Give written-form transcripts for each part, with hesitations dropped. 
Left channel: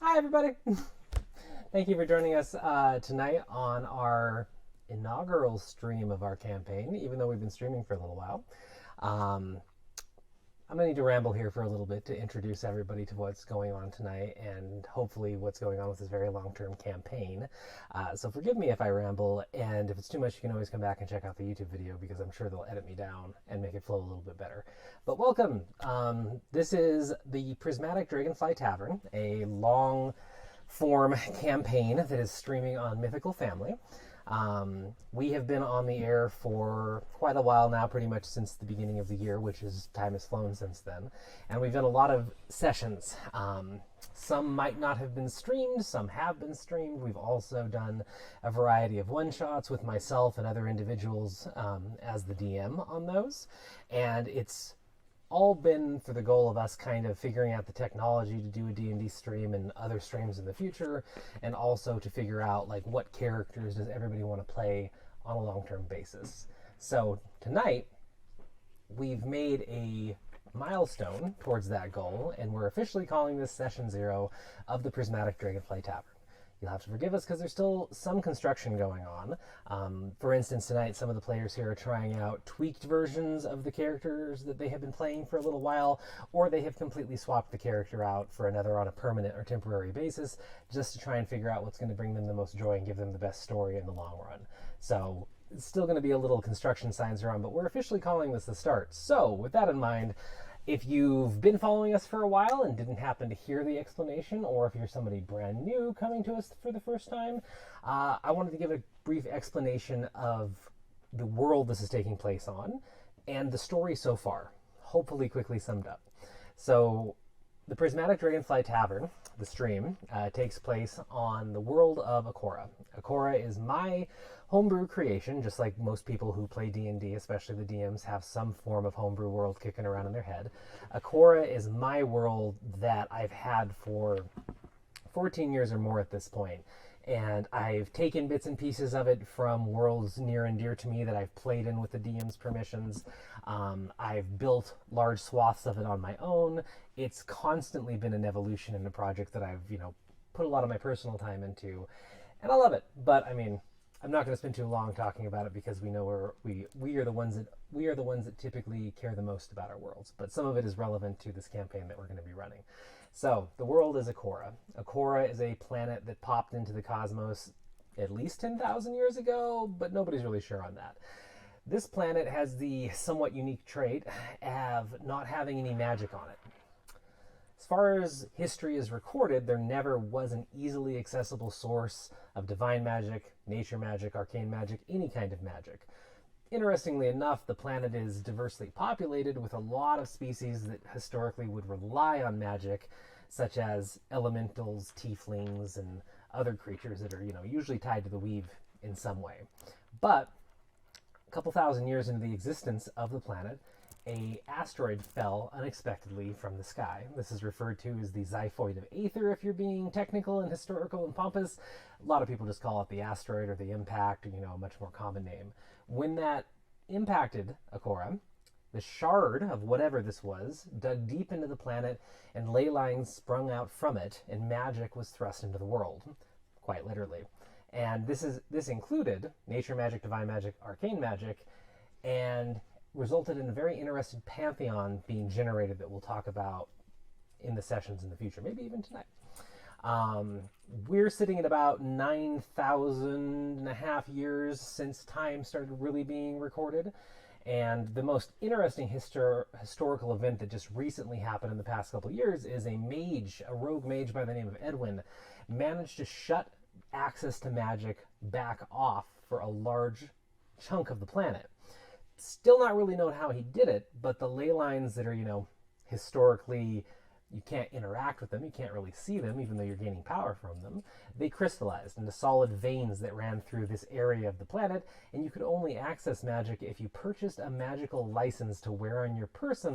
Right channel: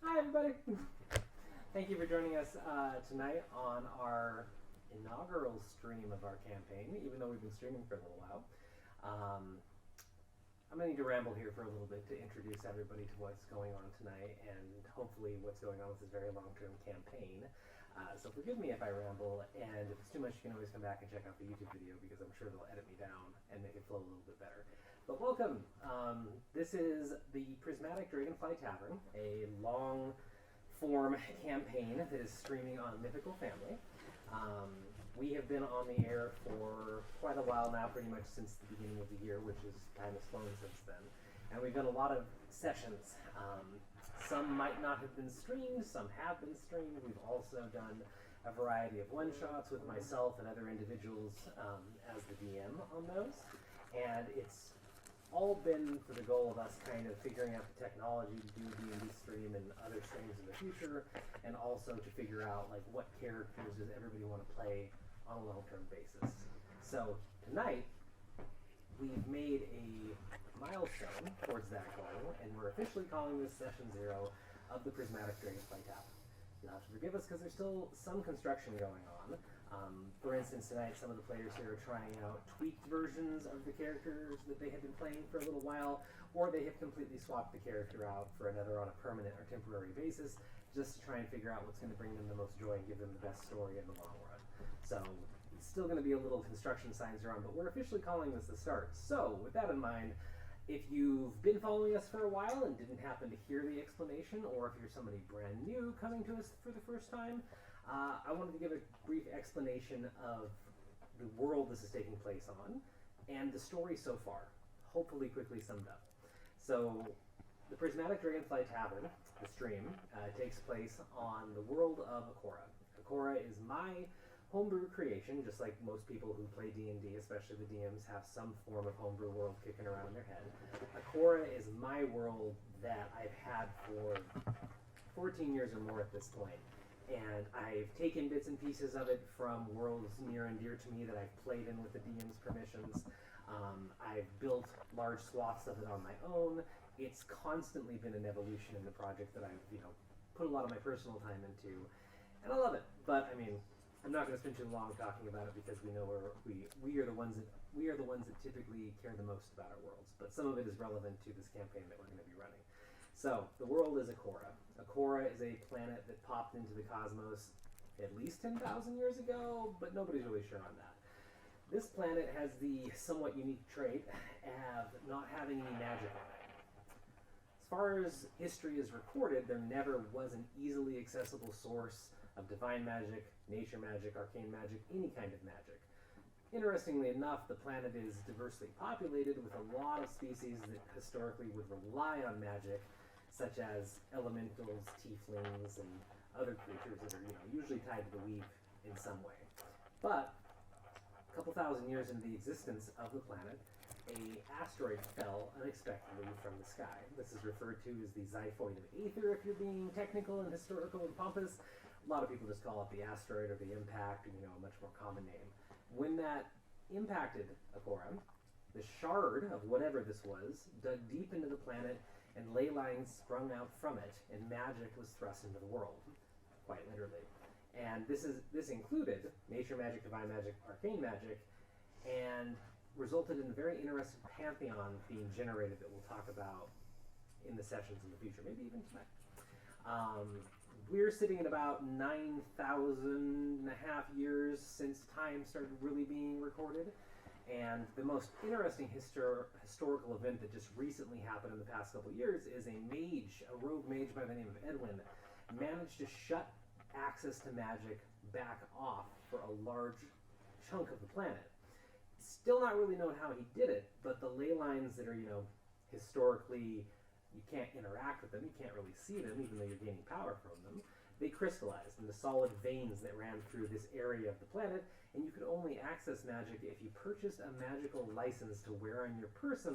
Hi, everybody. Thank you for joining us tonight on our inaugural stream of our campaign, even though we've been streaming for a little while. I'm going to need to ramble here for a little bit to introduce everybody to what's going on tonight and hopefully what's going on with this very long-term campaign. So forgive me if I ramble, and if it's too much, you can always come back and check out the YouTube video because I'm sure they'll edit me down and make it flow a little bit better. But welcome. This is the Prismatic Dragonfly Tavern, a long-form campaign that is streaming on Mythical Family. We have been on the air for quite a while now, pretty much since the beginning of the year, which is time has flown since then. And we've done a lot of sessions. Some might not have been streamed, some have been streamed. We've also done a variety of one-shots with myself and other individuals as the DM on those. And it's all been for the goal of us kind of figuring out the technology to do a D&D stream and other streams in the future, and also to figure out like what characters does everybody want to play on a long-term basis. So tonight we've made a milestone towards that goal, and we're officially calling this session 0 of the Prismatic Dragonfly Tavern. You'll have to forgive us because there's still some construction going on. For instance, tonight some of the players here are trying out tweaked versions of the characters that they have been playing for a little while, or they have completely swapped the character out for another on a permanent or temporary basis, just to try and figure out what's going to bring them the most joy and give them the best story in the long run. So it's still going to be a little construction signs around, but we're officially calling this the start. So with that in mind, if you've been following us for a while and didn't happen to hear the explanation, or if you're somebody brand new coming to us for the first time, I wanted to give a brief explanation of the world this is taking place on and the story so far, hopefully quickly summed up. So the Prismatic Dragonfly Tavern, the stream, takes place on the world of Akorah. Akorah is my homebrew creation, just like most people who play D&D, especially the DMs, have some form of homebrew world kicking around in their head. Akorah is my world that I've had for 14 years or more at this point. And I've taken bits and pieces of it from worlds near and dear to me that I've played in with the DM's permissions. I've built large swaths of it on my own. It's constantly been an evolution in a project that I've, put a lot of my personal time into. And I love it. But, I mean, I'm not going to spend too long talking about it because we know we are the ones that typically care the most about our worlds. But some of it is relevant to this campaign that we're going to be running. So the world is Akorah. Akorah is a planet that popped into the cosmos at least 10,000 years ago, but nobody's really sure on that. This planet has the somewhat unique trait of not having any magic on it. As far as history is recorded, there never was an easily accessible source of divine magic, nature magic, arcane magic, any kind of magic. Interestingly enough, the planet is diversely populated with a lot of species that historically would rely on magic, such as elementals, tieflings, and other creatures that are, usually tied to the weave in some way. But a couple thousand years into the existence of the planet, an asteroid fell unexpectedly from the sky. This is referred to as the xiphoid of Aether, if you're being technical and historical and pompous. A lot of people just call it the asteroid or the impact, or, a much more common name. When that impacted Akorah, the shard of whatever this was dug deep into the planet, and ley lines sprung out from it, and magic was thrust into the world, quite literally. And this included nature magic, divine magic, arcane magic, and resulted in a very interesting pantheon being generated that we'll talk about in the sessions in the future, maybe even tonight. We're sitting at about 9,000 and a half years since time started really being recorded. And the most interesting historical event that just recently happened in the past couple of years is a rogue mage by the name of Edwin, managed to shut access to magic back off for a large chunk of the planet. Still not really known how he did it, but the ley lines that are, historically, you can't interact with them, you can't really see them, even though you're gaining power from them. They crystallized into solid veins that ran through this area of the planet, and you could only access magic if you purchased a magical license to wear on your person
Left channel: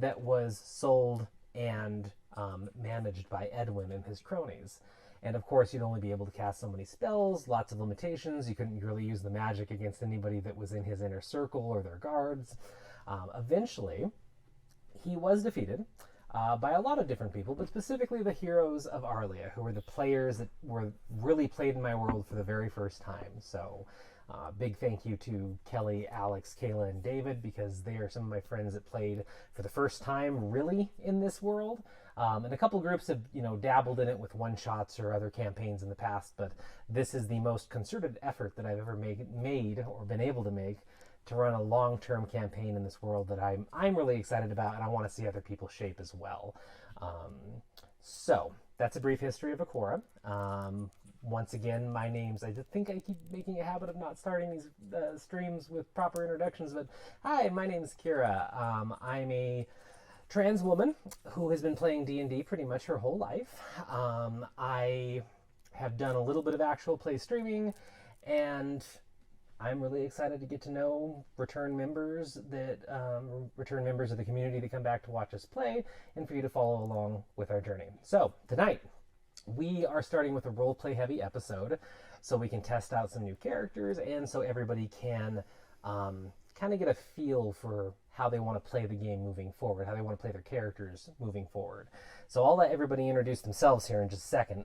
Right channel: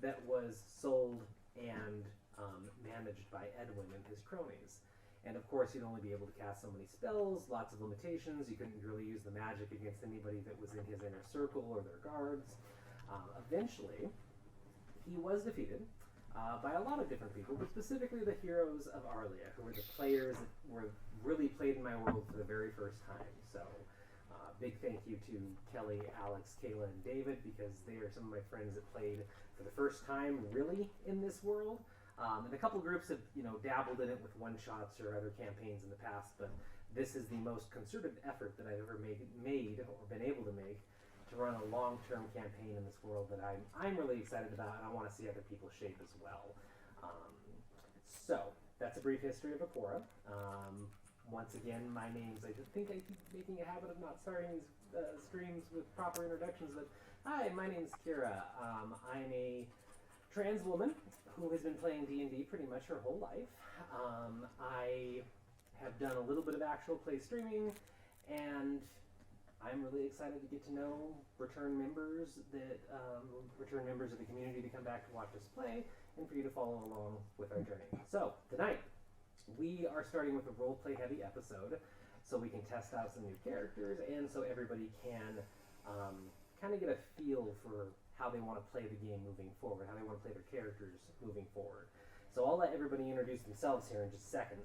that was sold and managed by Edwin and his cronies. And of course, you'd only be able to cast so many spells, lots of limitations. You couldn't really use the magic against anybody that was in his inner circle or their guards. Eventually, he was defeated. by a lot of different people, but specifically the heroes of Arlia, who were the players that were really played in my world for the very first time. So big thank you to Kelly, Alex, Kayla, and David, because they are some of my friends that played for the first time really in this world. And a couple groups have, dabbled in it with one-shots or other campaigns in the past, but this is the most concerted effort that I've ever made or been able to make to run a long-term campaign in this world that I'm really excited about, and I want to see other people shape as well. So that's a brief history of Akorah. Once again, my name's, I think I keep making a habit of not starting these streams with proper introductions, but hi, my name's Kira. I'm a trans woman who has been playing D&D pretty much her whole life. I have done a little bit of actual play streaming, and I'm really excited to get to know return members of the community that come back to watch us play, and for you to follow along with our journey. So tonight we are starting with a role-play heavy episode, so we can test out some new characters, and so everybody can kind of get a feel for how they want to play the game moving forward, how they want to play their characters moving forward. So I'll let everybody introduce themselves here in just a second,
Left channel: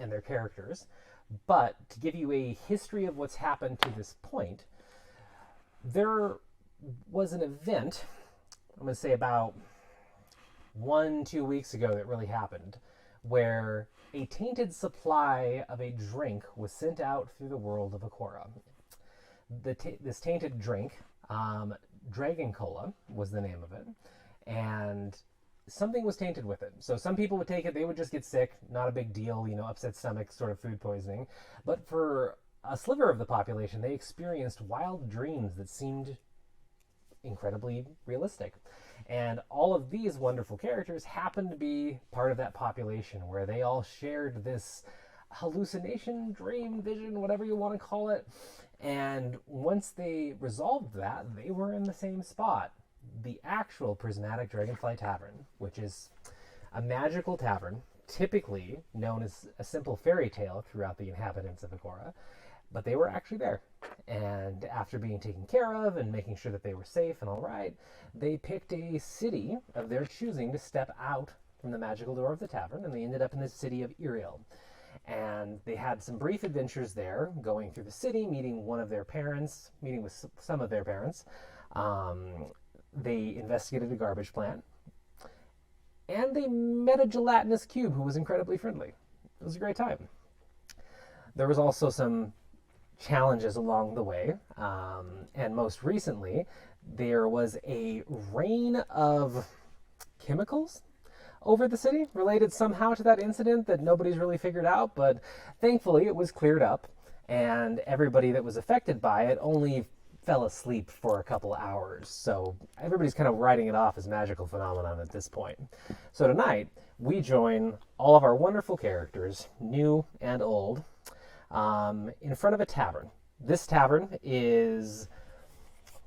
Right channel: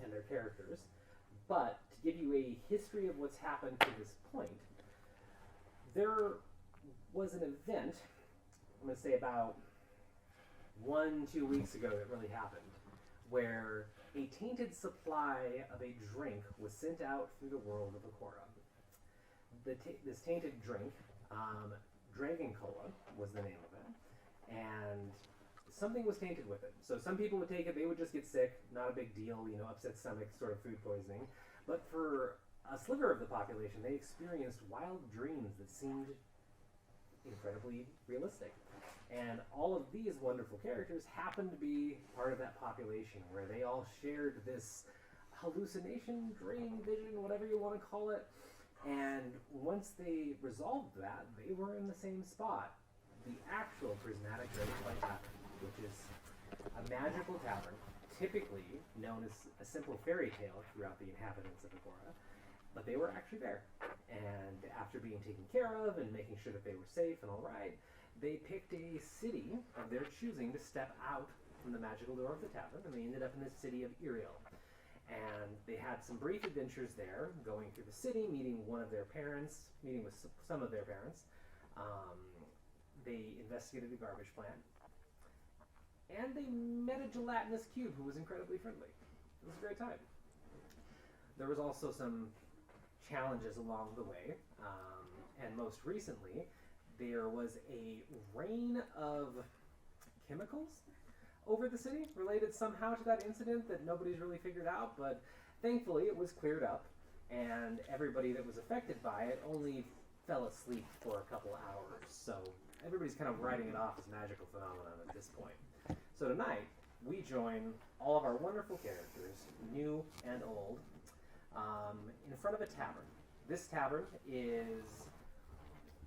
and their characters. But to give you a history of what's happened to this point, there was an event, I'm going to say about 1-2 weeks ago, that really happened, where a tainted supply of a drink was sent out through the world of Akorah. This tainted drink, Dragon Cola was the name of it, and something was tainted with it. So some people would take it, they would just get sick, not a big deal, upset stomach, sort of food poisoning. But for a sliver of the population, they experienced wild dreams that seemed incredibly realistic. And all of these wonderful characters happened to be part of that population, where they all shared this hallucination, dream, vision, whatever you want to call it. And once they resolved that, they were in the same spot. The actual Prismatic Dragonfly Tavern, which is a magical tavern, typically known as a simple fairy tale throughout the inhabitants of Akorah, but they were actually there. And after being taken care of and making sure that they were safe and all right, they picked a city of their choosing to step out from the magical door of the tavern, and they ended up in the city of Iriel. And they had some brief adventures there, going through the city, meeting with some of their parents. They investigated a garbage plant, and they met a gelatinous cube who was incredibly friendly. It was a great time. There was also some challenges along the way, and most recently, there was a rain of chemicals over the city, related somehow to that incident that nobody's really figured out, but thankfully it was cleared up, and everybody that was affected by it only fell asleep for a couple hours. So everybody's kind of writing it off as magical phenomenon at this point. So tonight, we join all of our wonderful characters, new and old, in front of a tavern. This tavern is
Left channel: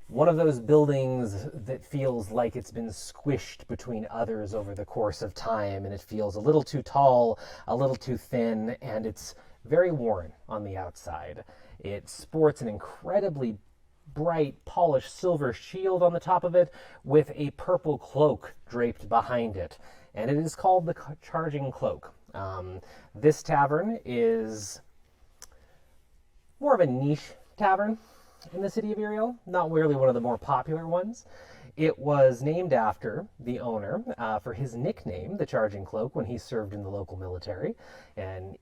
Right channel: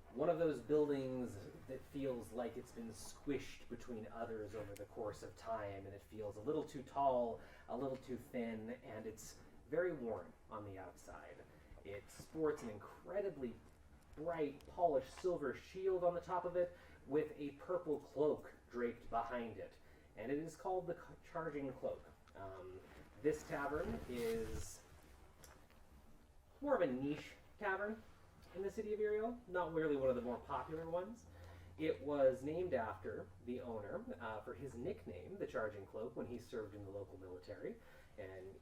one of those buildings that feels like it's been squished between others over the course of time, and it feels a little too tall, a little too thin, and it's very worn on the outside. It sports an incredibly bright, polished silver shield on the top of it with a purple cloak draped behind it, and it is called the Charging Cloak. This tavern is more of a niche tavern in the city of Iriel, not really one of the more popular ones. It was named after the owner for his nickname, the Charging Cloak, when he served in the local military, and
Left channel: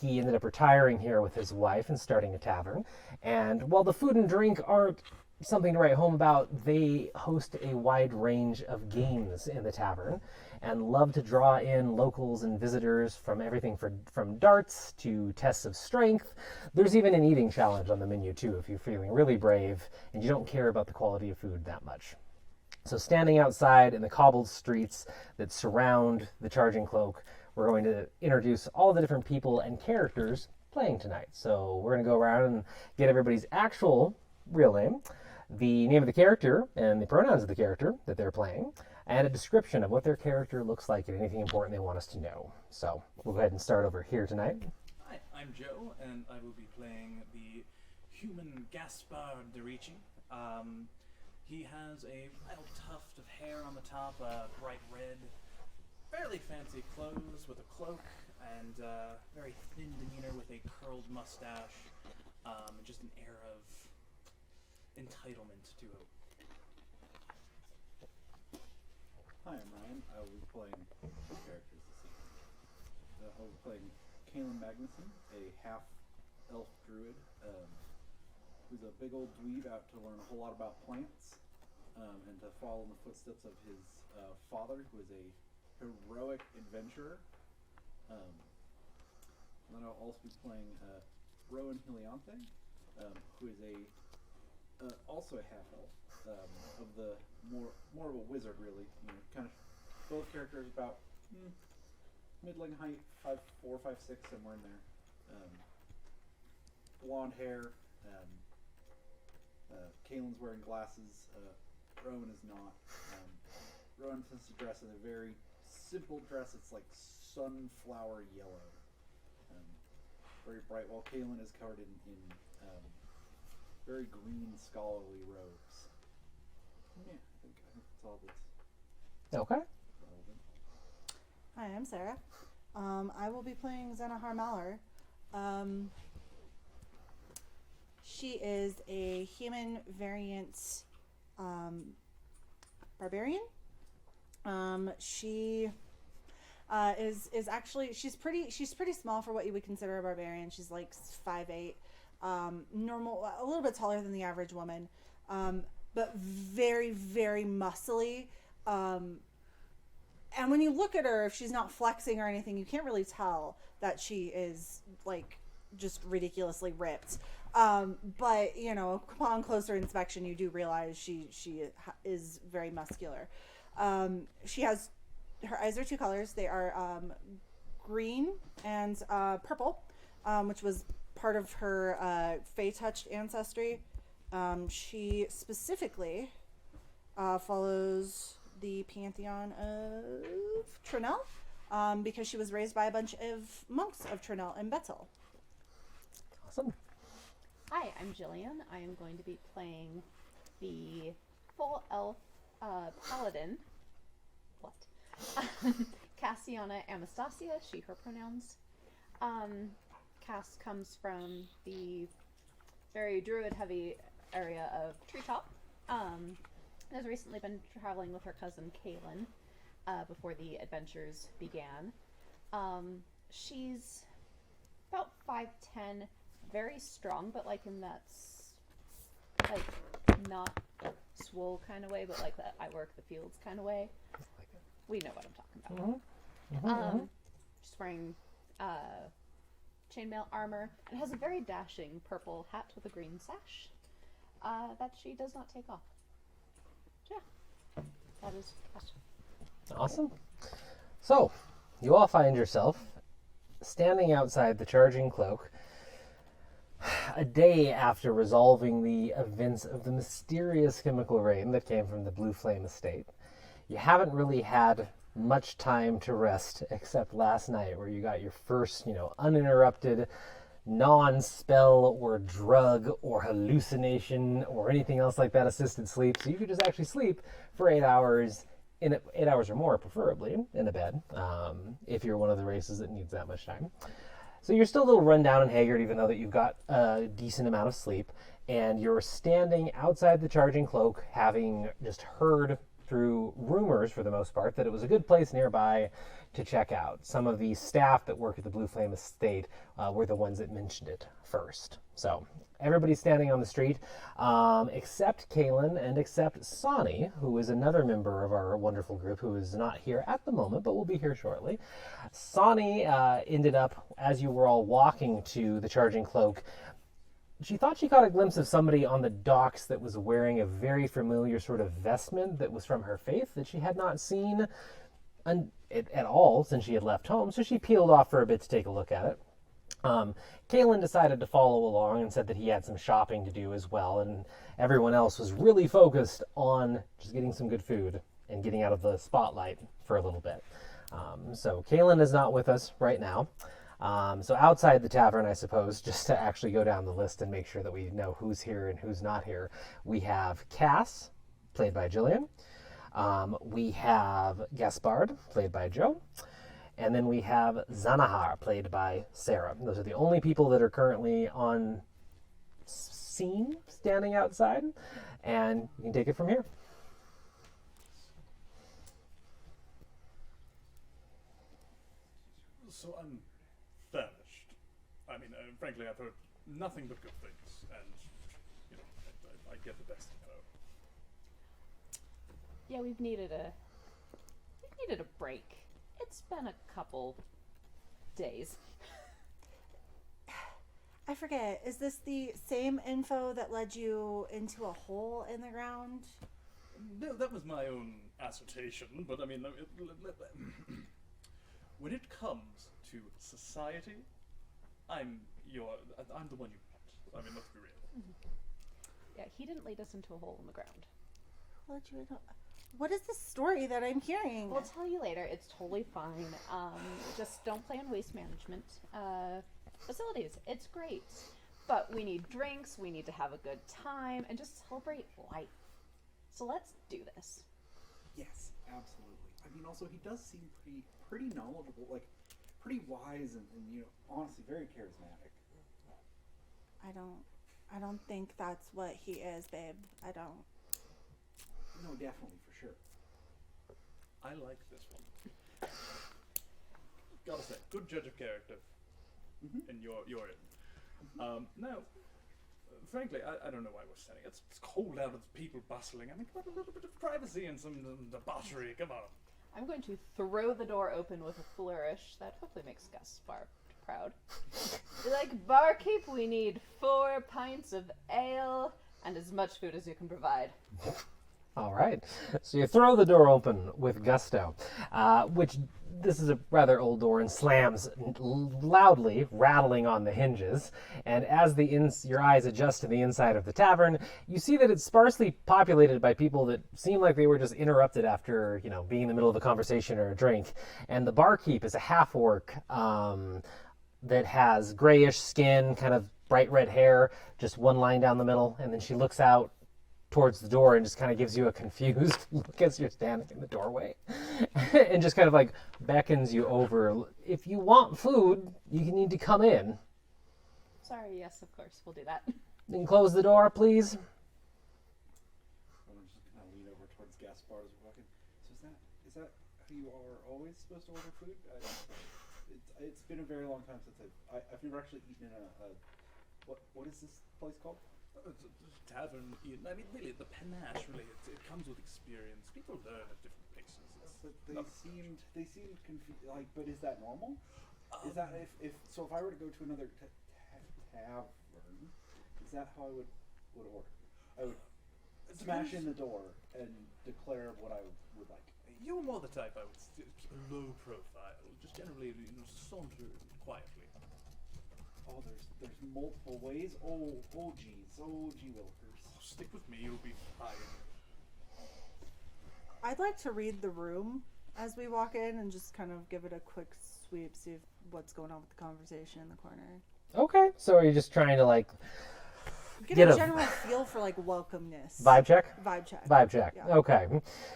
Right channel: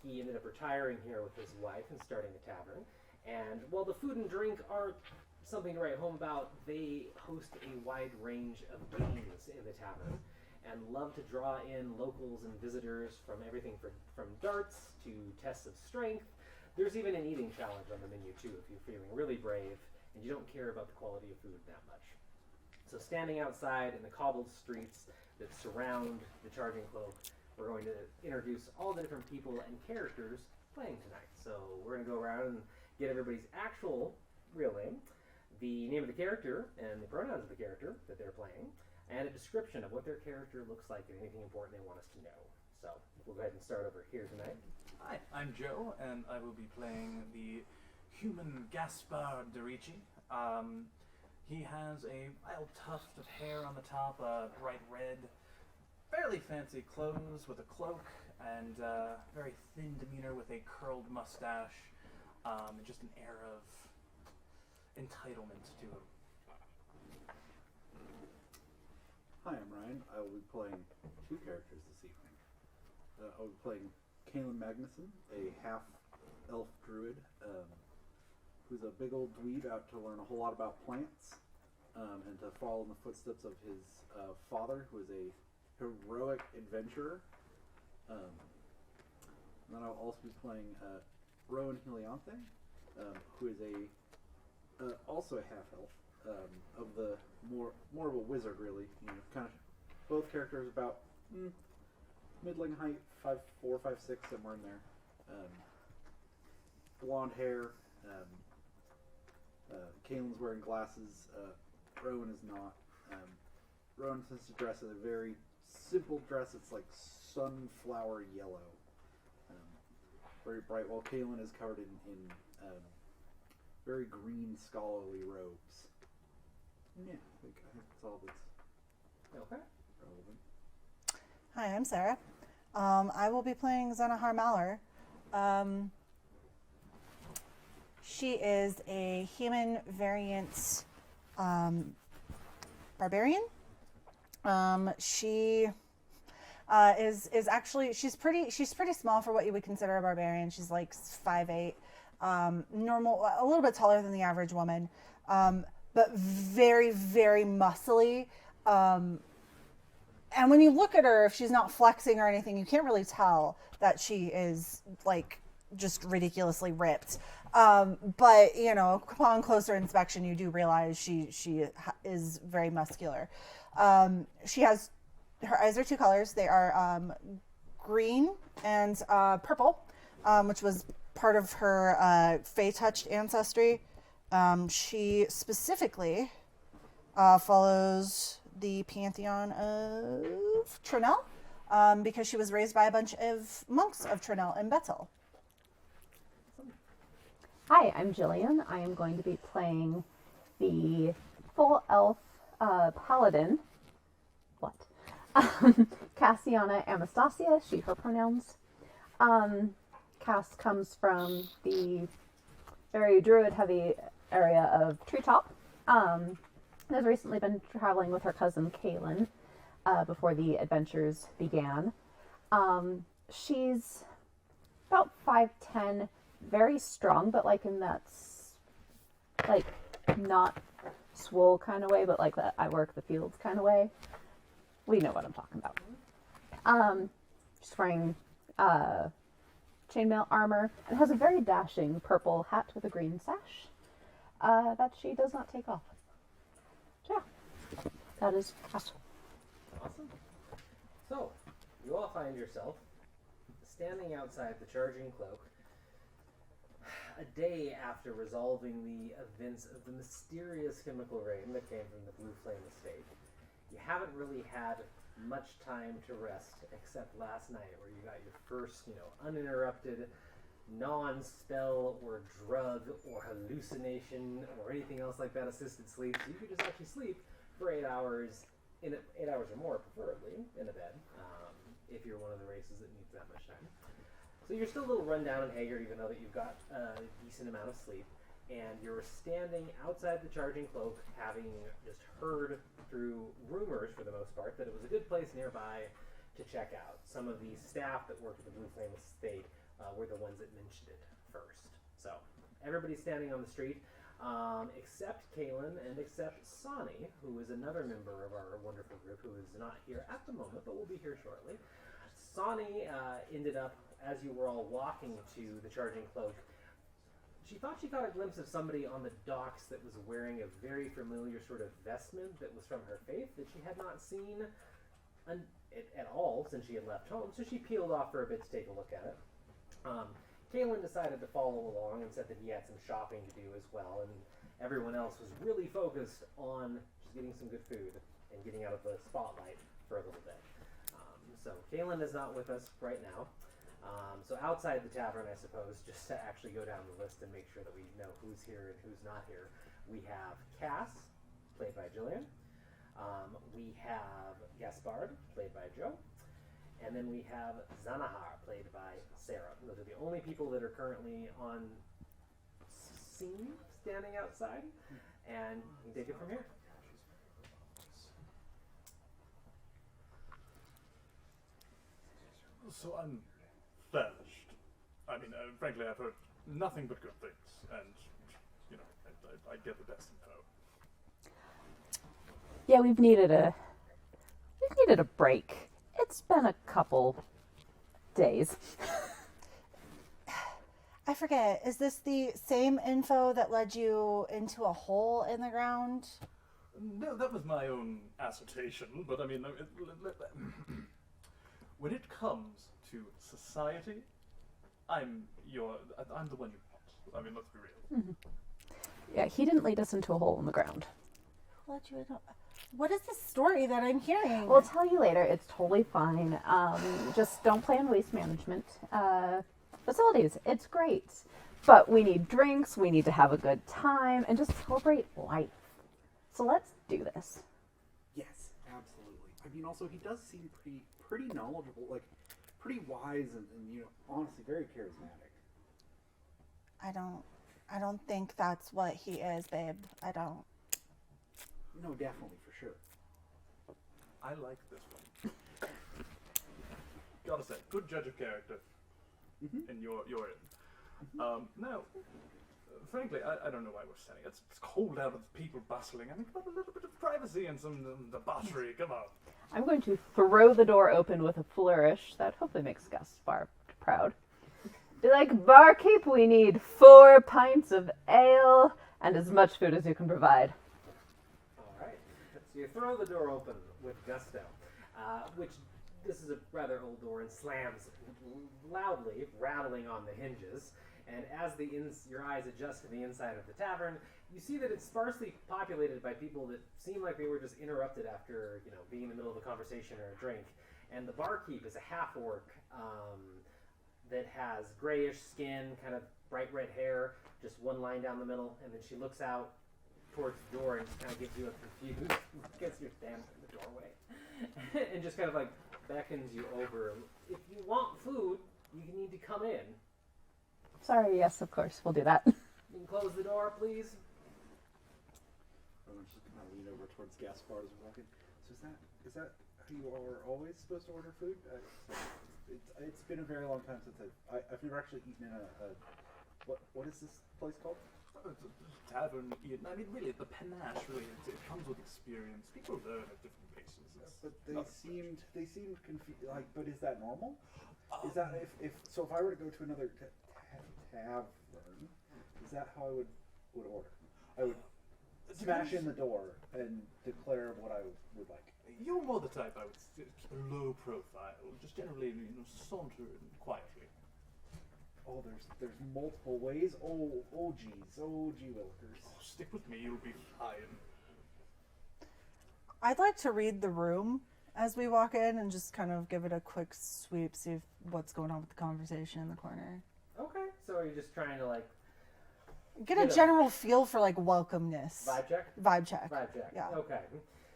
he ended up retiring here with his wife and starting a tavern. And while the food and drink aren't something to write home about, they host a wide range of games in the tavern and love to draw in locals and visitors from everything from darts to tests of strength. There's even an eating challenge on the menu too, if you're feeling really brave and you don't care about the quality of food that much. So standing outside in the cobbled streets that surround the Charging Cloak, we're going to introduce all the different people and characters playing tonight. So we're going to go around and get everybody's actual real name, the name of the character and the pronouns of the character that they're playing, and a description of what their character looks like and anything important they want us to know. So we'll go ahead and start over here tonight. Hi, I'm Joe, and I will be playing the human Gaspard Derici. He has a wild tuft of hair on the top, bright red, fairly fancy clothes with a cloak and very thin demeanor with a curled mustache and just an air of entitlement to him. Hi, I'm Ryan. I will be playing two characters this evening. I will be playing Kaelin Magnuson, a half-elf druid who's a big old dweeb out to learn a whole lot about plants and to follow in the footsteps of his father, who is a heroic adventurer. Then I'll also be playing Rowan Helianthe, who is also a half-elf, of the more of a wizard, really. You know, kind of both characters about middling height, 5'4", 5'6", somewhere in there. Blonde hair. Kaelin's wearing glasses. Rowan is not. Rowan tends to dress in a very simple dress. It's like sunflower yellow, very bright. While Kaelin is covered in very green scholarly robes. Yeah, I think that's all that's Okay. relevant. Hi, I'm Sarah. I will be playing Zenahar Malor. She is a human variant barbarian. She is actually she's pretty small for what you would consider a barbarian. She's like 5'8", normal, a little bit taller than the average woman, but very, very muscly. And when you look at her, if she's not flexing or anything, you can't really tell that she is like just ridiculously ripped. But you know, upon closer inspection, you do realize she is very muscular. She has her eyes are two colors. They are green and purple, which was part of her Fey-touched ancestry. She specifically follows the pantheon of Trinell, because she was raised by a bunch of monks of Trinell and Bethel. Awesome. Hi, I'm Jillian. I am going to be playing the full elf paladin. What? Cassiana Anastasia, she, her pronouns. Cass comes from the very druid-heavy area of Treetop. Has recently been traveling with her cousin Kaelin before the adventures began. She's about 5'10", very strong, but like in that like not swole kind of way, but like that I work the fields kind of way. We know what I'm talking about. She's wearing chainmail armor and has a very dashing purple hat with a green sash that she does not take off. So yeah, that is Cass. Awesome. So, you all find yourself standing outside the Charging Cloak a day after resolving the events of the mysterious chemical rain that came from the Blue Flame Estate. You haven't really had much time to rest except last night, where you got your first, uninterrupted, non-spell or drug or hallucination or anything else like that assisted sleep. So you could just actually sleep for 8 hours, 8 hours or more, preferably, in a bed, if you're one of the races that needs that much time. So you're still a little run down and haggard, even though that you've got a decent amount of sleep, and you're standing outside the Charging Cloak, having just heard through rumors, for the most part, that it was a good place nearby to check out. Some of the staff that work at the Blue Flame Estate were the ones that mentioned it first. So everybody's standing on the street, except Kaelin and except Sani, who is another member of our wonderful group who is not here at the moment, but will be here shortly. Sani ended up, as you were all walking to the Charging Cloak, she thought she caught a glimpse of somebody on the docks that was wearing a very familiar sort of vestment that was from her faith that she had not seen at all since she had left home. So she peeled off for a bit to take a look at it. Kaelin decided to follow along and said that he had some shopping to do as well, and everyone else was really focused on just getting some good food and getting out of the spotlight for a little bit. So Kaelin is not with us right now. So outside the tavern, I suppose, just to actually go down the list and make sure that we know who's here and who's not here, we have Cass, played by Jillian, We have Gaspard, played by Joe. And then we have Zanahar, played by Sarah. Those are the only people that are currently on scene, standing outside. And you can take it from here. So I'm famished. I mean, frankly, I've heard nothing but good things, and you know, I get the best info. Yeah, we've needed a break. It's been a couple days. I forget, is this the same info that led you into a hole in the ground? No, that was my own assertion, but I mean, when it comes to society, I'm the one you want. I mean, let's be real. Mm-hmm. Yeah, he didn't lead us into a hole in the ground. Let you know. What is this story that I'm hearing? We'll tell you later. It's totally fine. Just don't play on waste management facilities. It's great. But we need drinks, we need to have a good time, and just celebrate life. So let's do this. Yes, absolutely. I mean, also he does seem pretty knowledgeable, like pretty wise, and you know, honestly, very charismatic. I don't think that's what he is, babe. I don't. No, definitely, for sure. I like this one. Gotta say, good judge of character. And you're in. Now, frankly, I don't know why we're standing. It's cold out, it's people bustling. I mean, come on, a little bit of privacy and some debauchery. Come on. I'm going to throw the door open with a flourish that hopefully makes Gaspar proud. Be like, barkeep, we need 4 pints of ale and as much food as you can provide. All right. So you throw the door open with gusto, which this is a rather old door and slams loudly, rattling on the hinges. And as your eyes adjust to the inside of the tavern, you see that it's sparsely populated by people that seem like they were just interrupted after, you know, being in the middle of a conversation or a drink. And the barkeep is a half-orc that has grayish skin, kind of bright red hair, just one line down the middle, and then she looks out towards the door and just kind of gives you a confused look as you're standing in the doorway and just kind of like beckons you over. If you want food, you need to come in. Sorry, yes, of course, we'll do that. You can close the door, please. Rowan's just gonna lean over towards Gaspard as we're walking. So is that how you are always supposed to order food? It's been a very long time since I've never actually eaten in a what is this place called? Tavern. I mean, really, the panache. Really, it comes with experience. People learn at different paces. But they seemed confused. Like, but is that normal? Is that if I were to go to another tavern, is that how I would order? I would smash in the door and declare what I would like. You're more the type I would keep a low profile, just generally saunter quietly. Oh, there's multiple ways. Oh, gee willikers. Stick with me, you'll be fine. I'd like to read the room as we walk in and just kind of give it a quick sweep, see what's going on with the conversation in the corner. Okay. So are you just trying to like Get a general feel for like welcomeness. vibe check? Vibe check. Vibe check. Yeah. Okay.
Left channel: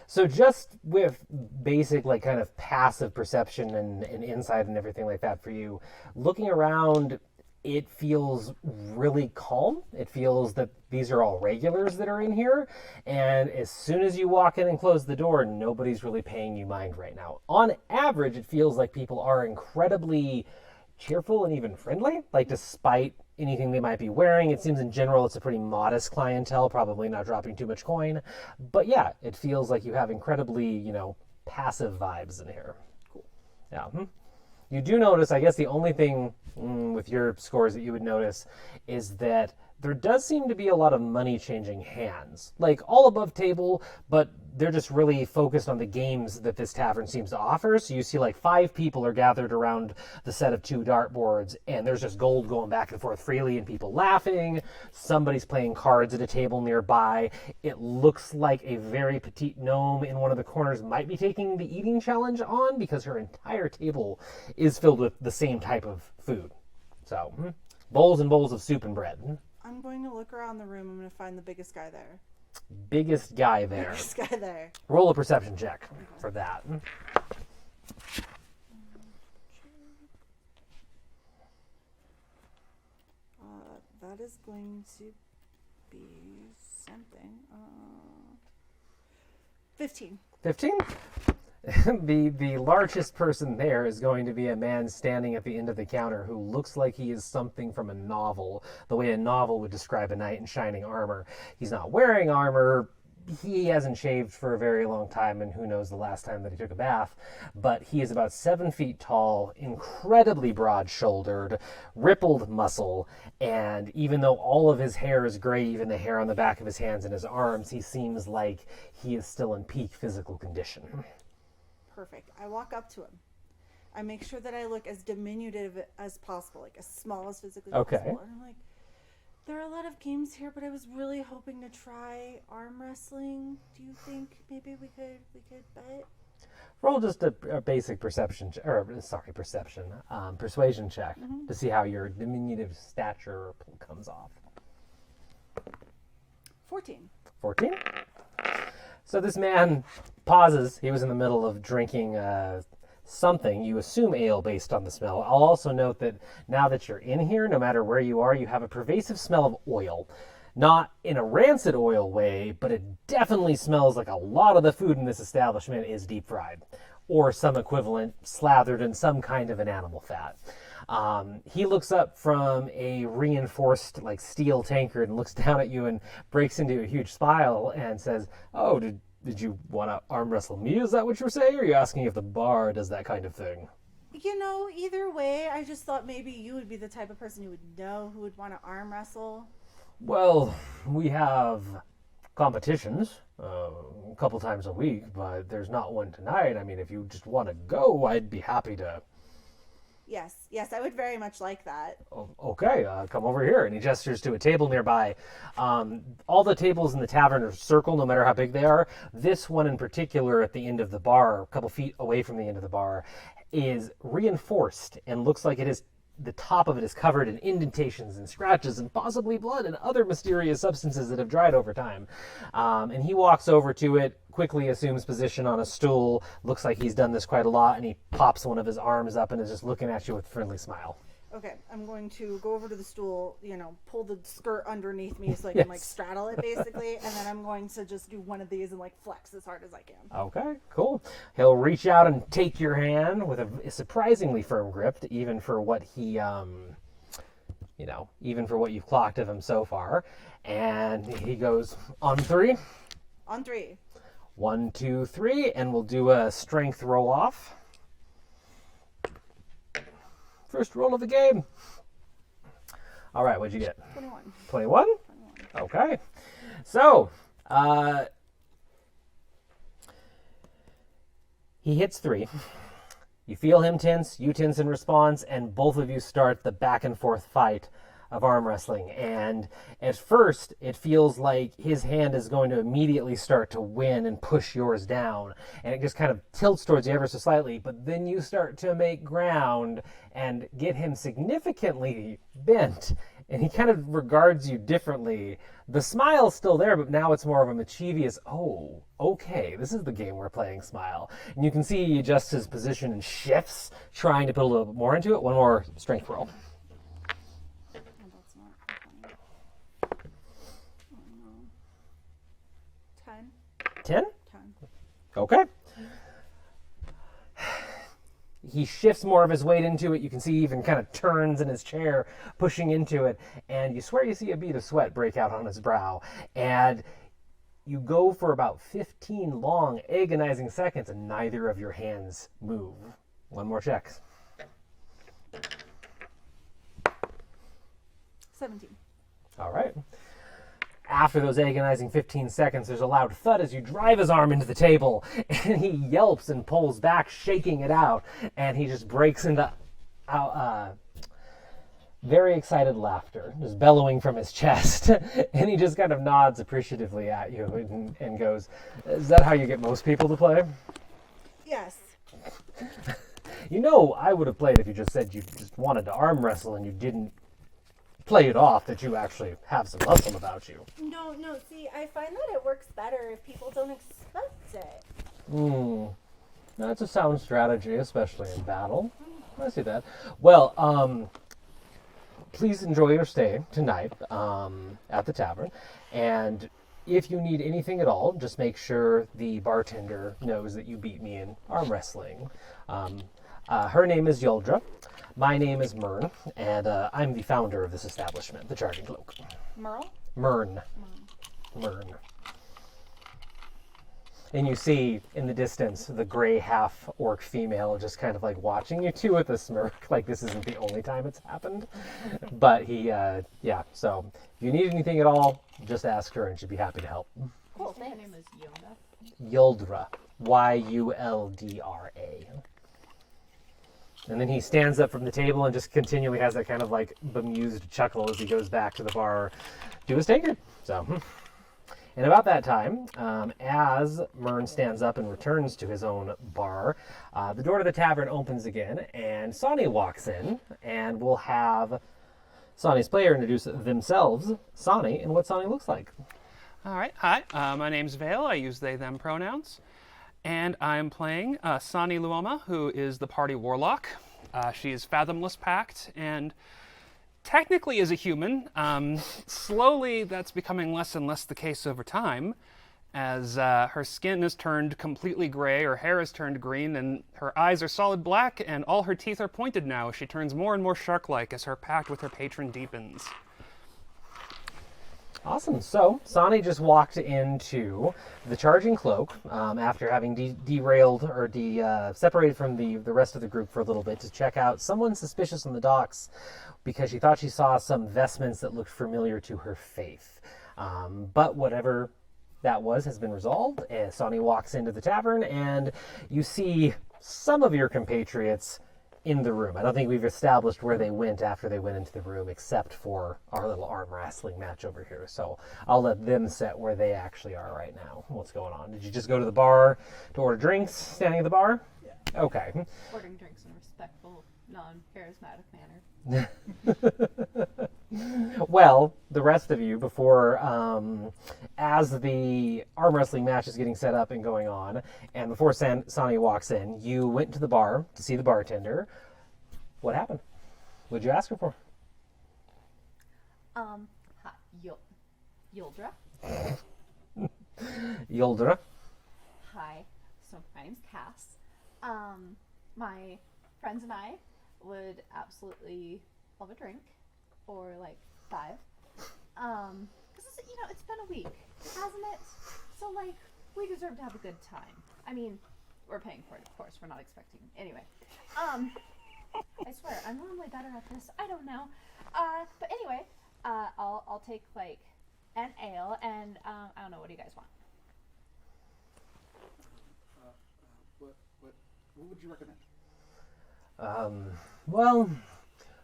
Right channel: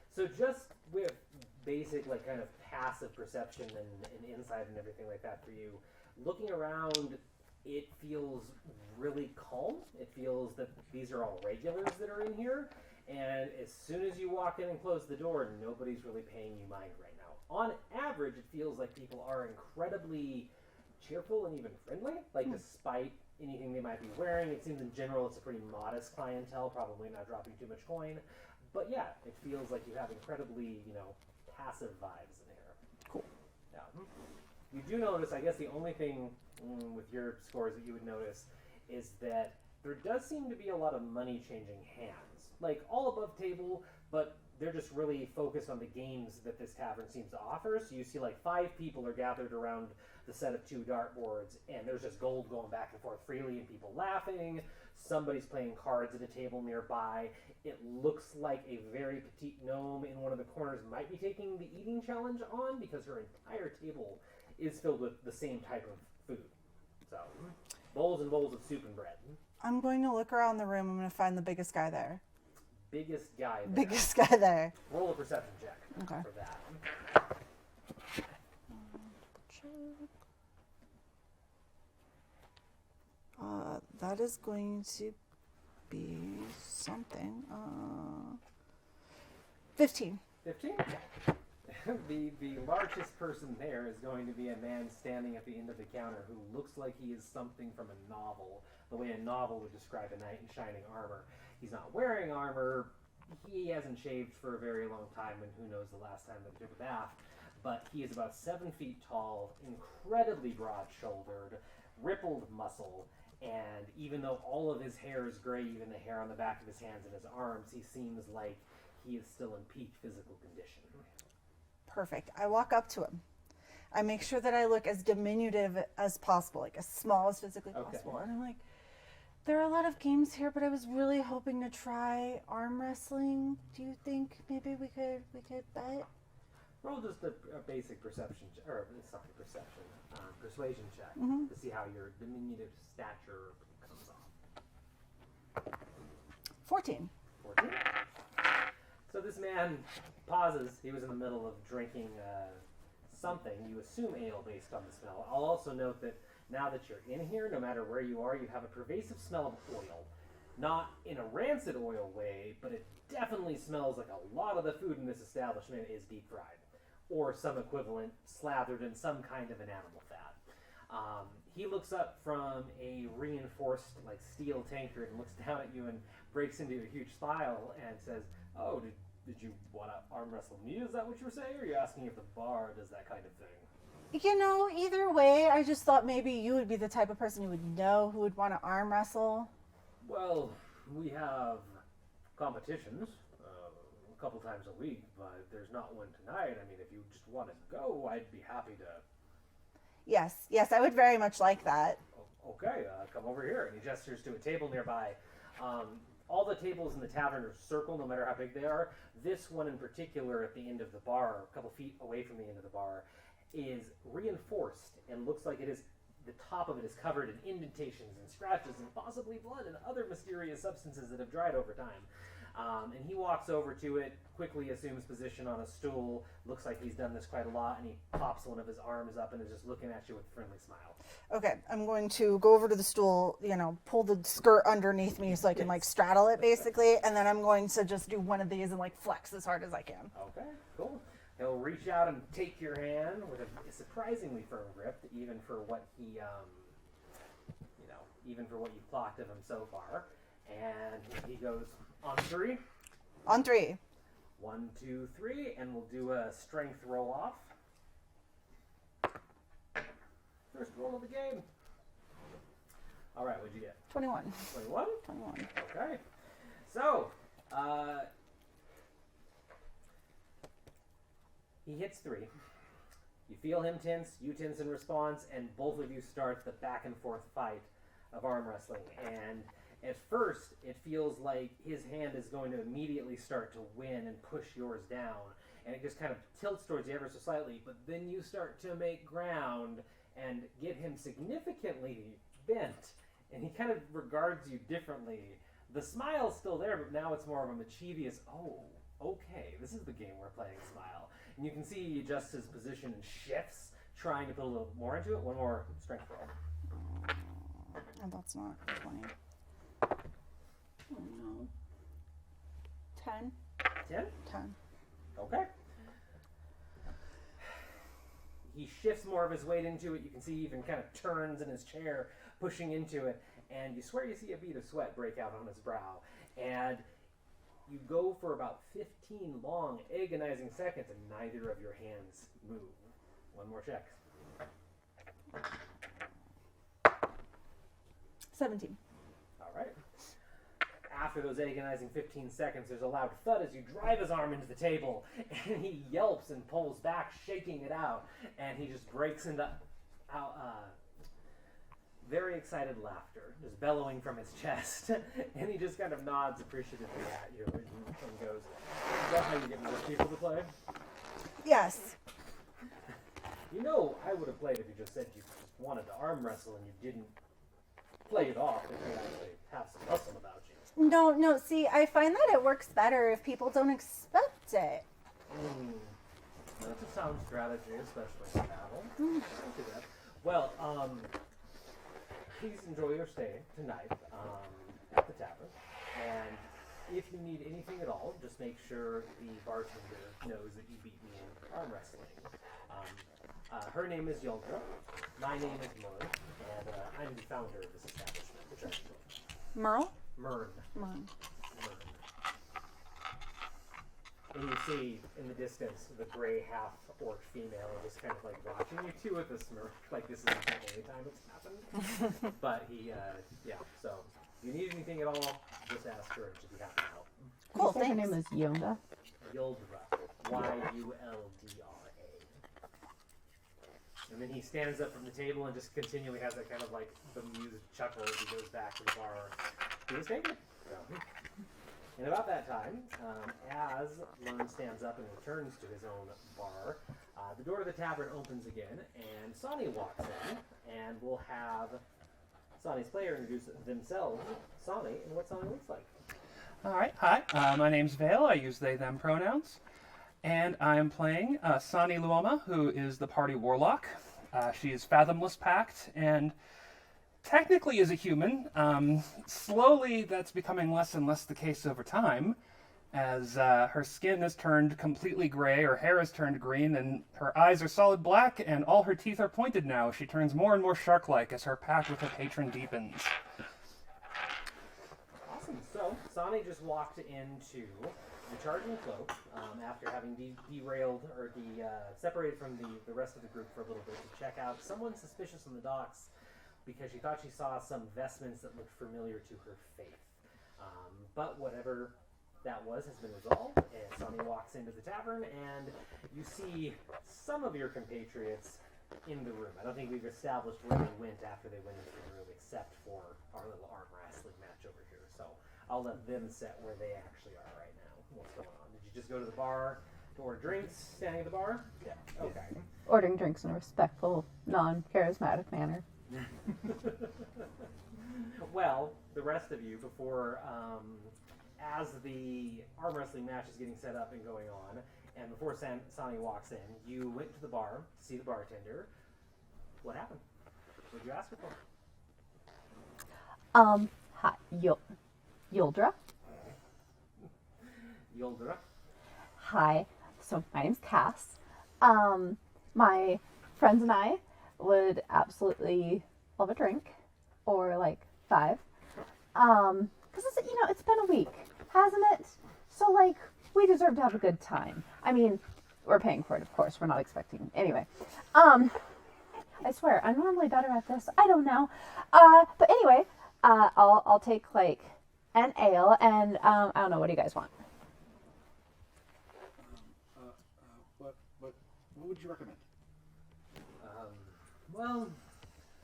So just with basic like kind of passive perception and insight and everything like that for you, looking around, it feels really calm. It feels that these are all regulars that are in here. And as soon as you walk in and close the door, nobody's really paying you mind right now. On average, it feels like people are incredibly cheerful and even friendly, like despite anything they might be wearing. It seems in general it's a pretty modest clientele, probably not dropping too much coin. But yeah, it feels like you have incredibly, passive vibes in here. Cool. Yeah. You do notice, I guess the only thing with your scores that you would notice is that there does seem to be a lot of money changing hands. Like all above table, but they're just really focused on the games that this tavern seems to offer. So you see like 5 people are gathered around the set of 2 dartboards, and there's just gold going back and forth freely and people laughing. Somebody's playing cards at a table nearby. It looks like a very petite gnome in one of the corners might be taking the eating challenge on because her entire table is filled with the same type of food. So bowls and bowls of soup and bread. I'm going to look around the room. I'm going to find the biggest guy there. biggest guy there. This guy there. Roll a perception check Okay. for that. That is going to be something. 15. 15? The largest person there is going to be a man standing at the end of the counter who looks like he is something from a novel, the way a novel would describe a knight in shining armor. He's not wearing armor. He hasn't shaved for a very long time, and who knows the last time that he took a bath. But he is about 7 feet tall, incredibly broad-shouldered, rippled muscle, and even though all of his hair is gray, even the hair on the back of his hands and his arms, he seems like he is still in peak physical condition. Perfect. I walk up to him. I make sure that I look as diminutive as possible, like as small as physically possible. And I'm like, there are a lot of games here, but I was really hoping to try arm wrestling. Do you think maybe we could bet? Roll just a basic perception, persuasion check to see how your diminutive stature comes off. 14. 14? So this man pauses. He was in the middle of drinking something. You assume ale based on the smell. I'll also note that now that you're in here, no matter where you are, you have a pervasive smell of oil. Not in a rancid oil way, but it definitely smells like a lot of the food in this establishment is deep fried or some equivalent slathered in some kind of an animal fat. He looks up from a reinforced like steel tankard and looks down at you and breaks into a huge smile and says, "Oh, did you want to arm wrestle me? Is that what you're saying? Or are you asking if the bar does that kind of thing?" You know, either way, I just thought maybe you would be the type of person who would know who would want to arm wrestle. Well, we have competitions a couple times a week, but there's not one tonight. I mean, if you just want to go, I'd be happy to. Yes, I would very much like that. Okay, come over here. And he gestures to a table nearby. All the tables in the tavern are circle, no matter how big they are. This one in particular at the end of the bar, a couple feet away from the end of the bar, is reinforced and looks like it is the top of it is covered in indentations and scratches and possibly blood and other mysterious substances that have dried over time. And he walks over to it, quickly assumes position on a stool, looks like he's done this quite a lot, and he pops one of his arms up and is just looking at you with a friendly smile. Okay, I'm going to go over to the stool, pull the skirt underneath me so I can like straddle it basically, and then I'm going to just do one of these and like flex as hard as I can. Okay, cool. He'll reach out and take your hand with a surprisingly firm grip, even for what he, even for what you've clocked of him so far. And he goes, on 3? On 3. 1, 2, 3, and we'll do a strength roll off. First roll of the game. All right, what'd you get? 21. 21? 21. Okay. So, he hits 3. You feel him tense, you tense in response, and both of you start the back and forth fight of arm wrestling. And at first, it feels like his hand is going to immediately start to win and push yours down. And it just kind of tilts towards you ever so slightly, but then you start to make ground and get him significantly bent. And he kind of regards you differently. The smile's still there, but now it's more of a mischievous, oh, okay, this is the game we're playing smile. And you can see he adjusts his position and shifts, trying to put a little bit more into it. One more strength roll. Oh, that's not 20. Oh, no. 10. 10? 10. Okay. He shifts more of his weight into it. You can see he even kind of turns in his chair, pushing into it. And you swear you see a bead of sweat break out on his brow. And you go for about 15 long, agonizing seconds, and neither of your hands move. One more check. 17. All right. After those agonizing 15 seconds, there's a loud thud as you drive his arm into the table, and he yelps and pulls back, shaking it out, and he just breaks into very excited laughter, just bellowing from his chest, and he just kind of nods appreciatively at you and goes, "Is that how you get most people to play?" Yes. I would have played if you just said you just wanted to arm wrestle and you didn't play it off that you actually have some muscle about you. No, see, I find that it works better if people don't expect it. That's a sound strategy, especially in battle. I see that. Well, please enjoy your stay tonight at the tavern. And if you need anything at all, just make sure the bartender knows that you beat me in arm wrestling. Her name is Yoldra. My name is Myrn, and I'm the founder of this establishment, the Charging Cloak. Merle? Myrn. And you see in the distance the gray half-orc female just kind of like watching you two with a smirk, like this isn't the only time it's happened. But so if you need anything at all, just ask her and she'd be happy to help. Cool, Her thanks. name is Yonda. Yoldra. Yuldra. And then he stands up from the table and just continually has that kind of like bemused chuckle as he goes back to the bar to his taker. So... And about that time, as Myrn stands up and returns to his own bar, the door to the tavern opens again, and Sonny walks in, and we'll have Sonny's player introduce themselves, Sonny, and what Sonny looks like. All right. Hi. My name's Vale. I use they, them pronouns. And I'm playing Sani Luoma, who is the party warlock. She's fathomless pact and technically is a human. Slowly, that's becoming less and less the case over time, as her skin has turned completely gray, her hair has turned green, and her eyes are solid black, and all her teeth are pointed now. She turns more and more shark-like as her pact with her patron deepens. Awesome. So, Sonny just walked into the Charging Cloak after having derailed or separated from the rest of the group for a little bit to check out someone suspicious on the docks because she thought she saw some vestments that looked familiar to her faith. But whatever that was has been resolved, and Sonny walks into the tavern, and you see some of your compatriots in the room. I don't think we've established where they went after they went into the room, except for our little arm wrestling match over here. So I'll let them set where they actually are right now. What's going on? Did you just go to the bar to order drinks, standing at the bar? Yeah. Okay. Ordering drinks in a respectful, non-charismatic manner. Well, the rest of you, before, as the arm wrestling match is getting set up and going on, and before Sonny walks in, you went to the bar to see the bartender. What happened? What'd you ask her for? Hi, Yoldra. Yoldra. Hi. So my name's Cass. My friends and I would absolutely love a drink, or like 5. Because it's been a week, hasn't it? So like we deserve to have a good time. I mean, we're paying for it, of course. We're not expecting. Anyway, I swear I'm normally better at this. I don't know. But anyway, I'll take like an ale, and I don't know. What do you guys want? What would you recommend? Well,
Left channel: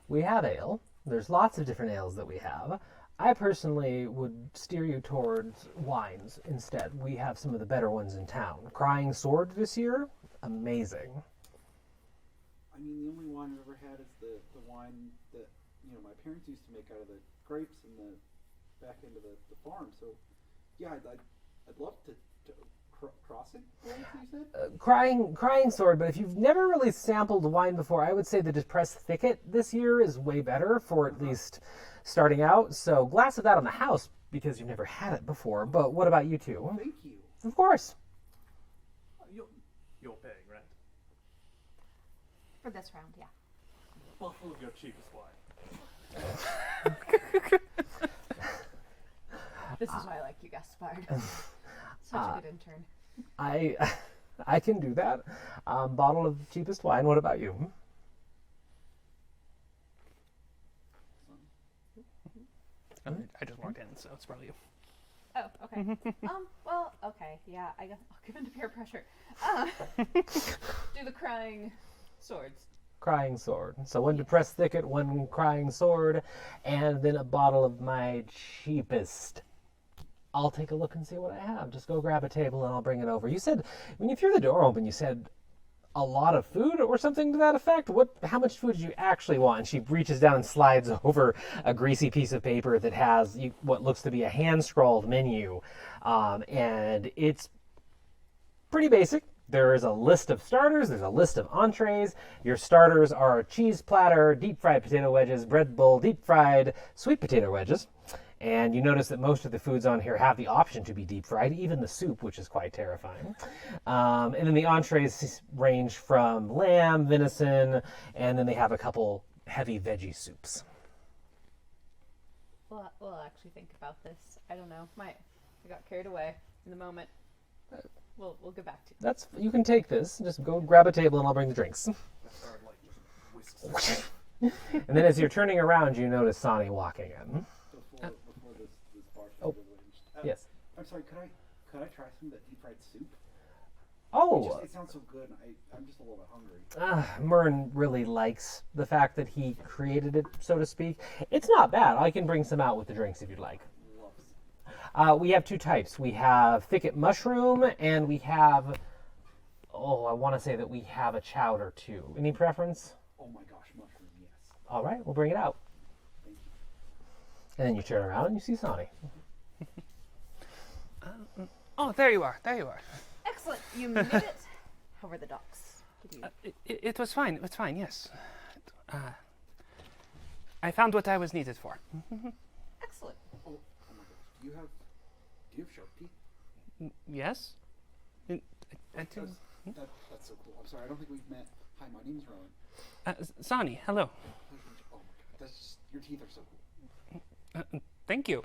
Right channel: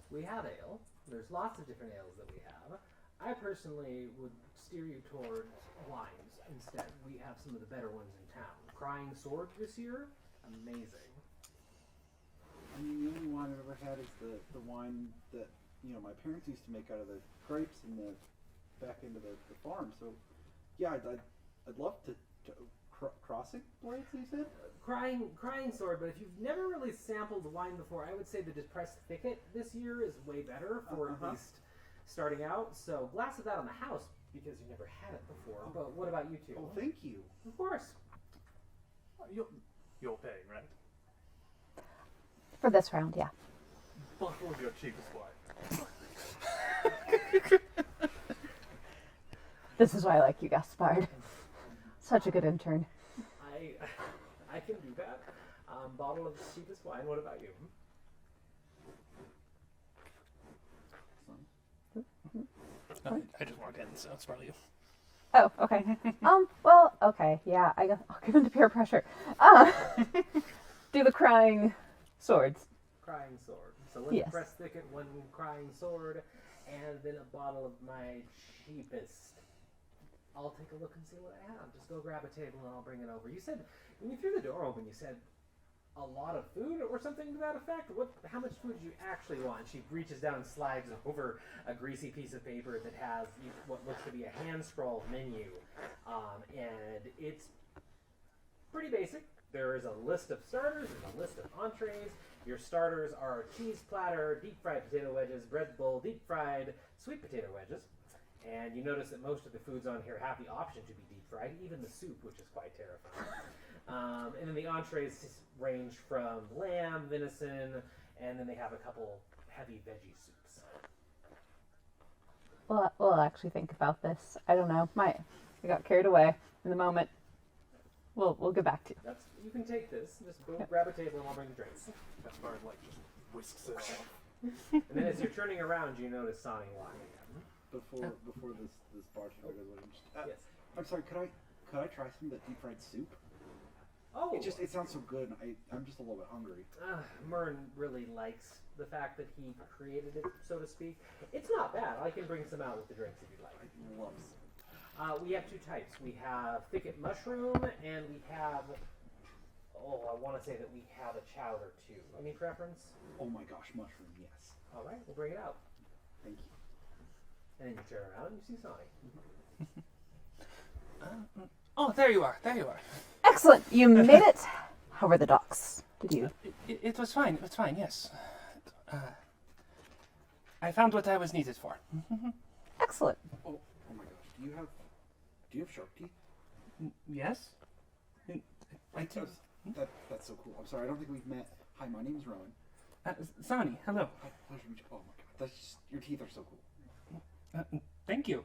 we have ale. There's lots of different ales that we have. I personally would steer you towards wines instead. We have some of the better ones in town. Crying Sword this year, amazing. I mean, the only wine I've ever had is the wine that my parents used to make out of the grapes in the back end of the farm. So, yeah, I'd love to crossing words, you said? Crying Sword, but if you've never really sampled wine before, I would say the Depressed Thicket this year is way better for at least starting out. So glass of that on the house because you've never had it before. But what about you two? Thank you. Of course. You're paying, right? For this round, yeah. Bottle of your cheapest wine. This is why I like you, Gaspard. Such a good intern. I can do that. Bottle of cheapest wine. What about you? I just walked in, so it's probably you. Oh, okay. Well, okay, yeah, I guess I'll give in to peer pressure. Do the crying swords. Crying Sword. So one Yes. Depressed Thicket, one Crying Sword, and then a bottle of my cheapest. I'll take a look and see what I have. Just go grab a table and I'll bring it over. You said, when you threw the door open, you said a lot of food or something to that effect? How much food do you actually want? And she reaches down and slides over a greasy piece of paper that has what looks to be a hand-scrawled menu. And it's pretty basic. There is a list of starters, there's a list of entrees. Your starters are cheese platter, deep-fried potato wedges, bread bowl, deep-fried sweet potato wedges. And you notice that most of the foods on here have the option to be deep-fried, even the soup, which is quite terrifying. And then the entrees range from lamb, venison, and then they have a couple heavy veggie soups. We'll actually think about this. I don't know. I got carried away in the moment. We'll get back to you. You can take this. Just go grab a table and I'll bring the drinks. That bird like just whisks it. And then as you're turning around, you notice Sonny walking in. Before this bartender Oh, goes, yes. I'm sorry, could I try some of the deep fried soup? Oh, It sounds so good. I'm just a little bit hungry. Myrn really likes the fact that he created it, so to speak. It's not bad. I can bring some out with the drinks if you'd like. We have two types. We have thicket mushroom, and we have, I want to say that we have a chowder too. Any preference? Oh my gosh, mushroom, yes. All right, we'll bring it out. Thank you. And then you turn around and you see Sonny. Oh, there you are. There you are. Excellent. You made it. How were the docks? Did you? It was fine. It was fine. Yes. I found what I was needed for. Excellent. Oh my gosh, do you have shark teeth? Yes. I do. That's so cool. I'm sorry, I don't think we've met. Hi, my name is Rowan. Sonny, hello. Oh my god, that's just, your teeth are so cool. Thank you.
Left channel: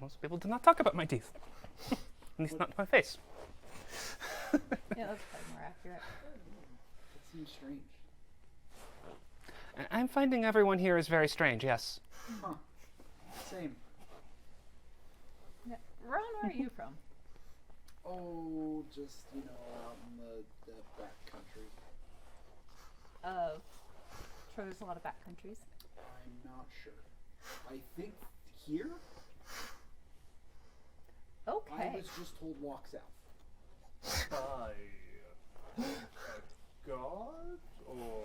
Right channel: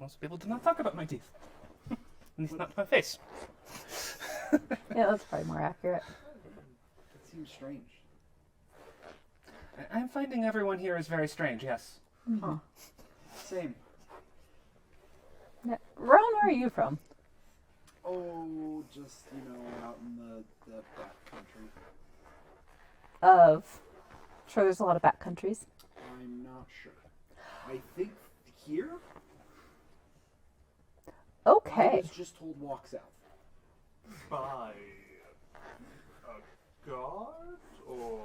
Most people do not talk about my teeth. At least not to my face. Yeah, that's probably more accurate. That seems strange. I'm finding everyone here is very strange, yes. Huh. Same. Now, Ron, where are you from? Oh, just, out in the back country. Sure, there's a lot of back countries. I'm not sure. I think here? I Okay. was just told walk south. By a god? Or...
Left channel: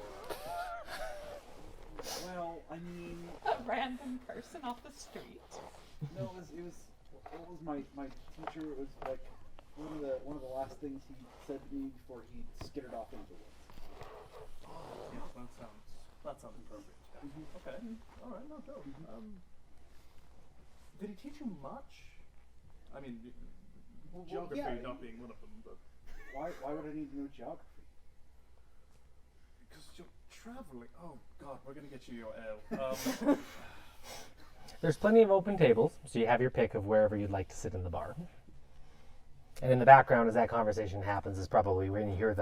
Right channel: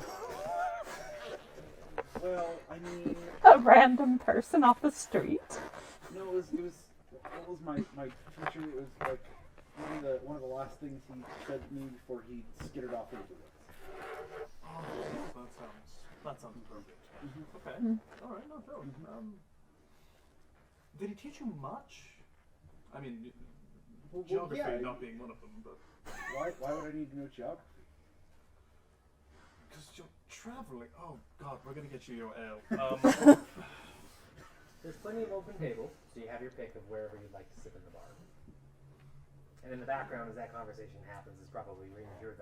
Well, I mean, A random person off the street. no, it was what was my teacher? It was like one of the last things he said to me before he skittered off into the woods. Oh, yes, that sounds appropriate. Okay. All right, no, Joe. Did he teach you much? I mean, geography yeah. not being one of them, but Why would I need to know geography? because you're traveling. Oh God, we're gonna get you your ale. There's plenty of open tables, so you have your pick of wherever you'd like to sit in the bar. And in the background, as that conversation happens, is probably when you hear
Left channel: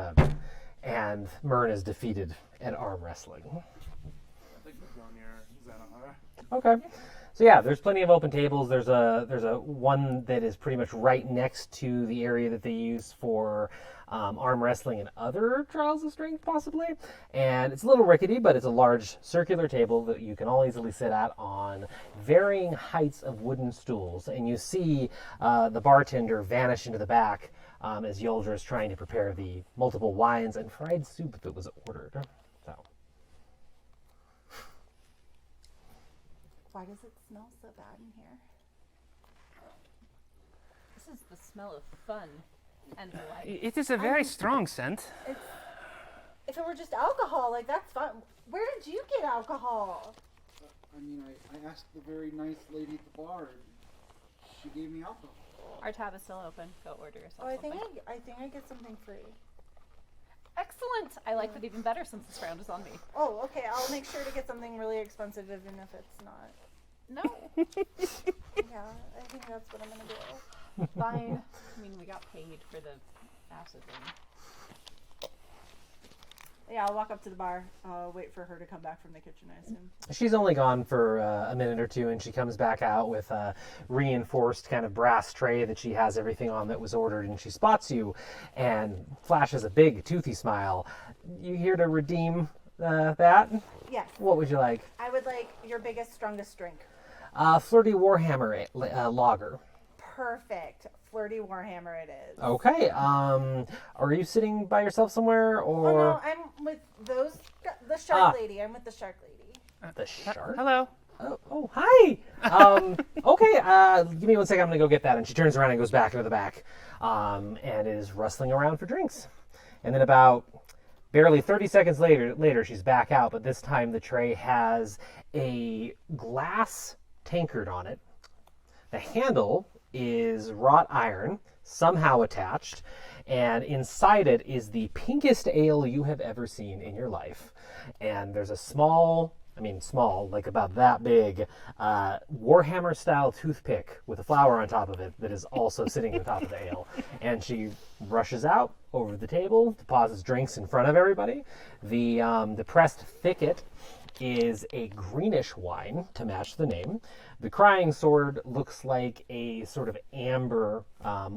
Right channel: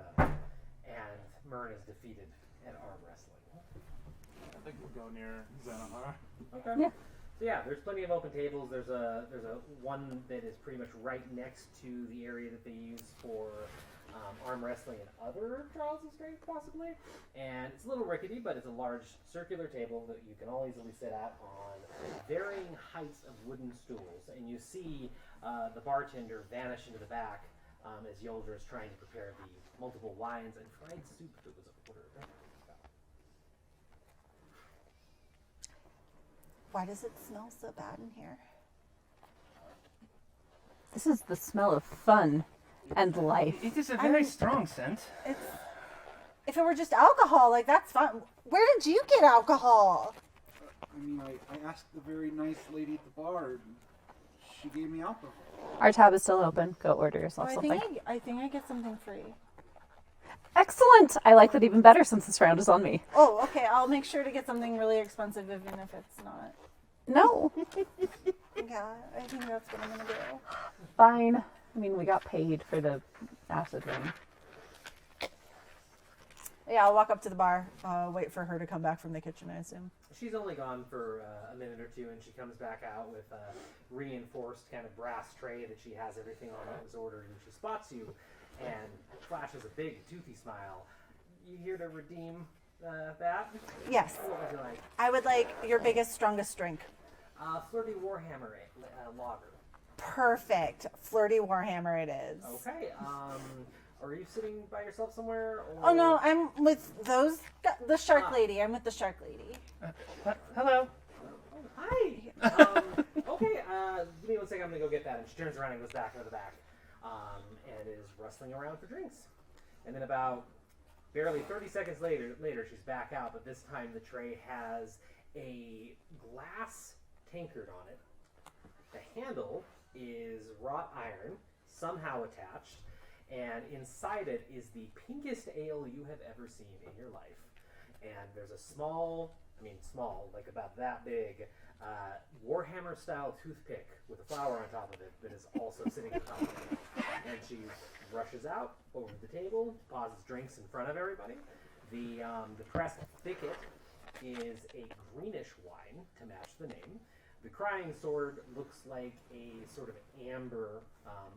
and Myrn is defeated at arm wrestling. I think we'll go near Xanahar. Okay. Yeah. So yeah, there's plenty of open tables. There's a one that is pretty much right next to the area that they use for arm wrestling and other trials of strength, possibly. And it's a little rickety, but it's a large circular table that you can all easily sit at on varying heights of wooden stools. And you see the bartender vanish into the back as Yoldra is trying to prepare the multiple wines and fried soup that was ordered. So. Why does it smell so bad in here? This is the smell of fun and life. It is a very strong scent. If it were just alcohol, like, that's fine. Where did you get alcohol? I mean, I asked the very nice lady at the bar, and she gave me alcohol. Our tab is still open. Go order yourself Oh, something. I think I get something free. Excellent! I like that even better since this round is on me. Oh, okay. I'll make sure to get something really expensive, even if it's not. No. Yeah, I think that's what I'm gonna do. Fine. I mean, we got paid for the acid rain. Yeah, I'll walk up to the bar, wait for her to come back from the kitchen, I assume. She's only gone for a minute or two, and she comes back out with a reinforced kind of brass tray that she has everything on that was ordered, and she spots you and flashes a big, toothy smile. You here to redeem that? Yes. What would you like? I would like your biggest, strongest drink. Flirty Warhammer lager. perfect flirty warhammer it is. Okay. Are you sitting by yourself somewhere, or Oh no, I'm with the shark Ah. lady. I'm with the shark lady. the shark? Hello. Oh, hi. Okay. Give me 1 second. I'm gonna go get that. And she turns around and goes back into the back, and is rustling around for drinks. And then about barely 30 seconds later, she's back out. But this time the tray has a glass tankard on it. The handle is wrought iron, somehow attached, and inside it is the pinkest ale you have ever seen in your life. And there's a small, like about that big, Warhammer-style toothpick with a flower on top of it that is also sitting on top of the ale. And she rushes out over the table, deposits drinks in front of everybody. The pressed thicket is a greenish wine to match the name. The Crying Sword looks like a sort of amber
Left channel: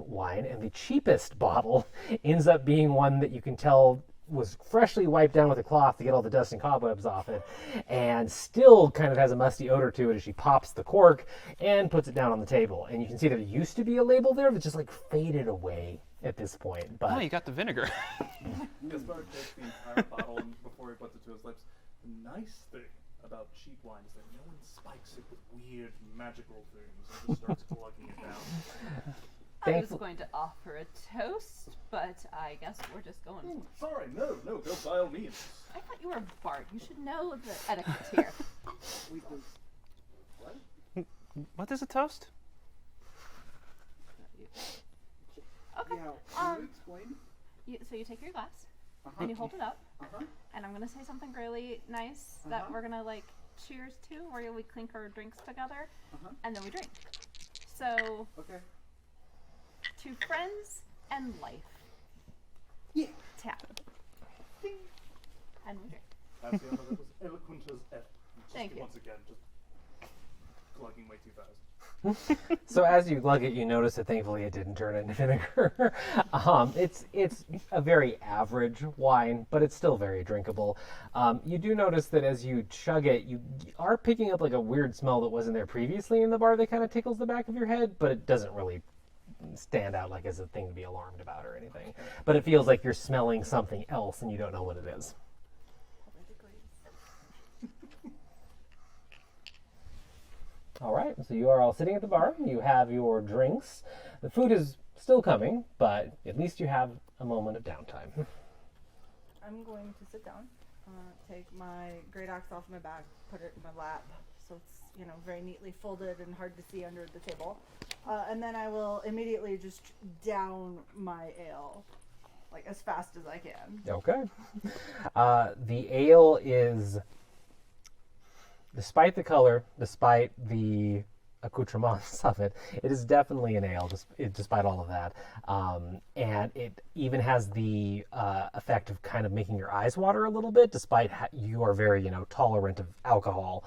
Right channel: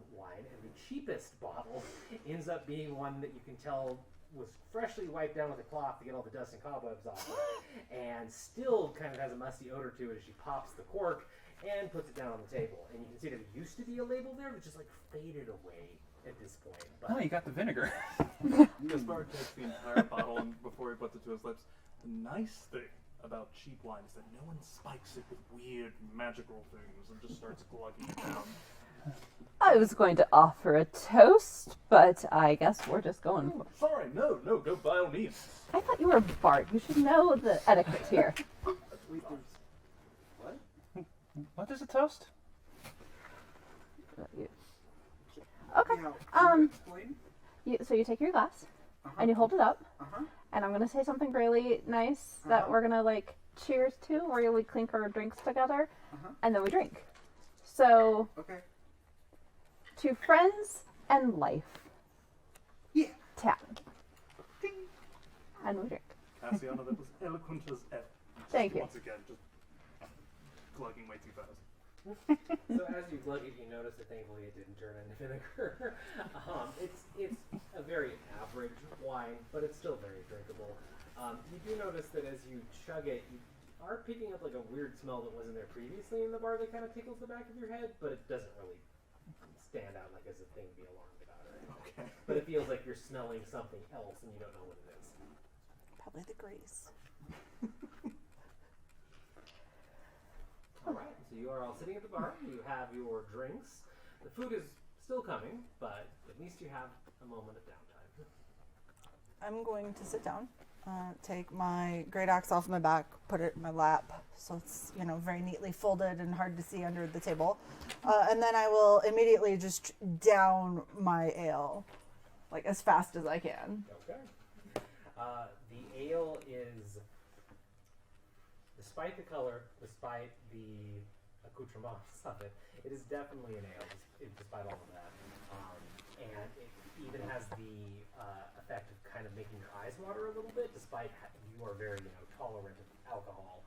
wine, and the cheapest bottle ends up being one that you can tell was freshly wiped down with a cloth to get all the dust and cobwebs off it, and still kind of has a musty odor to it as she pops the cork and puts it down on the table. And you can see there used to be a label there that just like faded away at this point. But Oh, you got the vinegar. Gaspar takes the entire bottle and before he puts it to his lips. The nice thing about cheap wine is that no one spikes it with weird magical things and just starts glugging it down. I was going to offer a toast, but I guess we're just going. Oh, sorry, no, go by all means. I thought you were Bart. You should know the etiquette here. What? What is a toast? Okay. So you take your glass and you hold it up, and I'm gonna say something really nice that we're gonna like cheers to, where we clink our drinks together, and then we drink. So. Okay. To friends and life. Yeah. Tap. And we drink. Cassiana, that was eloquent as F. Thank you. Once again, just glugging way too fast. so as you glug it, you notice that thankfully it didn't turn into vinegar. It's a very average wine, but it's still very drinkable. You do notice that as you chug it, you are picking up like a weird smell that wasn't there previously in the bar that kind of tickles the back of your head, but it doesn't really stand out like as a thing to be alarmed about or anything. But it feels like you're smelling something else and you don't know what it is. Probably the grease. All right, so you are all sitting at the bar. You have your drinks. The food is still coming, but at least you have a moment of downtime. I'm going to sit down, take my great axe off my back, put it in my lap, so it's very neatly folded and hard to see under the table, and then I will immediately just down my ale, like as fast as I can. Okay. The ale is, despite the color, despite the accoutrements of it, it is definitely an ale, despite all of that. And it even has the effect of kind of making your eyes water a little bit, despite you are very, tolerant of alcohol.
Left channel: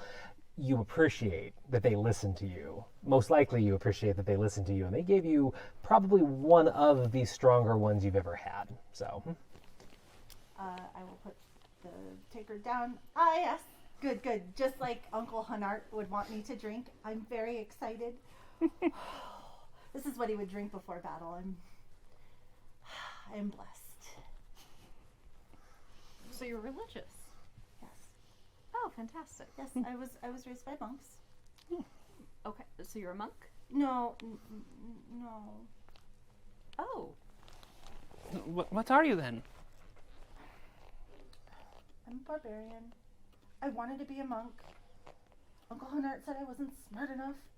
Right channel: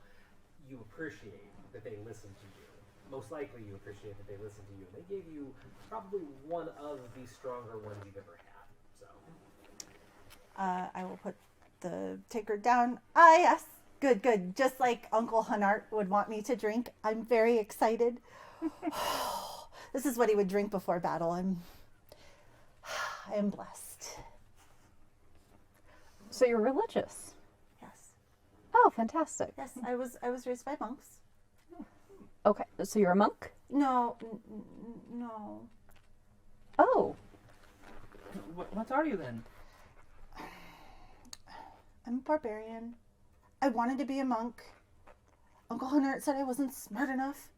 You appreciate that they listen to you. Most likely you appreciate that they listen to you, and they gave you probably one of the stronger ones you've ever had. So I will put the tankard down. Ah, yes. Good. Just like Uncle Hanart would want me to drink. I'm very excited. This is what he would drink before battle. I am blessed. So you're religious. Yes. Oh, fantastic. Yes, I was raised by monks. Okay, so you're a monk? No. Oh, What are you then? I'm a barbarian. I wanted to be a monk. Uncle Hunter said I wasn't smart enough.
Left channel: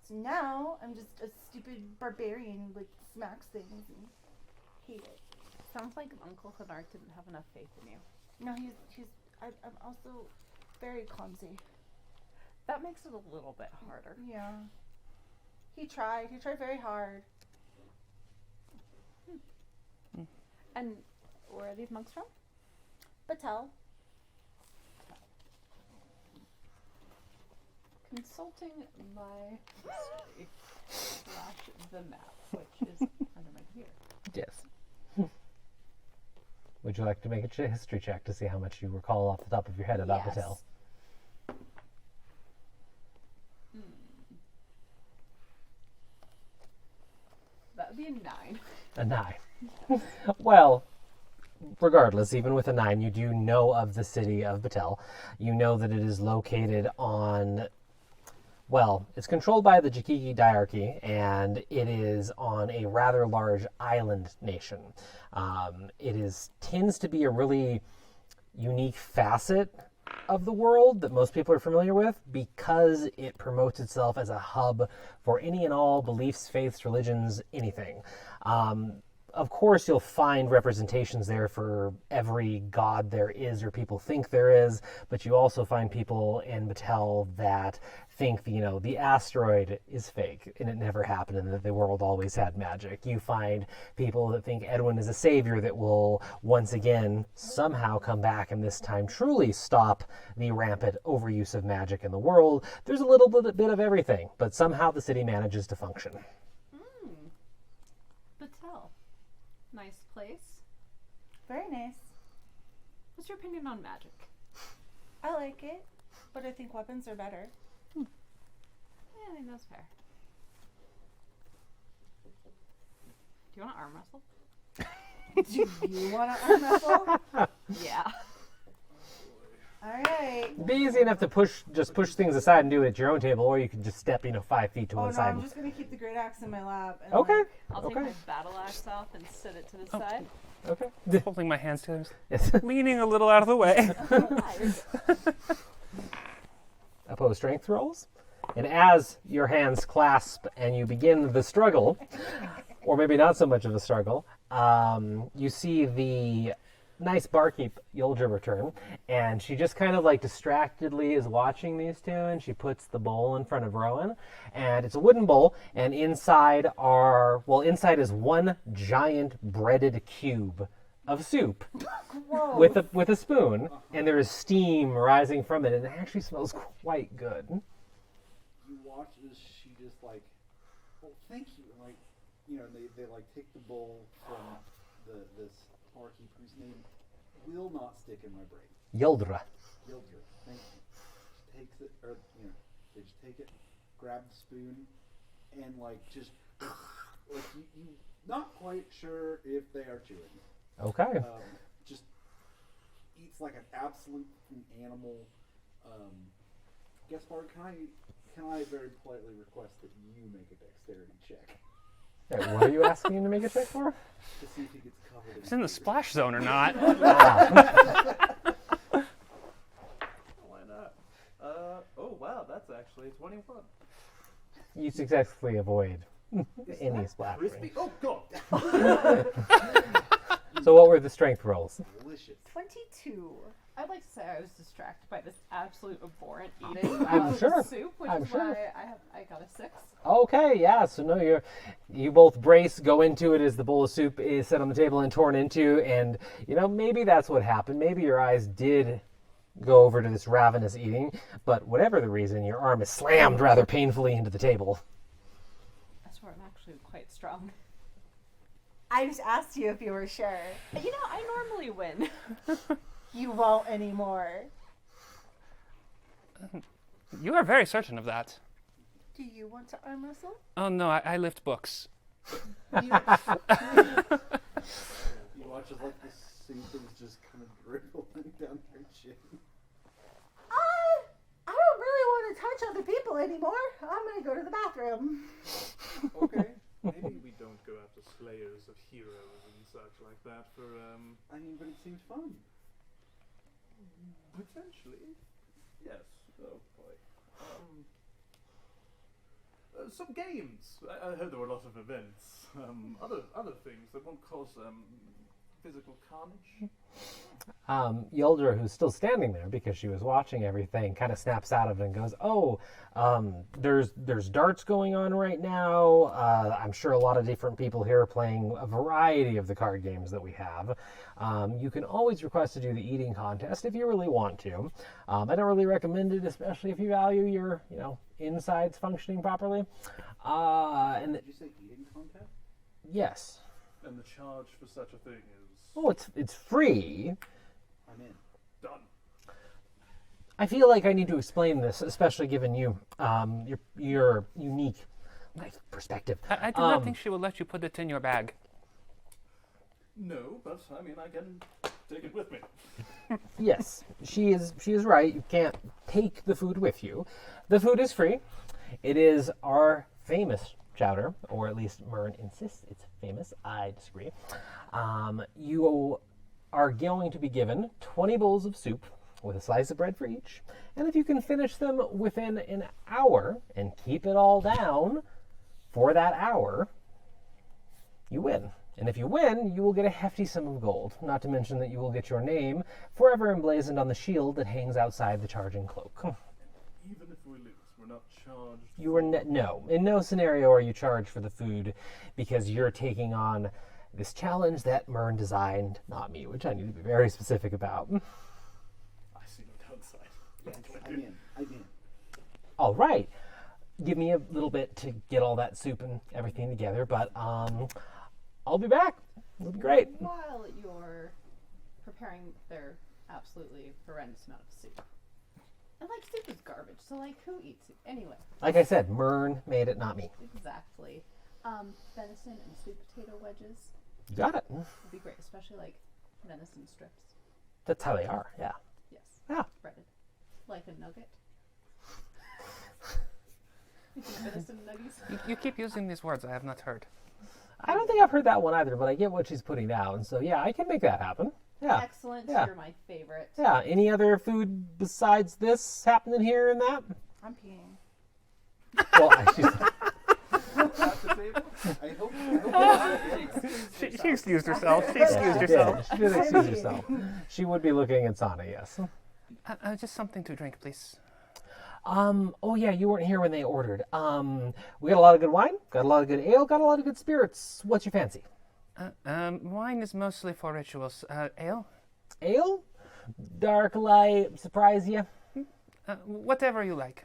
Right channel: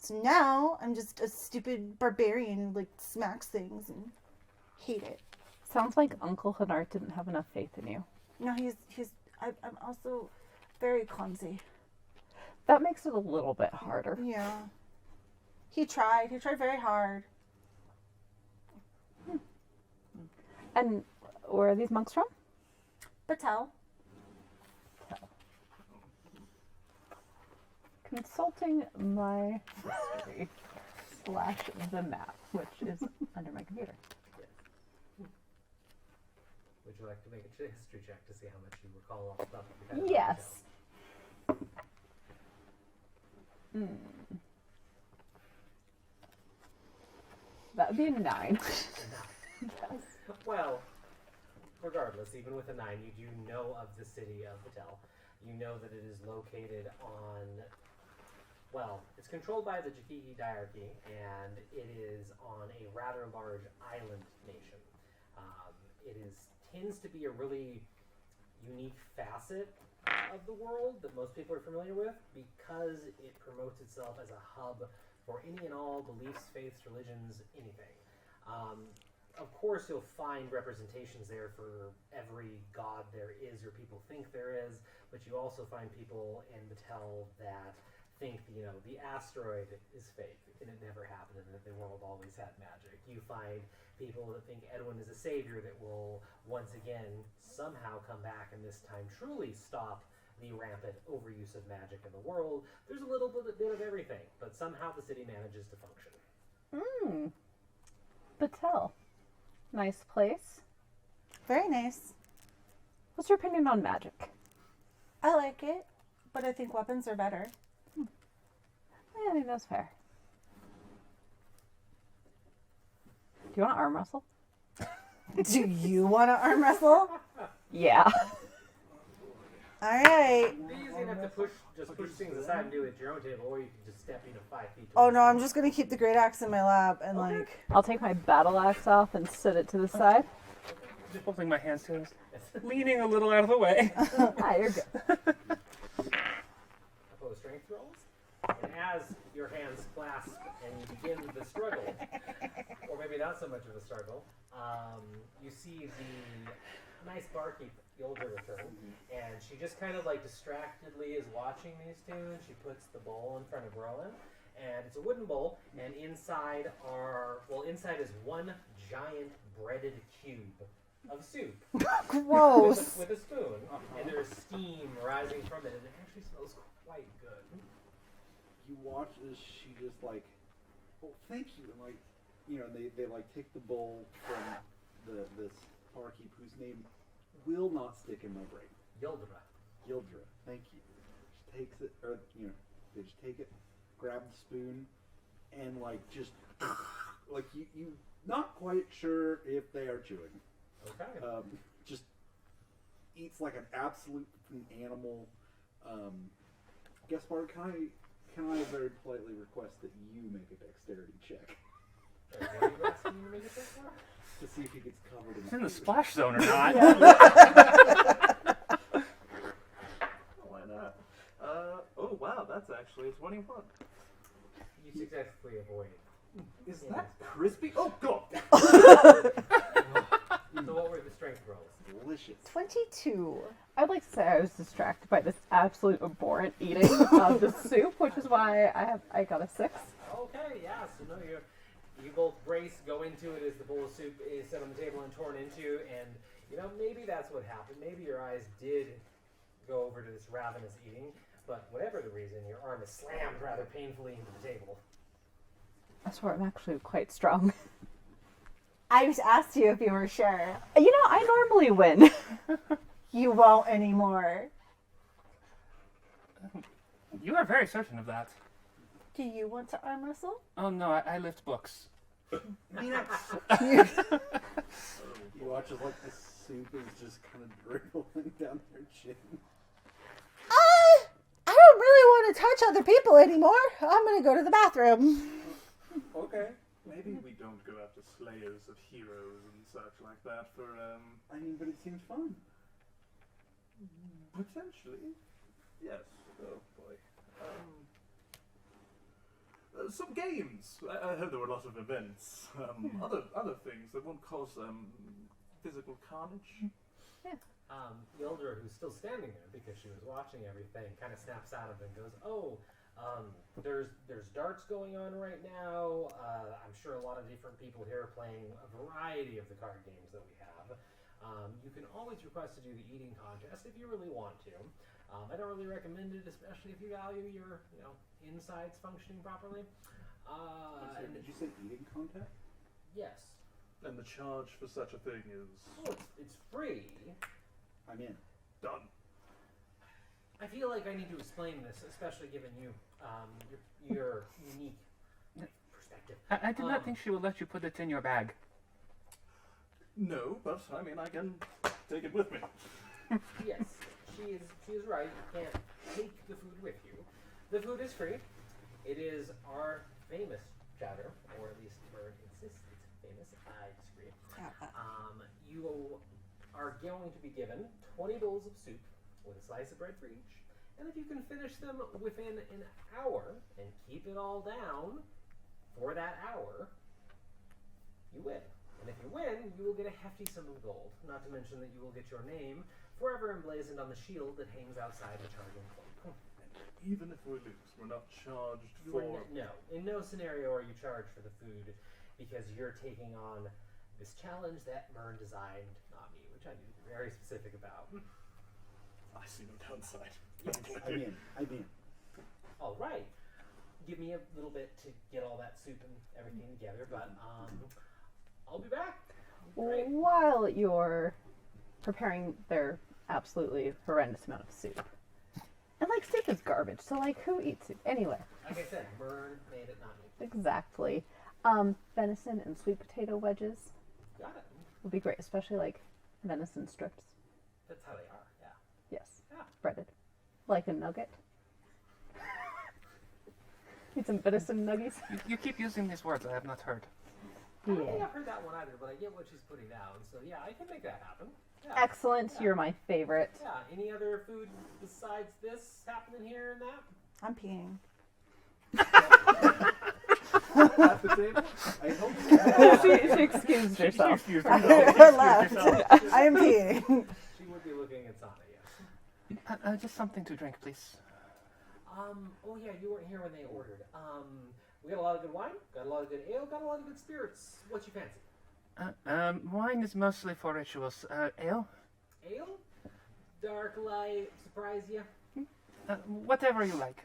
So now I'm just a stupid barbarian who smacks things and hate it. sounds like Uncle Hanart didn't have enough faith in you. No, I'm also very clumsy. That makes it a little bit harder. Yeah. He tried very hard. And where are these monks from? Patel. Consulting my history / the map, which is under my computer. yes. Would you like to make a history check to see how much you recall off the top of your head about Yes. Patel? That would be a 9. A 9. Well, regardless, even with a 9, you do know of the city of Batel. You know that it is located on, well, it's controlled by the Jakiki diarchy, and it is on a rather large island nation. Tends to be a really unique facet of the world that most people are familiar with because it promotes itself as a hub for any and all beliefs, faiths, religions, anything. Of course, you'll find representations there for every god there is or people think there is, but you also find people in Batel that think, the asteroid is fake and it never happened and that the world always had magic. You find people that think Edwin is a savior that will once again somehow come back and this time truly stop the rampant overuse of magic in the world. There's a little bit of everything, but somehow the city manages to function. Batel. Nice place. Very nice. What's your opinion on magic? I like it, but I think weapons are better. I think that's fair. Do you want to arm wrestle? Do you want to arm wrestle? Yeah. All right. Be easy enough to push things aside and do it at your own table, or you can just step 5 feet to one Oh no, side. I'm just gonna keep the great axe in my lap. And Okay. Like, I'll take my battle axe off and sit it to the side. Okay. Holding my hands together, Yes. leaning a little out of the way. Ah, you're good. Oppose strength rolls. And as your hands clasp and you begin the struggle, or maybe not so much of a struggle, you see the nice barkeep Yulja return, and she just kind of distractedly is watching these two, and she puts the bowl in front of Rowan, and it's a wooden bowl, and inside is one giant breaded cube of soup gross. with a spoon, and there is steam rising from it, and it actually smells quite good. You watch as she just oh, thank you, and they take the bowl from this barkeep whose name will not stick in my brain. Yildra. Yildra, thank you. She takes it, or they just take it, grab the spoon, and just you not quite sure if they are chewing. Okay. Just eats like an absolute animal. Guest part, can I very politely request that you make a dexterity check Hey, what are you asking him to make a check for? to see if he gets covered It's in the splash zone or not. Why not? Oh wow, that's actually a 21. You successfully avoid any splash. crispy? Oh god! So what were the strength rolls? Delicious. 22. I'd like to say I was distracted by this absolute abhorrent eating of the soup, which is why I got a 6. Okay, yeah. So no, you both brace, go into it as the bowl of soup is set on the table and torn into, and maybe that's what happened. Maybe your eyes did go over to this ravenous eating, but whatever the reason, your arm is slammed rather painfully into the table. I swear I'm actually quite strong. I just asked you if you were sure. I normally win. You won't anymore. You are very certain of that. Do you want to arm wrestle? Oh no, I lift books. You watch as the soup is just kind of dribbling down her chin. I don't really want to touch other people anymore. I'm gonna go to the bathroom. Okay. Maybe we don't go after slayers of heroes and such like that for But it seems fun. potentially. Yes. Oh boy. Some games. I heard there were a lot of events. Other things that won't cause physical carnage. Yildra, who's still standing there because she was watching everything, kind of snaps out of it and goes, "Oh, there's darts going on right now. I'm sure a lot of different people here are playing a variety of the card games that we have. You can always request to do the eating contest if you really want to. I don't really recommend it, especially if you value your, insides functioning properly. And Did you say eating contest? yes, And the charge for such a thing is oh, it's free. I'm in. done. I feel like I need to explain this, especially given your unique Nice perspective. I did not think she would let you put it in your bag. No, but I mean, I can take it with me. Yes, she is right. You can't take the food with you. The food is free. It is our famous chowder, or at least Mern insists it's famous. I disagree. You are going to be given 20 bowls of soup with a slice of bread for each. And if you can finish them within an hour and keep it all down for that hour, you win. And if you win, you will get a hefty sum of gold. Not to mention that you will get your name forever emblazoned on the shield that hangs outside the charging cloak. Even if we lose, we're not charged. You are no. In no scenario are you charged for the food because you're taking on this challenge that Mern designed, not me, which I need to be very specific about. I see no downside. Yes, I'm in. All right. Give me a little bit to get all that soup and everything together, but I'll be back. It'll be great. While you're preparing their absolutely horrendous amount of soup. And, like, soup is garbage, so, like, who eats soup? Anyway. Like I said, Mern made it, not me. Exactly. Venison and sweet potato wedges You got it. would be great, especially, like, venison strips. That's how they are, yeah. Yes. Yeah. Breaded. Like a nugget. Need some venison nuggies. You keep using these words I have not heard. I don't think I've heard that one either, but I get what she's putting down. So, yeah, I can make that happen. Yeah. Excellent. Yeah. You're my favorite. Yeah. Any other food besides this happening here and that? I'm peeing. Well, At the table? I hope so. she excused She herself. excused herself. She excused herself. she did I'm excuse peeing. herself. She would be looking at Sana, yes. Just something to drink, please. Oh yeah, you weren't here when they ordered. We got a lot of good wine, got a lot of good ale, got a lot of good spirits. What's your fancy? Wine is mostly for rituals. Ale? Ale? Dark, light, surprise you? Whatever you like.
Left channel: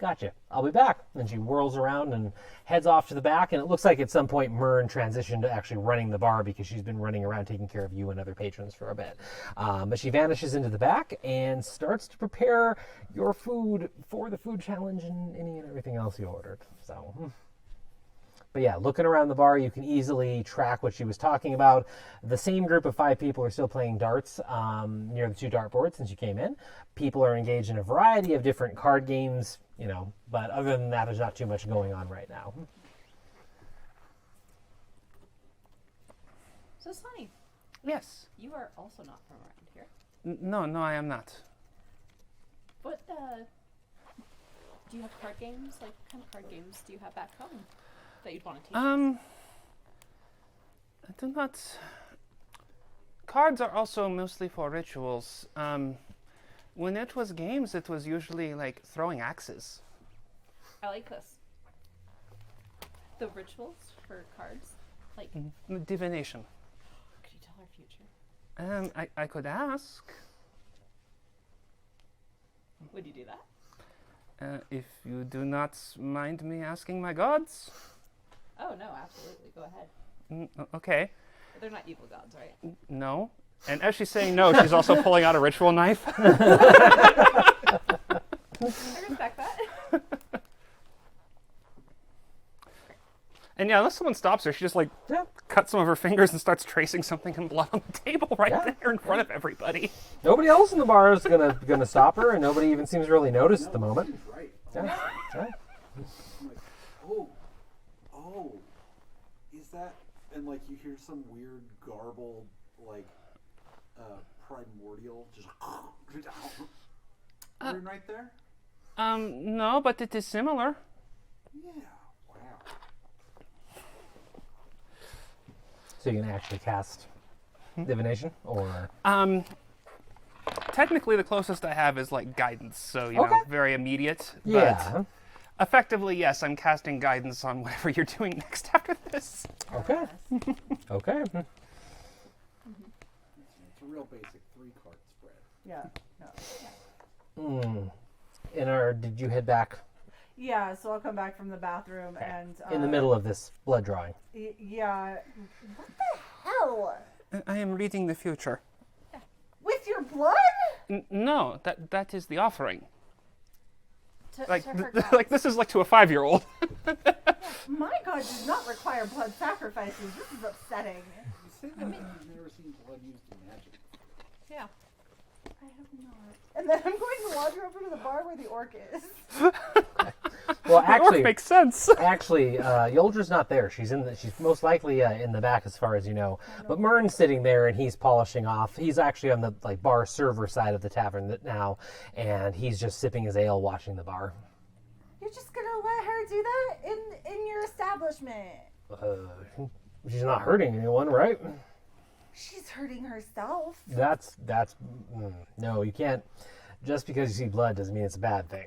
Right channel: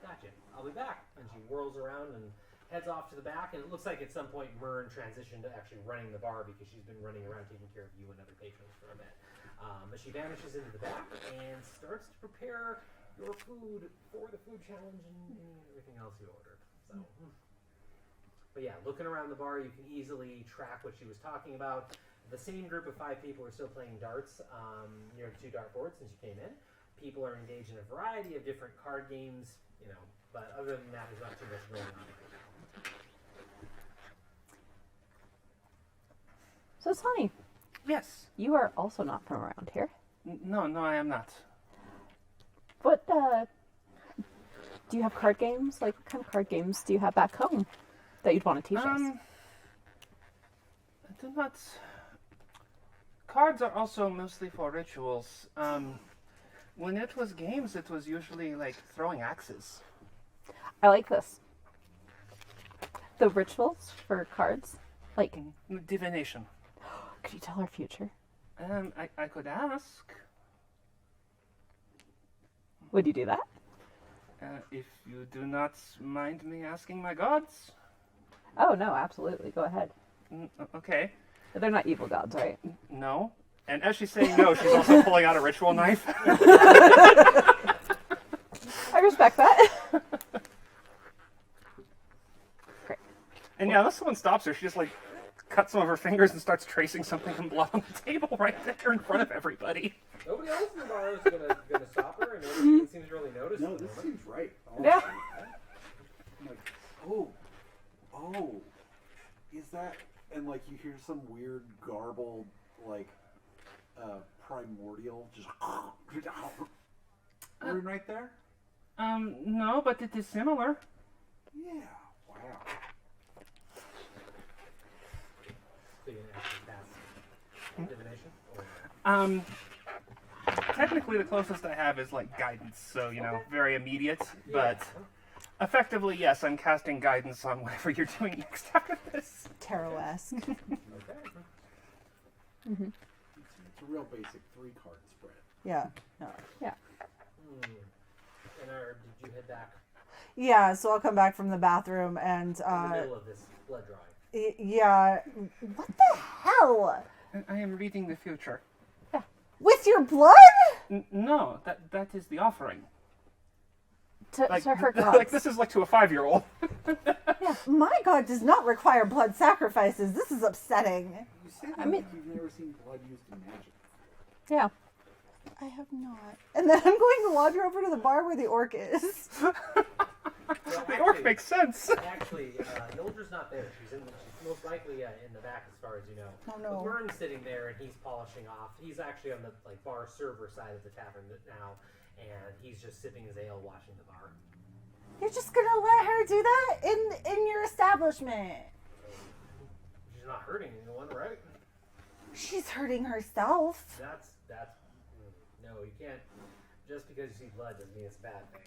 Gotcha. I'll be back. And she whirls around and heads off to the back, and it looks like at some point Mern transitioned to actually running the bar because she's been running around taking care of you and other patrons for a bit. But she vanishes into the back and starts to prepare your food for the food challenge and any and everything else you ordered. So, but yeah, looking around the bar, you can easily track what she was talking about. The same group of 5 people are still playing darts near the 2 dartboards since you came in. People are engaged in a variety of different card games, you know, but other than that, there's not too much going on right now. So, Sonny, Yes. you are also not from around here. No, I am not. What, do you have card games? Like, what kind of card games do you have back home that you'd want to teach us? I do not. Cards are also mostly for rituals. When it was games, it was usually like throwing axes. I like this. The rituals for cards? Like, Divination. could you tell our future? I could ask. Would you do that? If you do not mind me asking my gods. Oh, no, absolutely. Go ahead. Okay. But they're not evil gods, right? No. And as she's saying no, she's also pulling out a ritual knife. I respect that. Great. And yeah, unless someone stops her, she just like cuts some of her fingers and starts tracing something in blood on the table right there in front of everybody. Nobody else in the bar is gonna stop her, and nobody even seems to really notice at the No, moment. Seems right. Yeah. Yeah. I'm like, oh, is that? And like you hear some weird garbled, like, primordial, just right there. No, but it is similar. Yeah. Wow. So you can actually cast divination, or Technically, the closest I have is like guidance, so you know, Okay. very immediate. yeah. But effectively, yes, I'm casting guidance on whatever you're doing next after this. Terror-esque. Okay. It's a real basic 3-card spread. Yeah. No. And did you head back Yeah, so I'll come back from the bathroom and in the middle of this blood drawing? Yeah. What the hell? I am reading the future. With your blood? No, that is the offering. to her like gods. this is like to a 5-year-old. Yeah, my god does not require blood sacrifices. This is upsetting. I mean- you've never seen blood used in magic. Yeah. I have not. And then I'm going to wander over to the bar where the orc is. Well, Orc actually, makes sense. Yoldra's not there. She's most likely in the back, as far as you know. Oh, But no. Mern's sitting there, and he's polishing off. He's actually on the bar server side of the tavern now, and he's just sipping his ale, watching the bar. You're just gonna let her do that in your establishment? She's not hurting anyone, right? She's hurting herself. No, you can't. Just because you see blood doesn't mean it's a bad thing.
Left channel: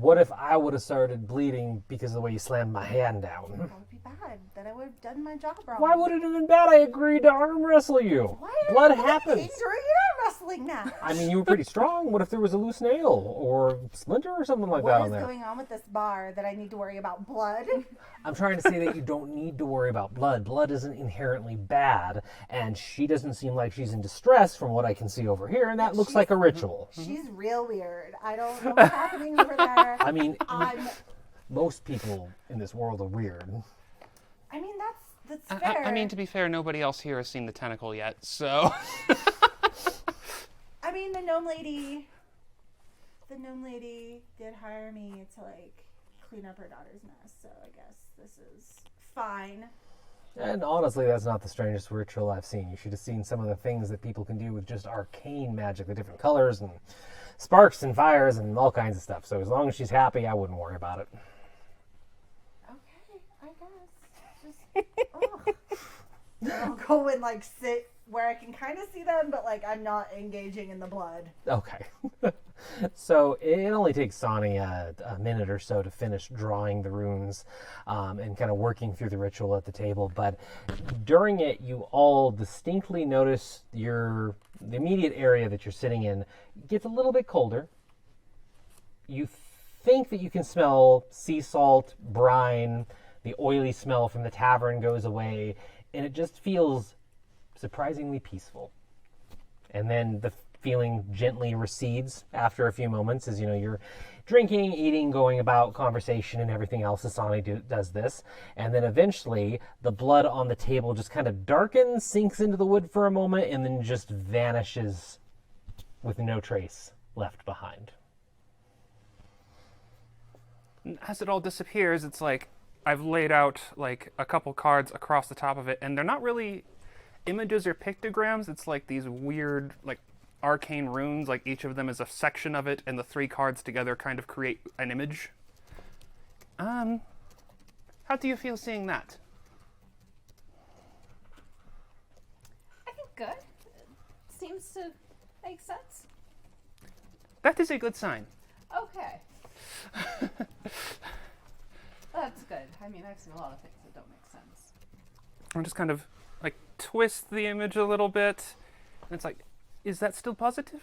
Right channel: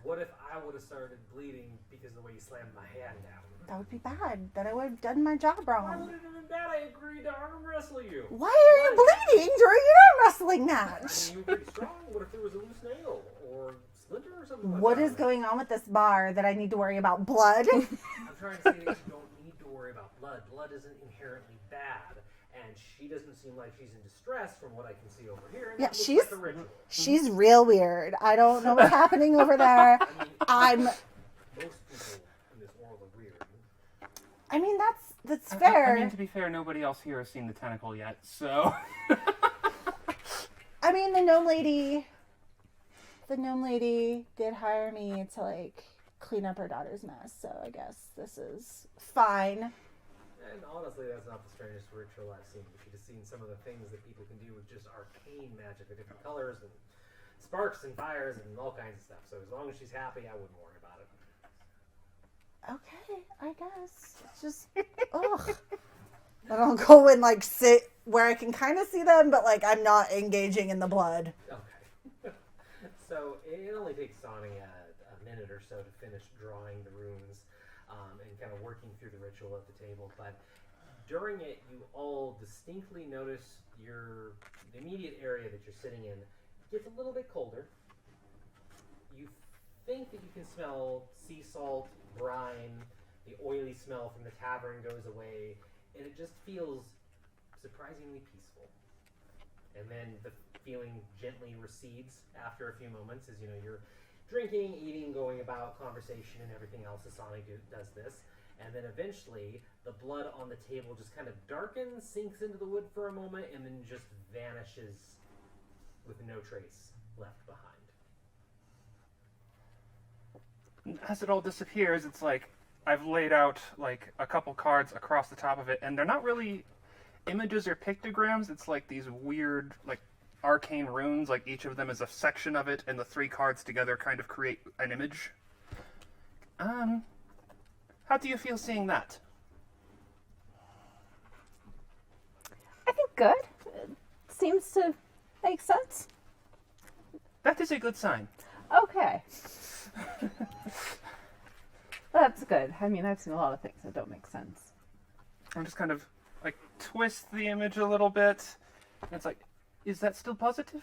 What if I would have started bleeding because of the way you slammed my hand down? That would be bad. Then I would have done my job wrong. Why would it have been bad? I agreed to arm wrestle you. Why are What you bleeding happened? during an arm wrestling match? I mean, you were pretty strong. What if there was a loose nail or splinter or something like what that? is going on with this bar that I need to worry about? Blood? I'm trying to say that you don't need to worry about blood. Blood isn't inherently bad, and she doesn't seem like she's in distress from what I can see over here, and that Yeah, looks like a ritual. She's real weird. I don't know what's happening over there. I mean, most people in this world are weird. I mean, that's fair. I mean, to be fair, nobody else here has seen the tentacle yet, so. I mean, the gnome lady did hire me to like clean up her daughter's mess, so I guess this is fine. And honestly, that's not the strangest ritual I've seen. You should have seen some of the things that people can do with just arcane magic, the different colors and sparks and fires and all kinds of stuff. So as long as she's happy, I wouldn't worry about it. Okay, I guess. Just ugh. I'll go and like sit where I can kind of see them, but like I'm not engaging in the blood. Okay. So it only takes Sonny a minute or so to finish drawing the runes and kind of working through the ritual at the table. But during it, you all distinctly notice the immediate area that you're sitting in gets a little bit colder. You think that you can smell sea salt, brine, the oily smell from the tavern goes away, and it just feels surprisingly peaceful. And then the feeling gently recedes after a few moments as you're drinking, eating, going about conversation and everything else. Asani does this, and then eventually the blood on the table just kind of darkens, sinks into the wood for a moment, and then just vanishes with no trace left behind. As it all disappears, it's like I've laid out like a couple cards across the top of it, and they're not really images or pictograms. It's like these weird, like, arcane runes. Like each of them is a section of it, and the 3 cards together kind of create an image. How do you feel seeing that? I think good. It seems to make sense. That is a good sign. Okay. That's good. I mean, I've seen a lot of things that don't make sense. I'm just kind of like twist the image a little bit, and it's like, is that still positive?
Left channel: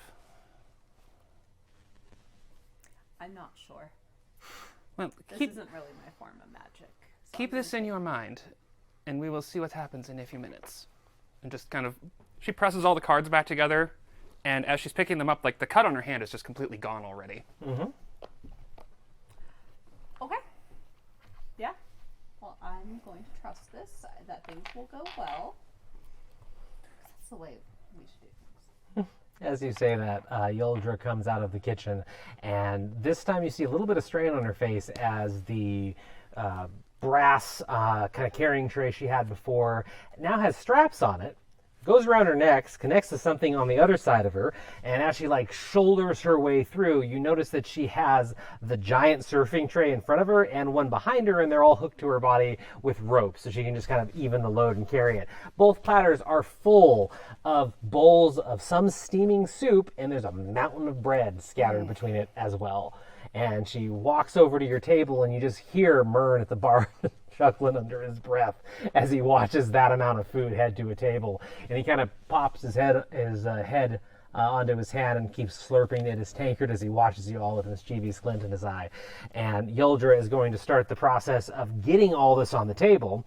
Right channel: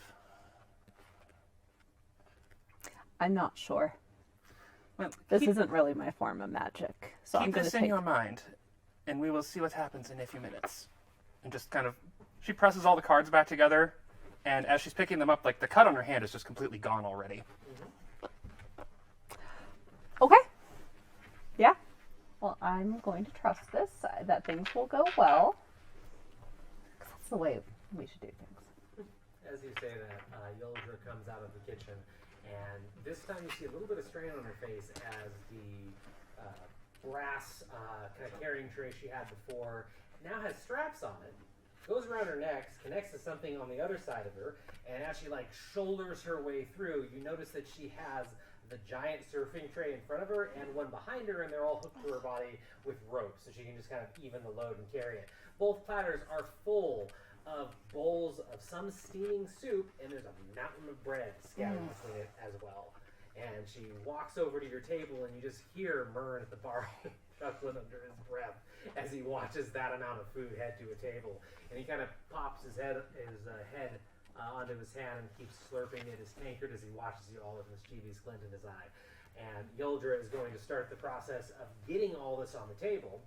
I'm not sure. Well, This keep, isn't really my form of magic. So I'm keep gonna this in take- your mind, and we will see what happens in a few minutes. And just kind of, she presses all the cards back together, and as she's picking them up, like the cut on her hand is just completely gone already. Mm-hmm. Okay. Yeah. Well, I'm going to trust this, that things will go well. 'Cause that's the way we should do things. As you say that, Yoldra comes out of the kitchen, and this time you see a little bit of strain on her face as the brass kind of carrying tray she had before now has straps on it, goes around her neck, connects to something on the other side of her, and as she like shoulders her way through, you notice that she has the giant surfing tray in front of her and one behind her, and they're all hooked to her body with ropes, so she can just kind of even the load and carry it. Both platters are full of bowls of some steaming soup, and there's a mountain of bread scattered between it as well. And she walks over to your table, and you just hear Mern at the bar chuckling under his breath as he watches that amount of food head to a table. And he kind of pops his head onto his hand and keeps slurping at his tankard as he watches you all with a mischievous glint in his eye. And Yoldra is going to start the process of getting all this on the table.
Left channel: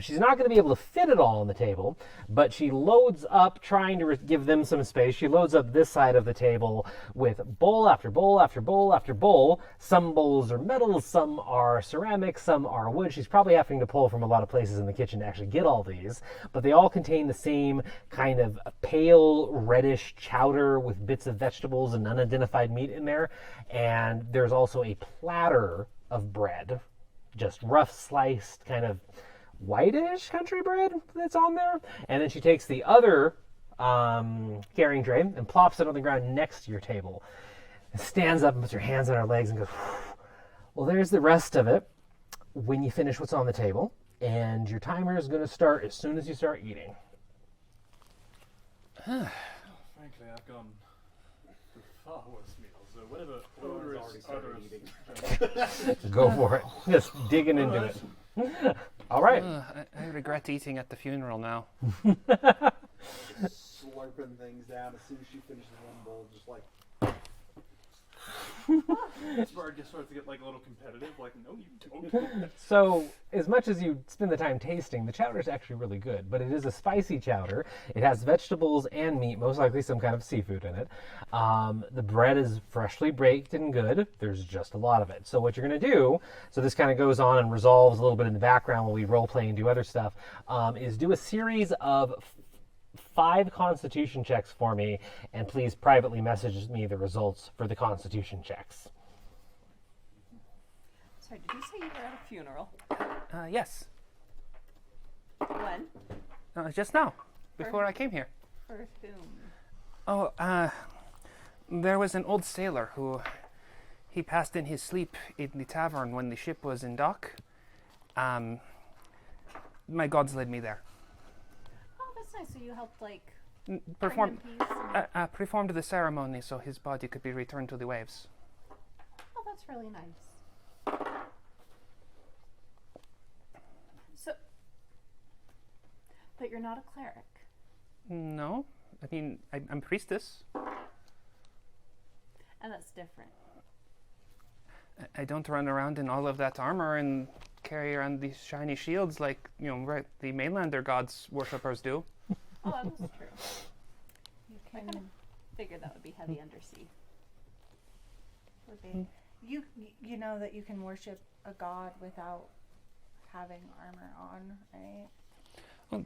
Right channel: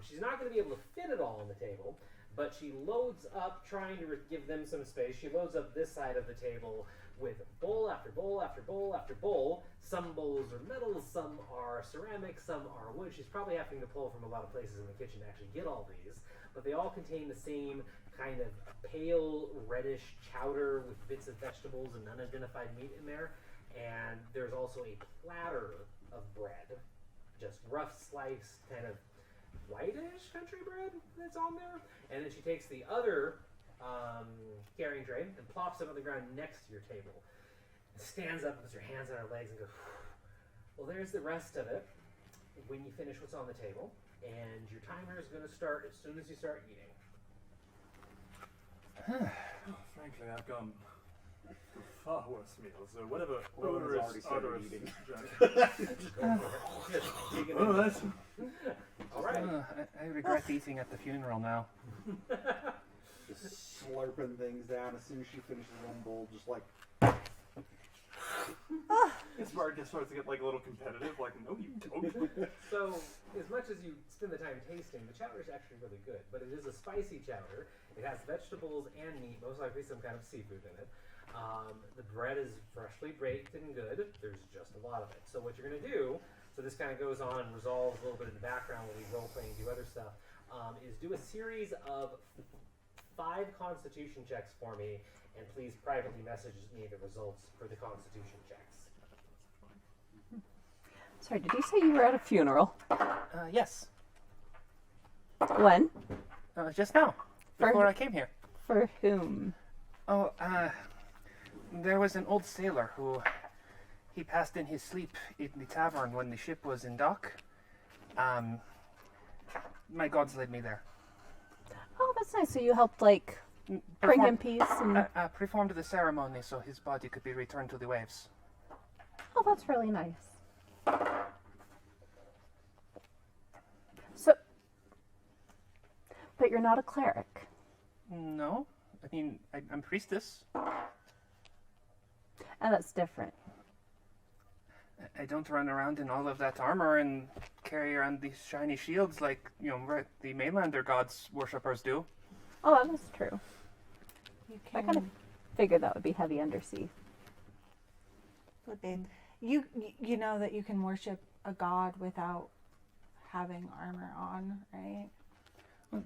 She's not going to be able to fit it all on the table, but she loads up, trying to give them some space. She loads up this side of the table with bowl after bowl after bowl after bowl. Some bowls are metal, some are ceramic, some are wood. She's probably having to pull from a lot of places in the kitchen to actually get all these, but they all contain the same kind of pale reddish chowder with bits of vegetables and unidentified meat in there. And there's also a platter of bread, just rough sliced kind of whitish country bread that's on there. And then she takes the other carrying tray and plops it on the ground next to your table. And stands up and puts her hands on her legs and goes, well, there's the rest of it when you finish what's on the table. And your timer is going to start as soon as you start eating. Frankly, I've gone through far worse meals, so whatever order is odorous. Go for it. Just digging into it. All right. I regret eating at the funeral now. Just slurping things down as soon as she finishes one bowl, just like. Smart just starts to get like a little competitive, like, no, you don't. So, as much as you spend the time tasting, the chowder is actually really good, but it is a spicy chowder. It has vegetables and meat, most likely some kind of seafood in it. The bread is freshly baked and good. There's just a lot of it. So what you're going to do, so this kind of goes on and resolves a little bit in the background while we role play and do other stuff, is do a series of 5 constitution checks for me, and please privately message me the results for the constitution checks. Sorry, did you say you were at a funeral? Yes. When? Just now, For- before I came here. For whom? Oh, there was an old sailor who he passed in his sleep in the tavern when the ship was in dock. My gods led me there. Oh, that's nice. So you helped, like, bring Perform- him peace and... performed the ceremony so his body could be returned to the waves. Oh, that's really nice. So... But you're not a cleric. No, I mean, I'm priestess. And that's different. I don't run around in all of that armor and carry around these shiny shields like, right, the mainlander gods worshippers do. Oh, that is true. I kind of figured that would be heavy undersea. Would be. You know that you can worship a god without having armor on, right?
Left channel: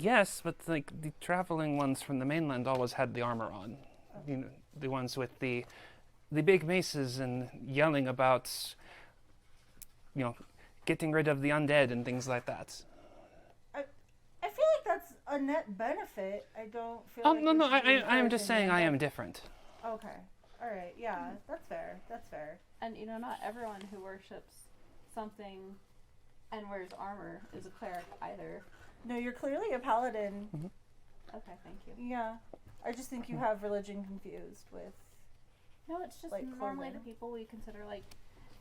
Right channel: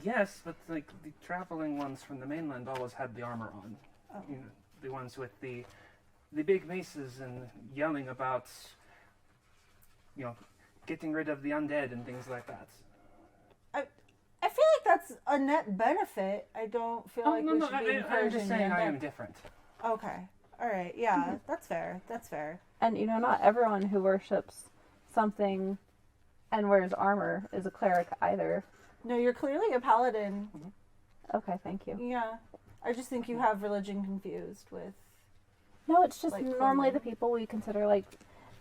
Yes, but like the traveling ones from the mainland always had the armor on. Oh. The ones with the big maces and yelling about, getting rid of the undead and things like that. I feel like that's a net benefit. I don't feel like we should be I'm just saying I encouraging am different. that. Okay. All right. Yeah, that's fair. That's fair. And, not everyone who worships something and wears armor is a cleric either. No, you're clearly a paladin. Okay, thank you. Yeah. I just think you have religion confused with... No, it's just Like normally clothing. the people we consider, like,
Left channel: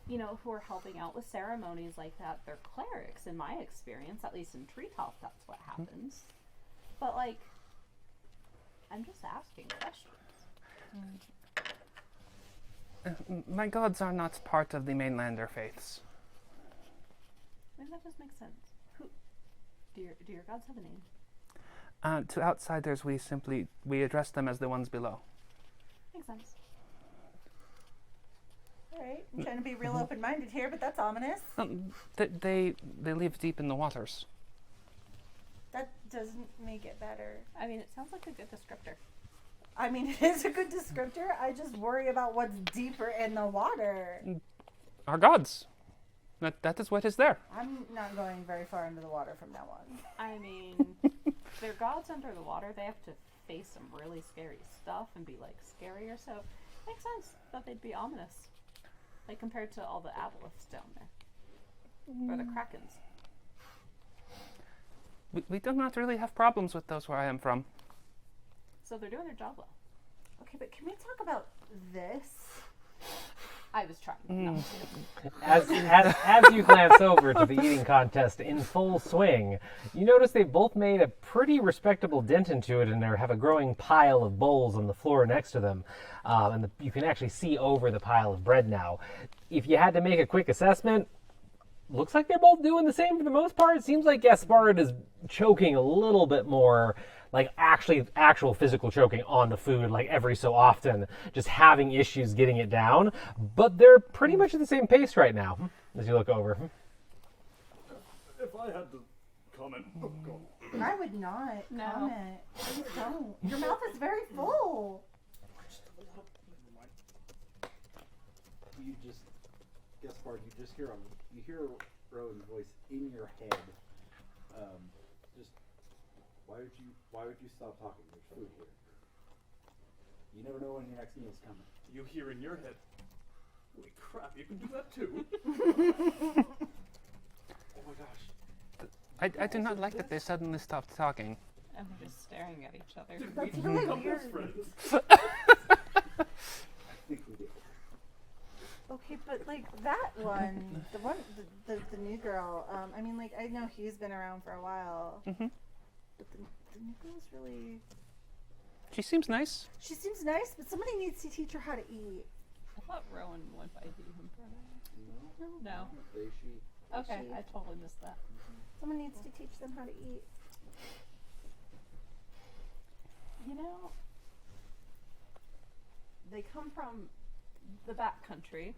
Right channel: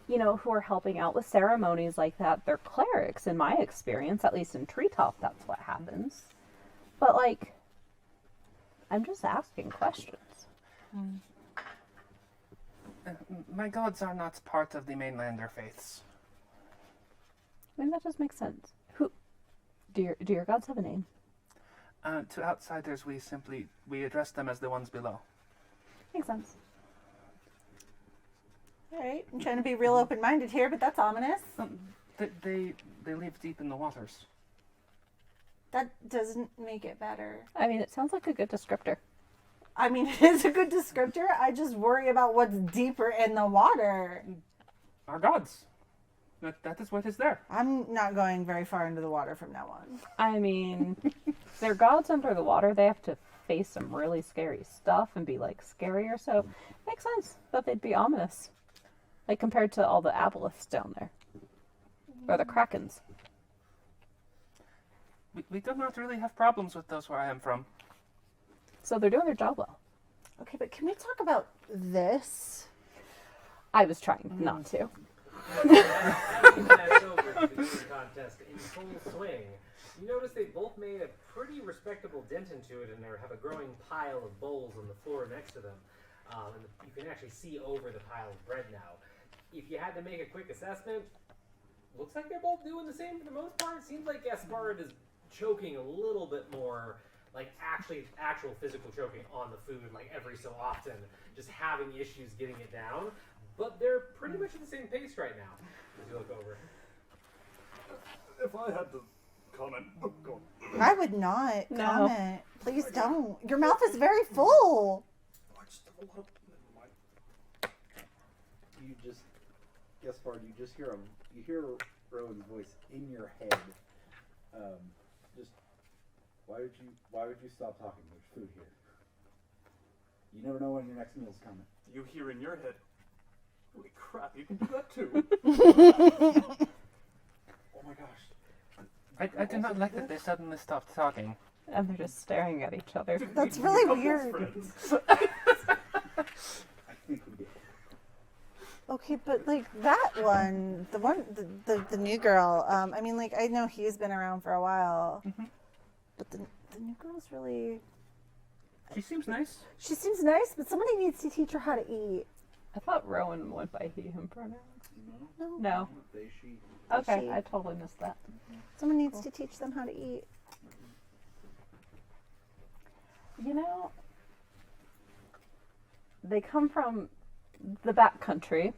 who are helping out with ceremonies like that, they're clerics, in my experience. At least in Treetop, that's what happens. But, like, I'm just asking questions. My gods are not part of the mainlander faiths. I mean, that does make sense. Who... Do your gods have a name? To outsiders, we address them as the ones below. Makes sense. All right. I'm trying to be real open-minded here, but that's ominous. They live deep in the waters. That doesn't make it better. I mean, it sounds like a good descriptor. I mean, it is a good descriptor. I just worry about what's deeper in the water. Our gods. That is what is there. I'm not going very far into the water from now on. I mean, they're gods under the water. They have to face some really scary stuff and be, like, scarier. So, makes sense that they'd be ominous. Like, compared to all the aboleths down there. Or the krakens. We do not really have problems with those where I am from. So they're doing their job well. Okay, but can we talk about this? I was trying not to. As you glance over to the eating contest in full swing, you notice they've both made a pretty respectable dent into it and they have a growing pile of bowls on the floor next to them. You can actually see over the pile of bread now. If you had to make a quick assessment, looks like they're both doing the same for the most part. It seems like Gaspard is choking a little bit more, like actual physical choking on the food, like every so often, just having issues getting it down. But they're pretty much at the same pace right now as you look over. If I had to comment, oh god. I would not No. comment. Please don't. Your mouth is very full. You just, Gaspard, you just hear you hear Rowan's voice in your head. Just why would you stop talking? There's food here. You never know when your next meal's coming. You hear in your head, holy crap, you can do that too. Oh my gosh. I do not like that they suddenly stopped talking. And they're just staring at each other. That's We really become weird. best friends. I think we did. Okay, but like that one, the new girl. I mean, like I know he's been around for a while, but the new girl's really. She seems nice. She seems nice, but somebody needs to teach her how to eat. I thought Rowan went by he, him pronouns. No. They, she. Okay, She. I totally missed that. Someone needs to teach them how to eat. You know, they come from the back country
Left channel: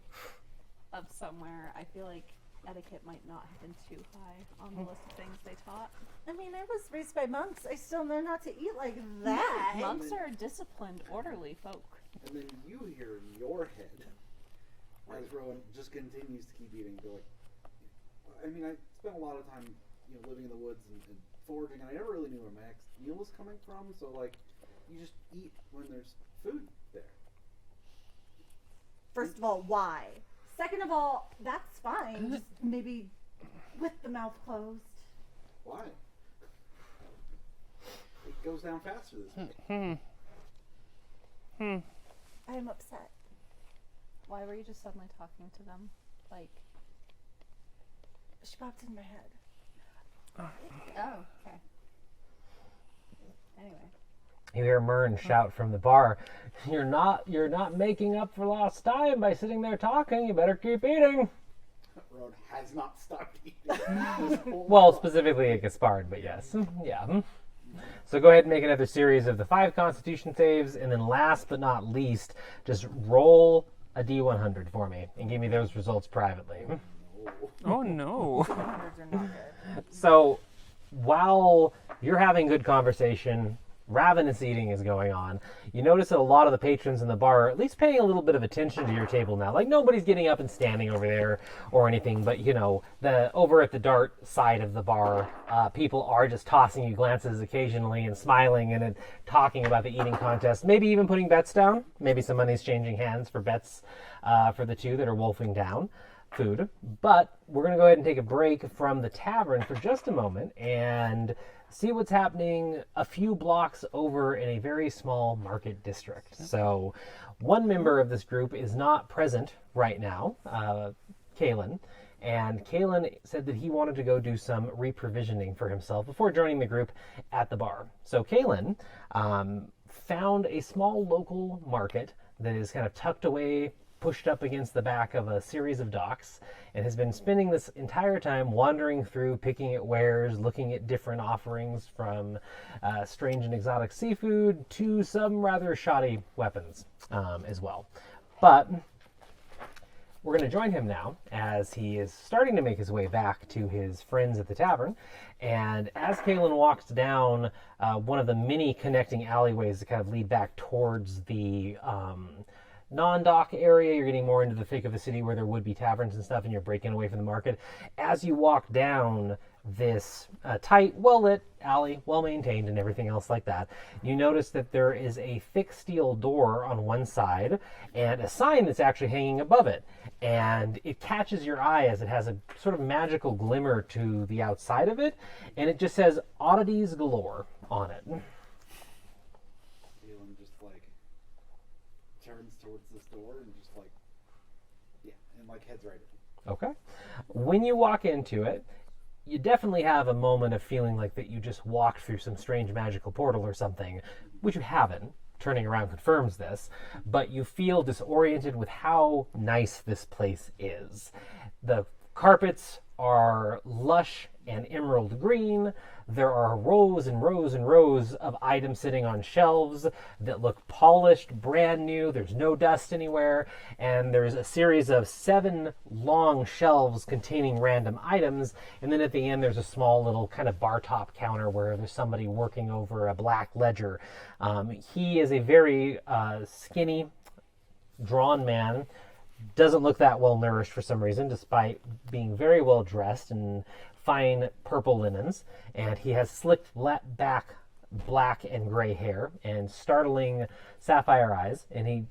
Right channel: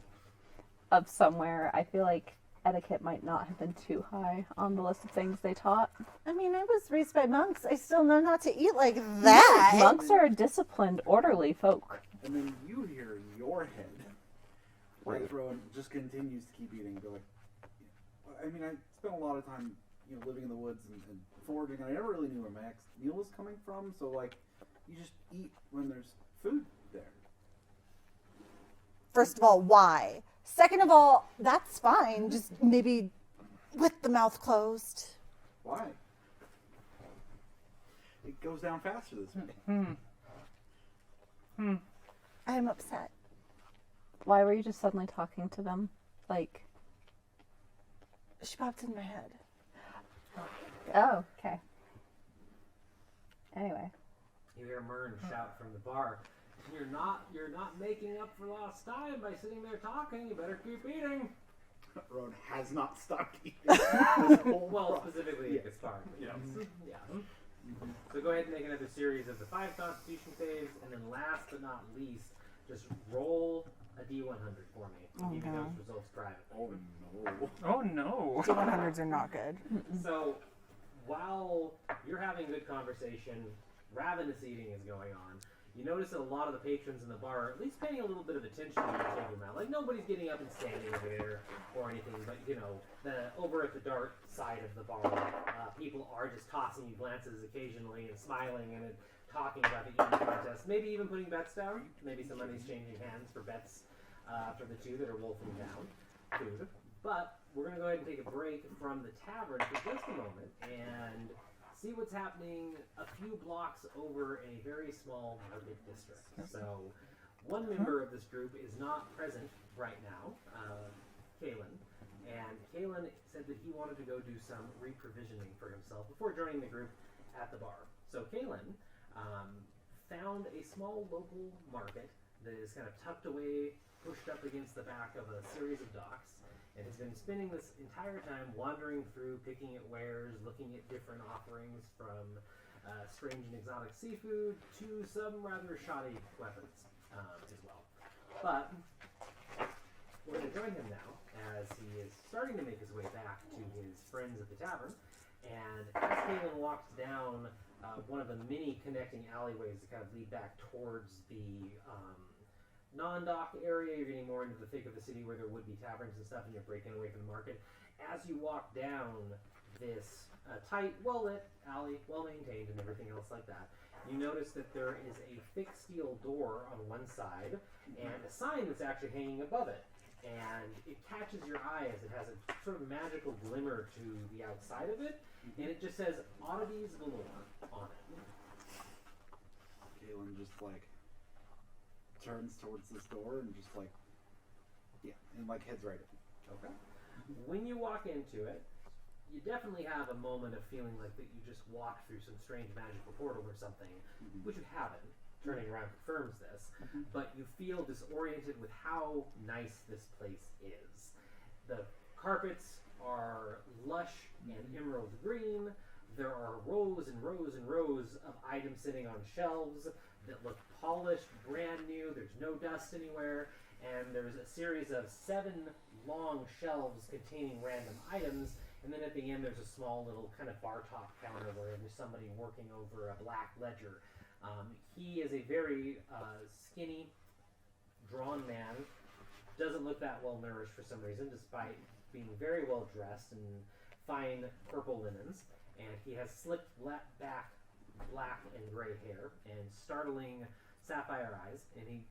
of somewhere. I feel like etiquette might not have been too high on the list of things they taught. I mean, I was raised by monks. I still know not to eat like that. Monks are disciplined, orderly folk. And then you hear in your head, as Rowan just continues to keep eating, go like, I mean, I spent a lot of time, living in the woods and foraging, and I never really knew where my next meal was coming from, so, like, you just eat when there's food there. First of all, why? Second of all, that's fine. Just maybe with the mouth closed. Why? It goes down faster this way. I am upset. Why were you just suddenly talking to them? Like, She popped in my head. oh, okay. Anyway. You hear Mern shout from the bar, You're not making up for lost time by sitting there talking. You better keep eating." Rowan has not stopped eating. Well, specifically at Gaspard, but yes. Yeah. So go ahead and make another series of the 5 Constitution saves, and then last but not least, just roll a D100 for me and give me those results privately. Oh no. 100s are not good. So while you're having good conversation, ravenous eating is going on, you notice that a lot of the patrons in the bar are at least paying a little bit of attention to your table now. Like, nobody's getting up and standing over there or anything, but the over at the dart side of the bar, people are just tossing you glances occasionally and smiling and talking about the eating contest, maybe even putting bets down. Maybe some money's changing hands for bets for the two that are wolfing down food. But we're going to go ahead and take a break from the tavern for just a moment and see what's happening a few blocks over in a very small market district. So one member of this group is not present right now, Kalen, and Kalen said that he wanted to go do some reprovisioning for himself before joining the group at the bar. So Kalen found a small local market that is kind of tucked away, pushed up against the back of a series of docks, and has been spending this entire time wandering through, picking at wares, looking at different offerings from strange and exotic seafood to some rather shoddy weapons as well. But we're going to join him now as he is starting to make his way back to his friends at the tavern. And as Kalen walks down one of the many connecting alleyways that kind of lead back towards the non-dock area, you're getting more into the thick of the city where there would be taverns and stuff, and you're breaking away from the market. As you walk down this tight, well-lit alley, well-maintained and everything else like that, you notice that there is a thick steel door on one side and a sign that's actually hanging above it. And it catches your eye as it has a sort of magical glimmer to the outside of it, and it just says "Oddities Galore" on it. Turns towards this door and just heads right in. Okay. When you walk into it, you definitely have a moment of feeling like that you just walked through some strange magical portal or something, which you haven't. Turning around confirms this, but you feel disoriented with how nice this place is. The carpets are lush and emerald green. There are rows and rows and rows of items sitting on shelves that look polished, brand new. There's no dust anywhere. And there's a series of 7 long shelves containing random items. And then at the end, there's a small little kind of bar top counter where there's somebody working over a black ledger. He is a very skinny, drawn man. Doesn't look that well nourished for some reason, despite being very well dressed in fine purple linens. And he has slicked back black and gray hair and startling sapphire eyes. And he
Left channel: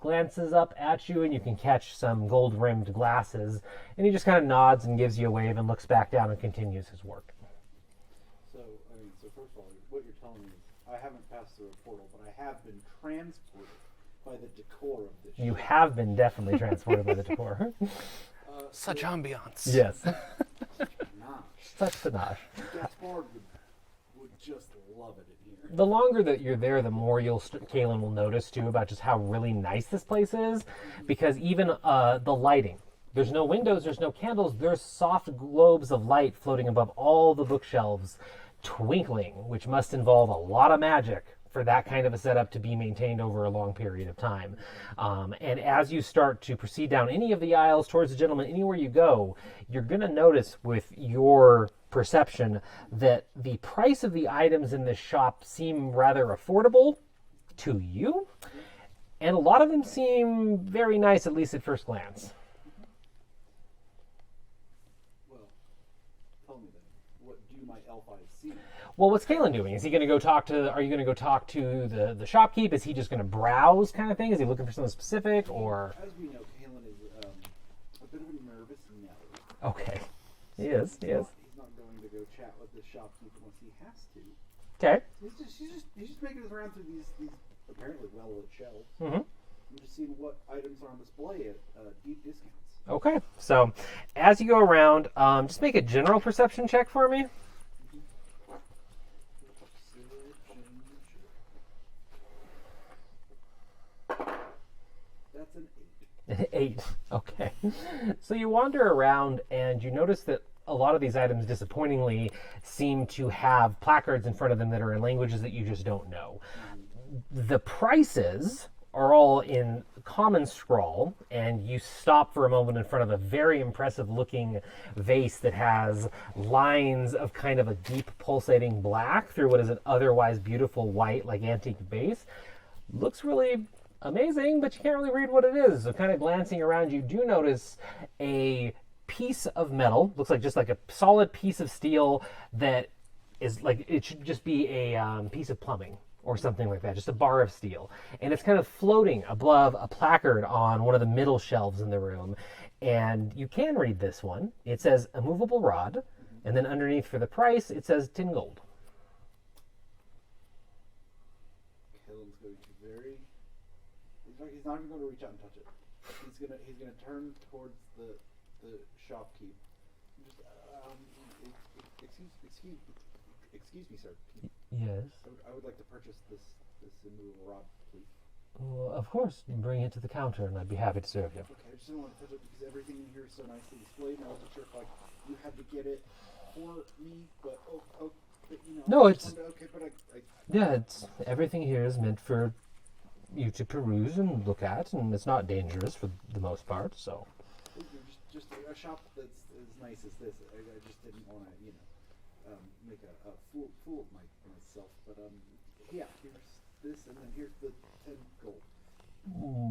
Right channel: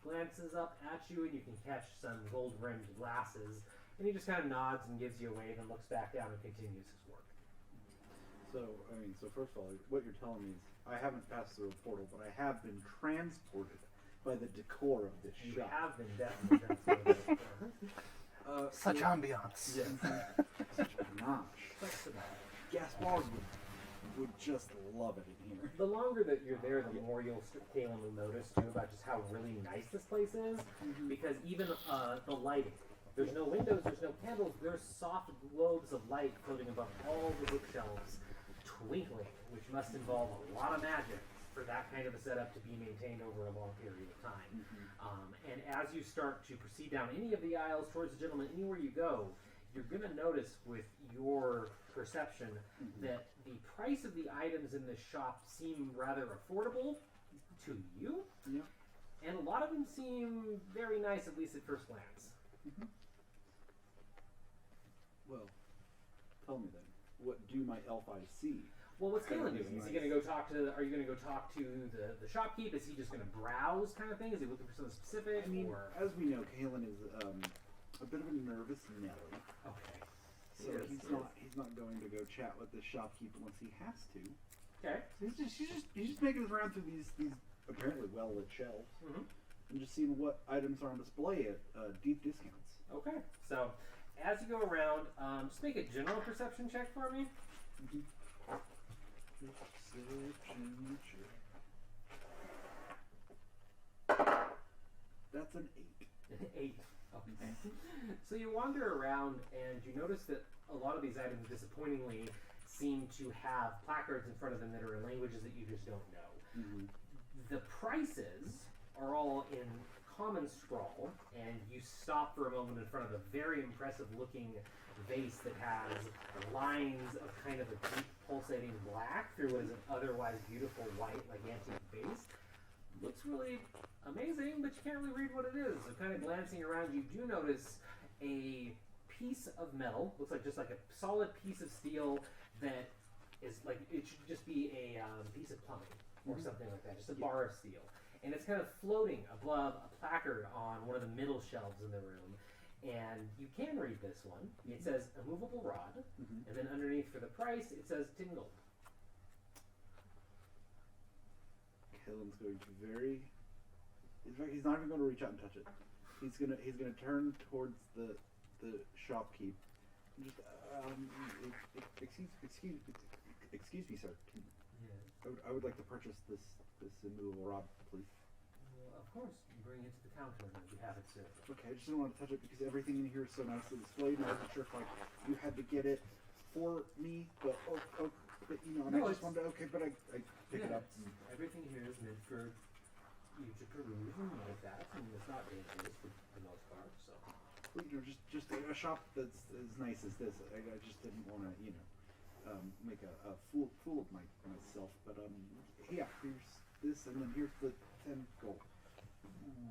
glances up at you, and you can catch some gold-rimmed glasses. And he just kind of nods and gives you a wave and looks back down and continues his work. So, first of all, what you're telling me is I haven't passed through a portal, but I have been transported by the decor of this You ship. have been definitely transported by the decor. Such ambiance. Yes. Nah, Such panache. Gaspard would just love it in here. The longer that you're there, the more Kaylin will notice too about just how really nice this place is, because even the lighting. There's no windows, there's no candles, there's soft globes of light floating above all the bookshelves, twinkling, which must involve a lot of magic for that kind of a setup to be maintained over a long period of time. And as you start to proceed down any of the aisles towards the gentleman, anywhere you go, you're going to notice with your perception that the price of the items in this shop seem rather affordable to you. And a lot of them seem very nice, at least at first glance. Well, tell me then, what do my elf eyes see? Well, what's Kalen doing? Is he going to go talk to? Are you going to go talk to the shopkeep? Is he just going to browse, kind of thing? Is he looking for something specific, or? As we know, Kalen is a bit of a nervous Nelly. Okay, he is. He is. He's not going to go chat with the shopkeep unless he has to. Okay. So he's just making his round through these apparently well lit shelves Mm-hmm. and just seeing what items are on display at deep discounts. Okay. So, as you go around, just make a general perception check for me. That's an 8. 8. Okay. So you wander around and you notice that a lot of these items, disappointingly, seem to have placards in front of them that are in languages that you just don't know. The prices are all in common scrawl, and you stop for a moment in front of a very impressive looking vase that has lines of kind of a deep pulsating black through what is an otherwise beautiful white, like antique base. Looks really amazing, but you can't really read what it is. So kind of glancing around, you do notice a piece of metal, looks like just like a solid piece of steel that is like, it should just be a piece of plumbing or something like that, just a bar of steel. And it's kind of floating above a placard on one of the middle shelves in the room. And you can read this one. It says a movable rod, and then underneath for the price, it says 10 gold. Kalen's going to very. In fact, he's not even going to reach out and touch it. He's gonna turn towards the shopkeep. Just excuse me, sir. Yes. I would like to purchase this immovable rod, please. Well, of course, you bring it to the counter, and I'd be happy to serve you. Okay, I just didn't want to touch it because everything in here is so nicely displayed, and I wasn't sure if like you had to get it for me, but but you know. No, I just it's- wanted to- okay, but I Yeah, it's everything here is meant for you to peruse and look at, and it's not dangerous for the most part. So, you know, just a shop that's as nice as this. I just didn't want to make a fool of myself. But yeah, here's this, and then here's the 10 gold.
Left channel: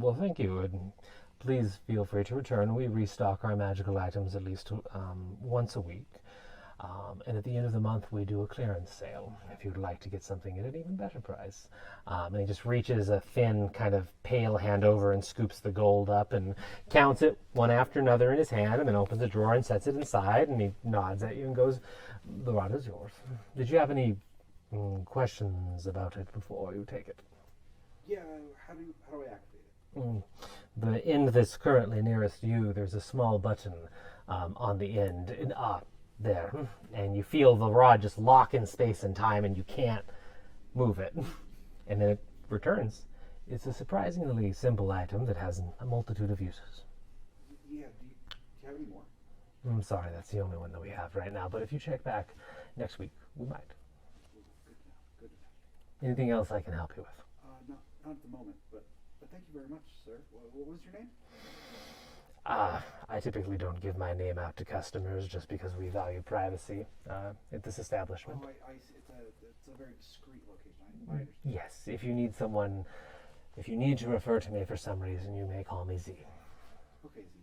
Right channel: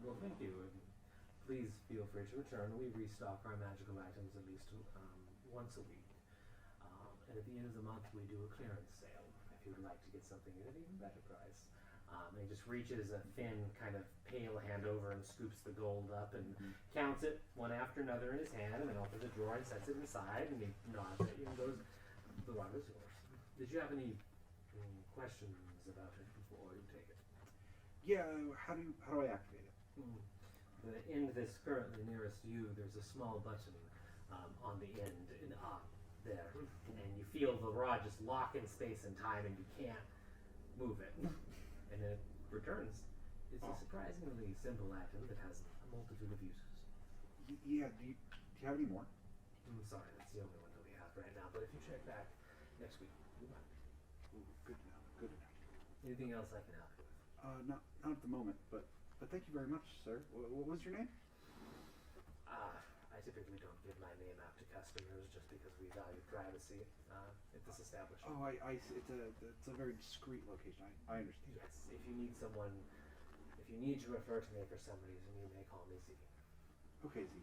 well, thank you, and please feel free to return. We restock our magical items at least once a week, and at the end of the month we do a clearance sale if you'd like to get something at an even better price. And he just reaches a thin, kind of pale hand over and scoops the gold up and counts it one after another in his hand, and then opens a drawer and sets it inside, and he nods at you and goes, "The rod is yours. Did you have any questions about it before you take it?" Yeah, how do I activate it? The end that's currently nearest you, there's a small button on the end. And, there. And you feel the rod just lock in space and time, and you can't move it. And then it returns. It's a surprisingly simple item that has a multitude of uses. Yeah, do you have any more? I'm sorry, that's the only one that we have right now. But if you check back next week, we might. Good. Good. Anything else I can help you with? Not at the moment, but thank you very much, sir. What was your name? I typically don't give my name out to customers just because we value privacy at this establishment. Oh, I see. It's a very discreet location. I understand. Yes, if you need someone, if you need to refer to me for some reason, you may call me Z. Okay, Z.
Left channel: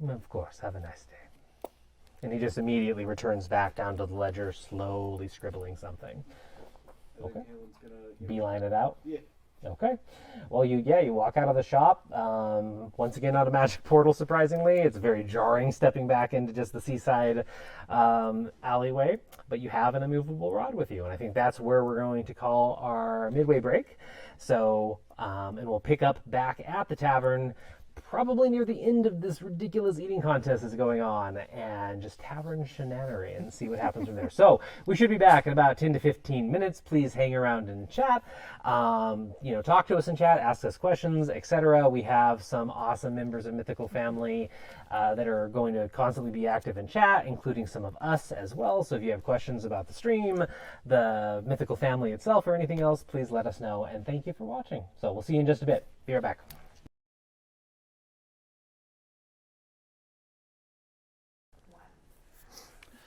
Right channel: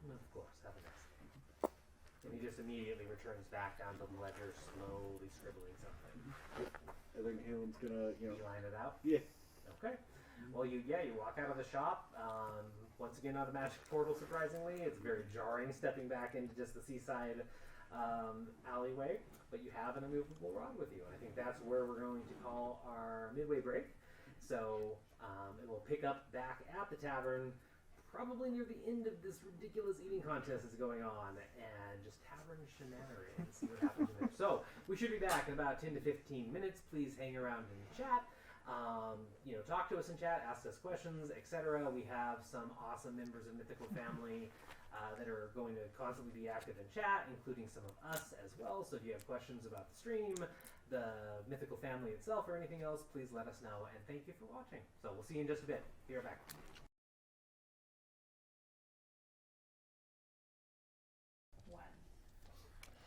Thanks. Of course, have a nice day. And he just immediately returns back down to the ledger, slowly scribbling something. I think Kalen's gonna Beeline it out? Yeah. Okay. Well, you walk out of the shop. Once again, not a magic portal, surprisingly. It's very jarring stepping back into just the seaside alleyway. But you have an immovable rod with you, and I think that's where we're going to call our midway break. So, and we'll pick up back at the tavern probably near the end of this ridiculous eating contest that's going on, and just tavern shenanery and see what happens from there. So we should be back in about 10 to 15 minutes. Please hang around and chat. Talk to us in chat, ask us questions, etc. We have some awesome members of Mythical Family that are going to constantly be active in chat, including some of us as well. So if you have questions about the stream, the Mythical Family itself, or anything else, please let us know. And thank you for watching. So we'll see you in just a bit. Be right back.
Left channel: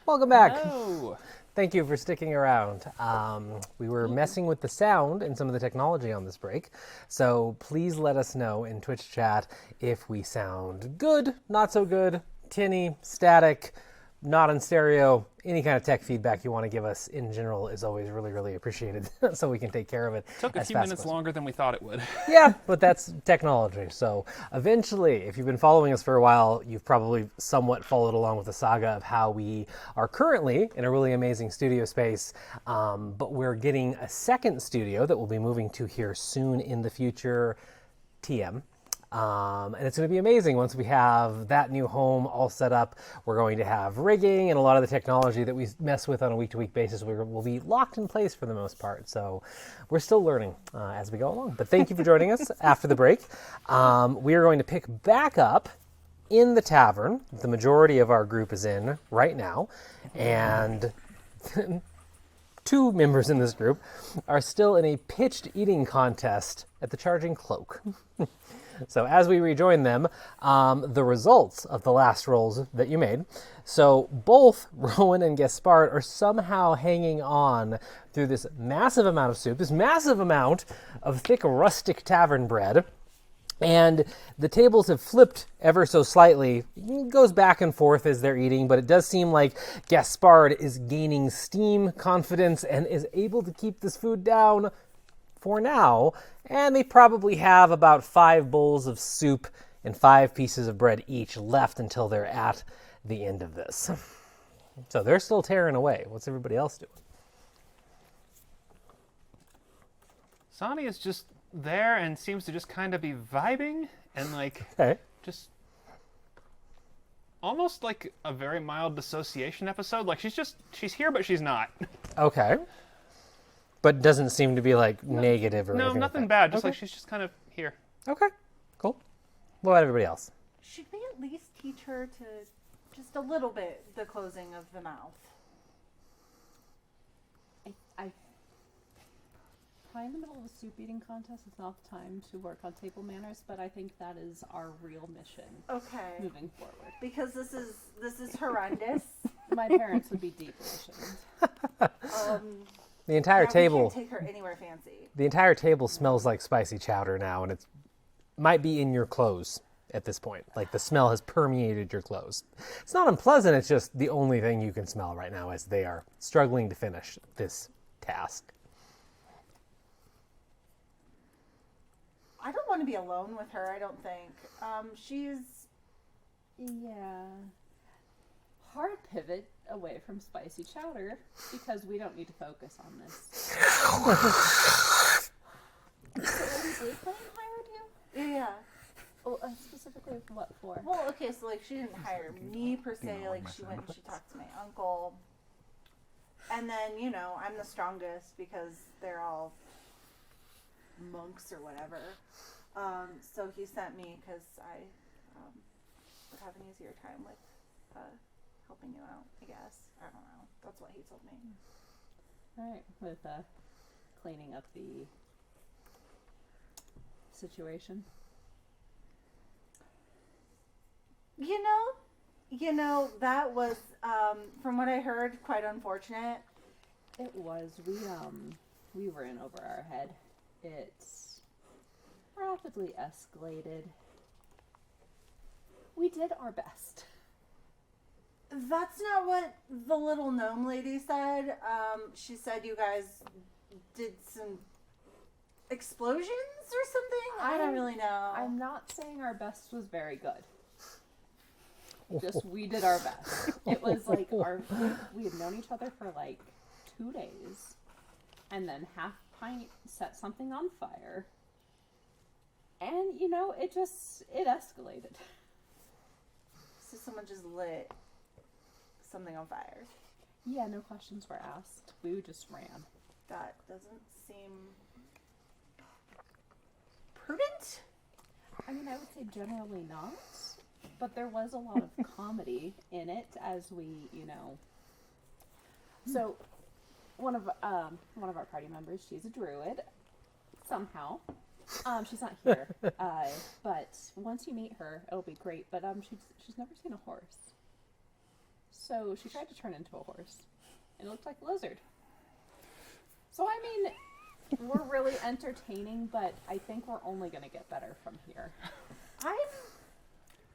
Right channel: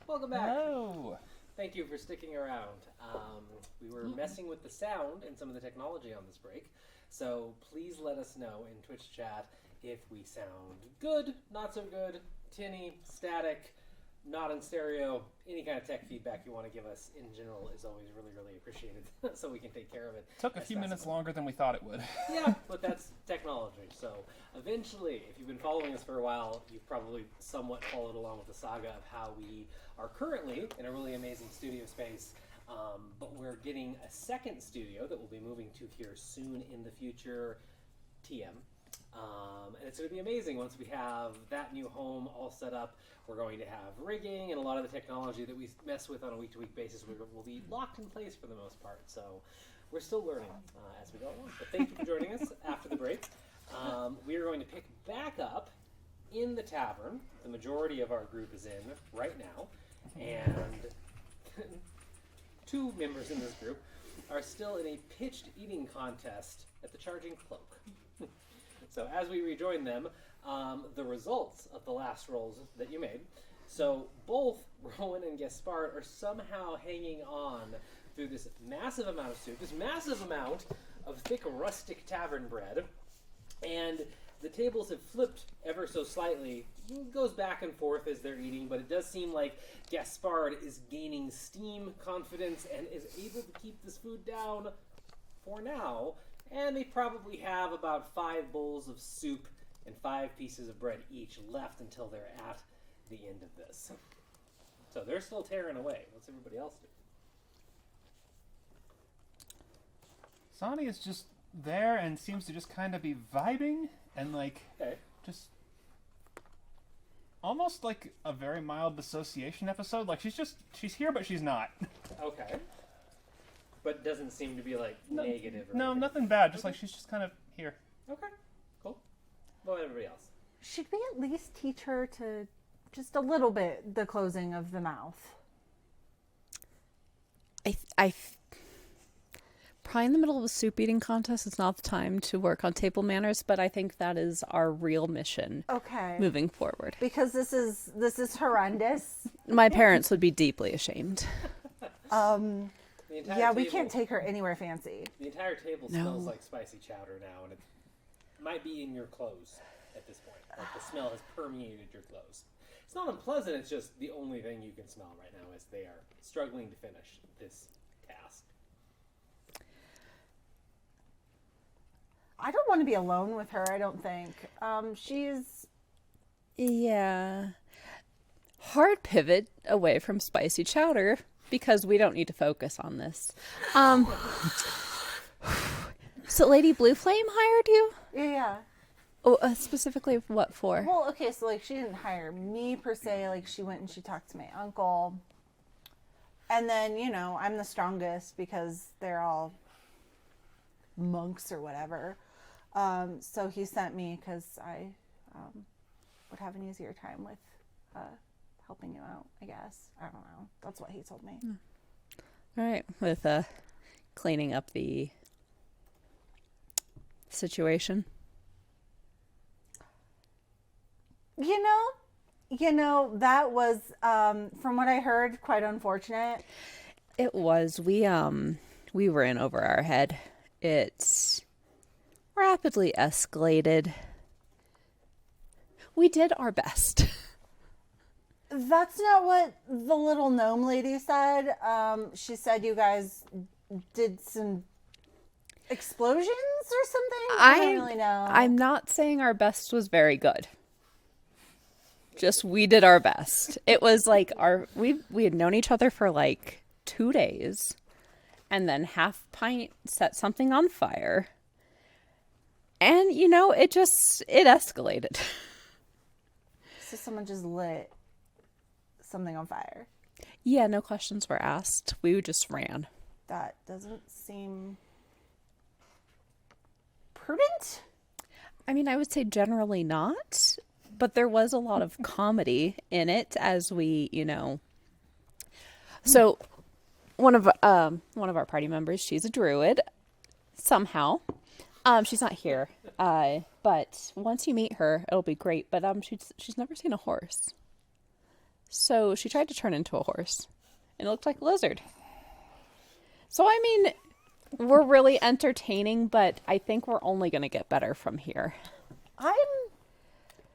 Welcome back. Hello. Thank you for sticking around. We were messing with the sound and some of the technology on this break, so please let us know in Twitch chat if we sound good, not so good, tinny, static, not in stereo. Any kind of tech feedback you want to give us in general is always really, really appreciated so we can take care of it. Took a few minutes longer than we thought it would. Yeah, but that's technology. So eventually, if you've been following us for a while, you've probably somewhat followed along with the saga of how we are currently in a really amazing studio space, but we're getting a second studio that we'll be moving to here soon in the future, TM. And it's going to be amazing once we have that new home all set up. We're going to have rigging and a lot of the technology that we mess with on a week-to-week basis will be locked in place for the most part. So we're still learning as we go along. But thank you for joining us after the break. We are going to pick back up in the tavern. The majority of our group is in right now. And two members in this group are still in a pitched eating contest at the Charging Cloak. So as we rejoin them, the results of the last rolls that you made. So both Rowan and Gaspard are somehow hanging on through this massive amount of soup, this massive amount of thick rustic tavern bread. And the tables have flipped ever so slightly. It goes back and forth as they're eating, but it does seem like Gaspard is gaining steam, confidence, and is able to keep this food down for now. And they probably have about 5 bowls of soup and 5 pieces of bread each left until they're at the end of this. So they're still tearing away. What's everybody else doing? Sani is just there and seems to just kind of be vibing and Okay. just almost like a very mild dissociation episode. Like she's here, but she's not. Okay. But doesn't seem to be negative or No, anything. nothing like bad. Just Okay. like she's just kind of here. Okay, cool. What about everybody else? Should we at least teach her to just a little bit the closing of the mouth? Probably in the middle of a soup eating contest, it's not the time to work on table manners, but I think that is our real mission Okay. moving forward. Because this is horrendous. My parents would be deeply ashamed. The entire Yeah, we table. can't take her anywhere fancy. The entire table smells like spicy chowder now, and it might be in your clothes at this point. Like the smell has permeated your clothes. It's not unpleasant. It's just the only thing you can smell right now as they are struggling to finish this task. I don't want to be alone with her, I don't think. She's... Yeah. Hard pivot away from spicy chowder because we don't need to focus on this. So Lady Blue Flame hired you? Yeah. Oh, specifically what for? Well, okay, so she didn't hire me per se. She went and she talked to my uncle. And then, I'm the strongest because they're all monks or whatever. So he sent me because I would have an easier time with helping you out, I guess. I don't know. That's what he told me. All right, with cleaning up the situation. You know, that was, from what I heard, quite unfortunate. It was. We were in over our head. It rapidly escalated. We did our best. That's not what the little gnome lady said. She said you guys did some explosions or something? I don't really know. I'm not saying our best was very good. Just we did our best. It was like we had known each other for like 2 days, and then Half Pint set something on fire, and it escalated. So someone just lit something on fire. Yeah, no questions were asked. We just ran. That doesn't seem prudent. I mean, I would say generally not, but there was a lot of comedy in it as we, So, one of our party members, she's a druid, somehow. She's not here, but once you meet her, it'll be great. But she's never seen a horse, so she tried to turn into a horse, and it looked like a lizard. So I mean, we're really entertaining, but I think we're only going to get better from here. I'm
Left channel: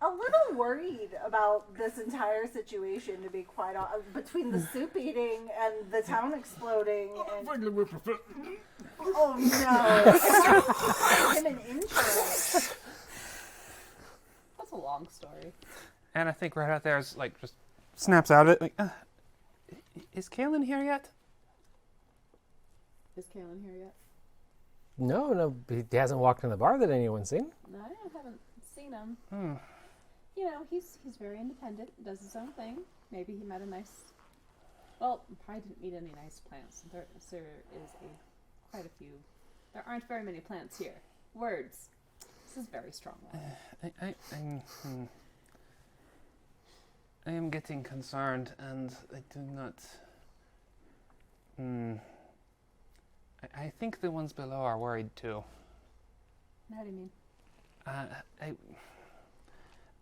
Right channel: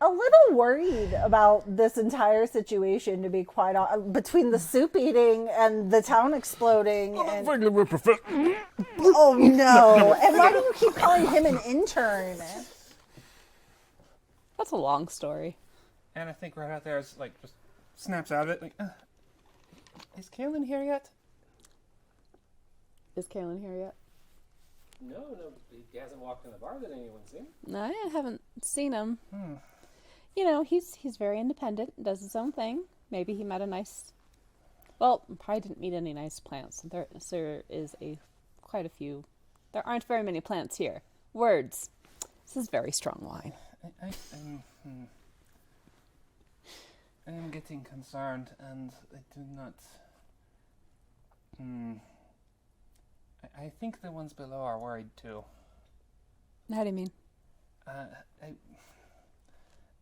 a little worried about this entire situation, to be quite honest, between the soup eating and the town exploding. And... Oh no! And why do you keep calling him an intern? That's a long story. And I think right out there is like just snaps out of it. Like, is Kaylin here yet? Is Kaylin here yet? No, he hasn't walked in the bar that anyone's seen. No, I haven't seen him. He's very independent, does his own thing. Maybe he met a nice... Well, probably didn't meet any nice plants. There is quite a few. There aren't very many plants here. Words. This is very strong wine. I am getting concerned, and I do not... I think the ones below are worried too. How do you mean?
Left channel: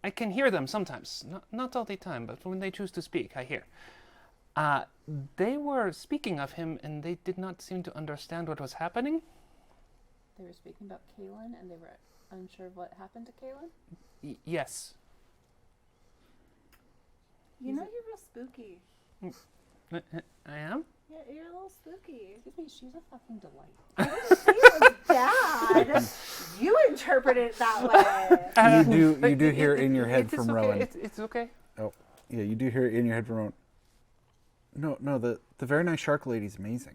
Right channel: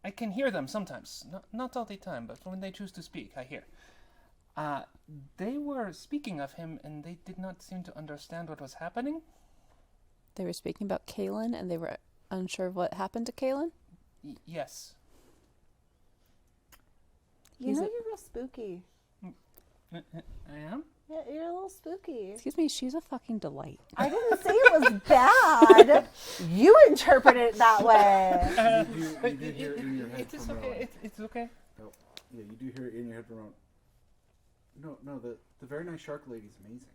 I can hear them sometimes. Not all the time, but when they choose to speak, I hear. They were speaking of him, and they did not seem to understand what was happening. They were speaking about Kaylin, and they were unsure of what happened to Kaylin? Yes. You're real spooky. I am? Yeah, you're a little spooky. Excuse me, she's a fucking delight. I didn't say it was bad. You interpret it that way. You do hear it in your head from okay. Rowan. It's okay. Oh, yeah, you do hear it in your head from Rowan. No, the very nice shark lady's amazing.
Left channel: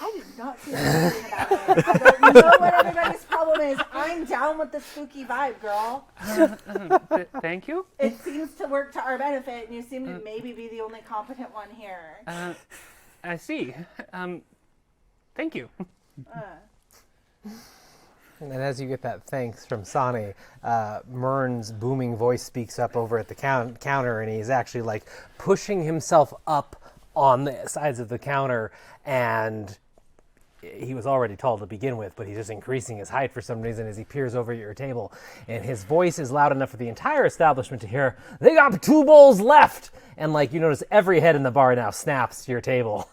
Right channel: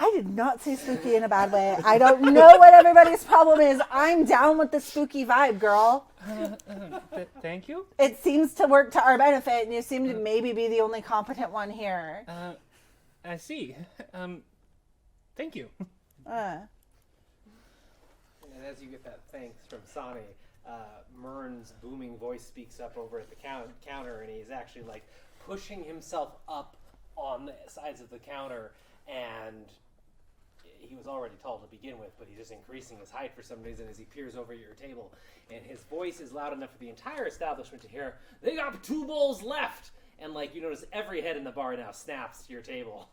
I did not say something about it. I don't know what everybody's problem is. I'm down with the spooky vibe, girl. Thank you. It seems to work to our benefit, and you seem to maybe be the only competent one here. I see. Thank you. And as you get that thanks from Sani, Mern's booming voice speaks up over at the counter, and he's actually like pushing himself up on the sides of the counter, and he was already tall to begin with, but he's just increasing his height for some reason as he peers over at your table. And his voice is loud enough for the entire establishment to hear, "They got 2 bowls left!" And like you notice every head in the bar now snaps to your table.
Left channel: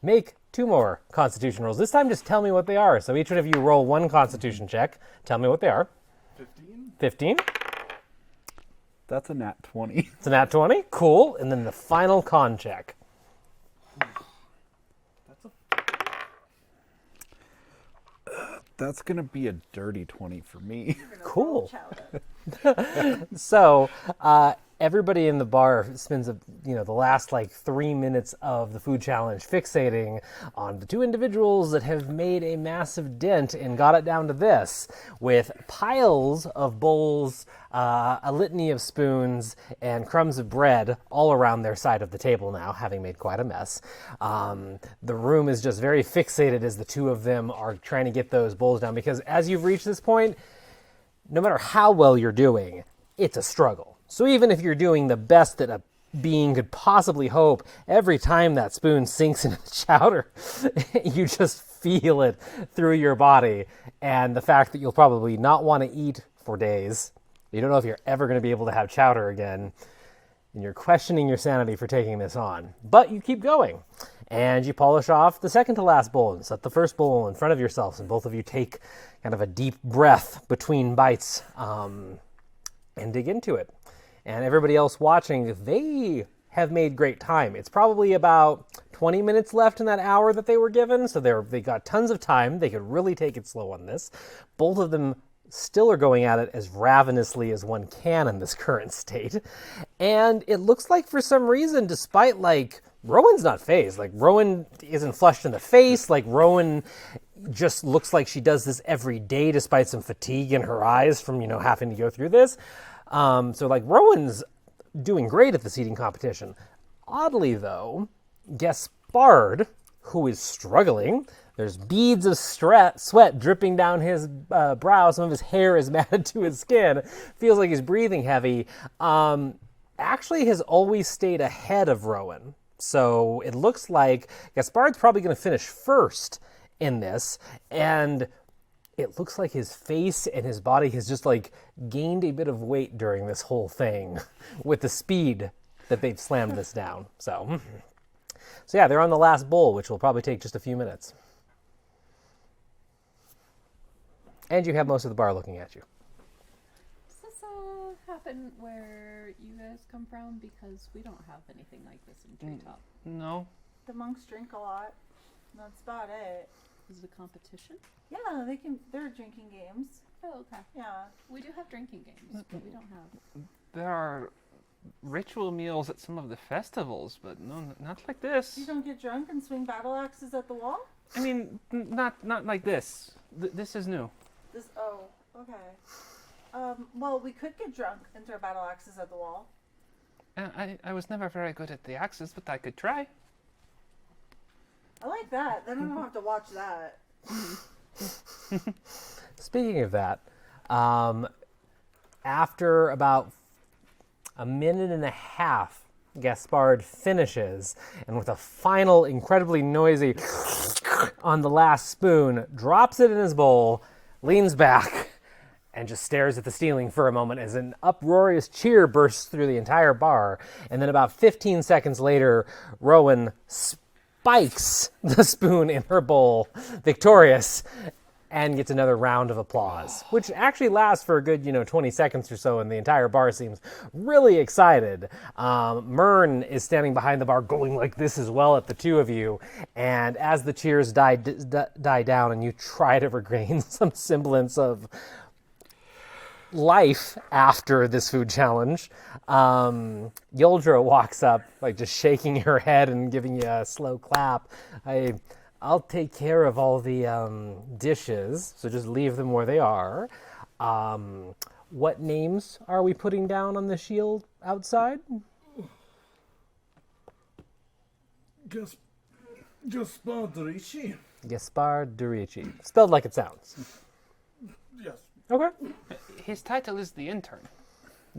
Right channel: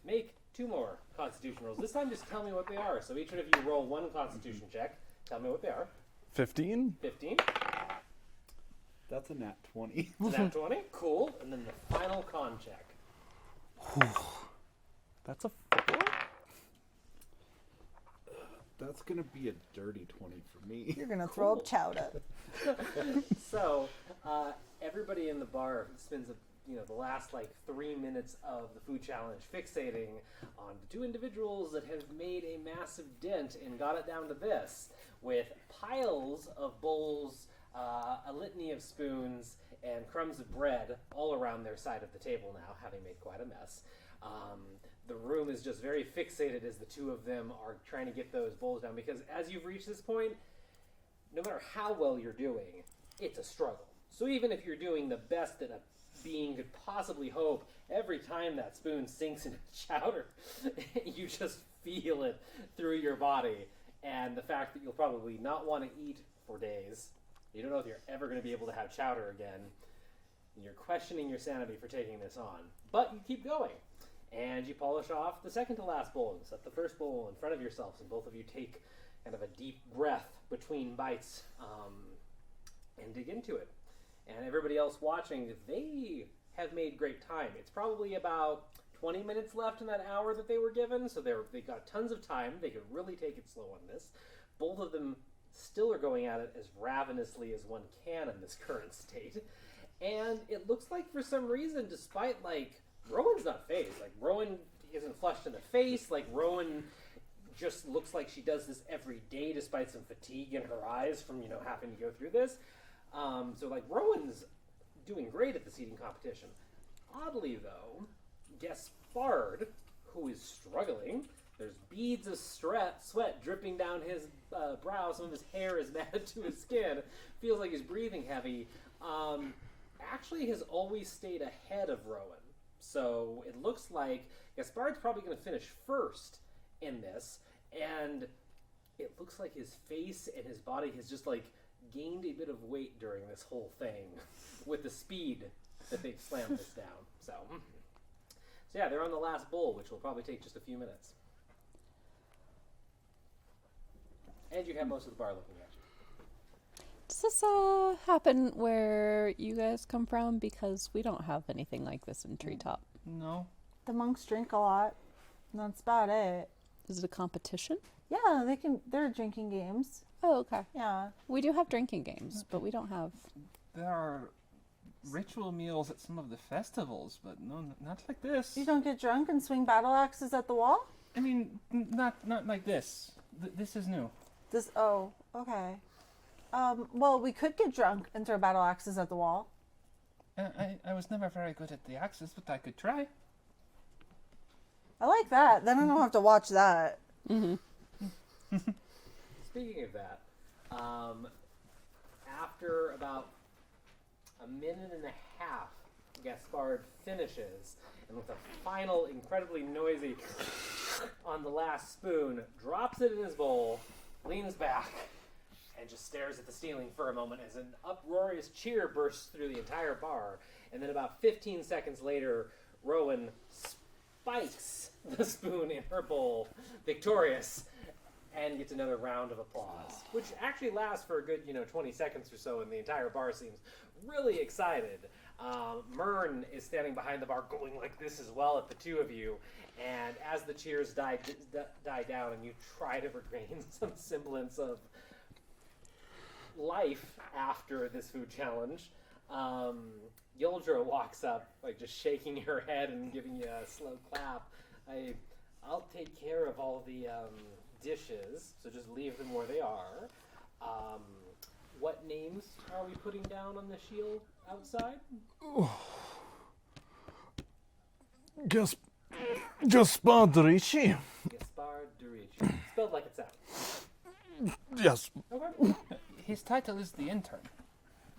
Make 2 more Constitution rolls. This time just tell me what they are. So each one of you roll 1 Constitution check. Tell me what they are. 15? 15. That's a nat 20. It's a nat 20. Cool. And then the final con check. That's a 4. That's going to be a dirty 20 for me. You're gonna Cool. throw chowder. So everybody in the bar spends the last like 3 minutes of the food challenge fixating on the 2 individuals that have made a massive dent and got it down to this, with piles of bowls, a litany of spoons, and crumbs of bread all around their side of the table now, having made quite a mess. The room is just very fixated as the 2 of them are trying to get those bowls down, because as you've reached this point, no matter how well you're doing, it's a struggle. So even if you're doing the best that a being could possibly hope, every time that spoon sinks into the chowder, you just feel it through your body. And the fact that you'll probably not want to eat for days, you don't know if you're ever going to be able to have chowder again, and you're questioning your sanity for taking this on. But you keep going, and you polish off the second to last bowl and set the first bowl in front of yourselves, and both of you take kind of a deep breath between bites and dig into it. And everybody else watching, they have made great time. It's probably about 20 minutes left in that hour that they were given, so they got tons of time. They could really take it slow on this. Both of them still are going at it as ravenously as one can in this current state. And it looks like for some reason, despite Rowan's not phased. Rowan isn't flushed in the face. Rowan just looks like she does this every day despite some fatigue in her eyes from, having to go through this. Rowan's doing great at this eating competition. Oddly, though, Gaspard, who is struggling, there's beads of sweat dripping down his brow. Some of his hair is matted to his skin. Feels like he's breathing heavy. Actually has always stayed ahead of Rowan. So it looks like Gaspard's probably going to finish first in this. And it looks like his face and his body has just gained a bit of weight during this whole thing with the speed that they've slammed this down. So yeah, they're on the last bowl, which will probably take just a few minutes. And you have most of the bar looking at you. Does this happen where you guys come from? Because we don't have anything like this in Treetop. No. The monks drink a lot. That's about it. Is it a competition? Yeah, there are drinking games. Oh, okay. Yeah. We do have drinking games, but we don't have... There are ritual meals at some of the festivals, but no, not like this. You don't get drunk and swing battle axes at the wall? I mean, not like this. This is new. Okay. Well, we could get drunk and throw battle axes at the wall. I was never very good at the axes, but I could try. I like that. Then I don't have to watch that. Speaking of that, after about a minute and a half, Gaspard finishes, and with a final, incredibly noisy on the last spoon, drops it in his bowl, leans back, and just stares at the ceiling for a moment as an uproarious cheer bursts through the entire bar. And then about 15 seconds later, Rowan spikes the spoon in her bowl, victorious, and gets another round of applause, which actually lasts for a good, 20 seconds or so, and the entire bar seems really excited. Myrn is standing behind the bar going like this as well at the two of you, and as the cheers die down and you try to regain some semblance of life after this food challenge, Yoldra walks up, just shaking her head and giving you a slow clap. I'll take care of all the dishes, so just leave them where they are. What names are we putting down on the shield outside? Gaspard Ricci. Gaspard Ricci. Spelled like it sounds. Yes. Okay. His title is the intern.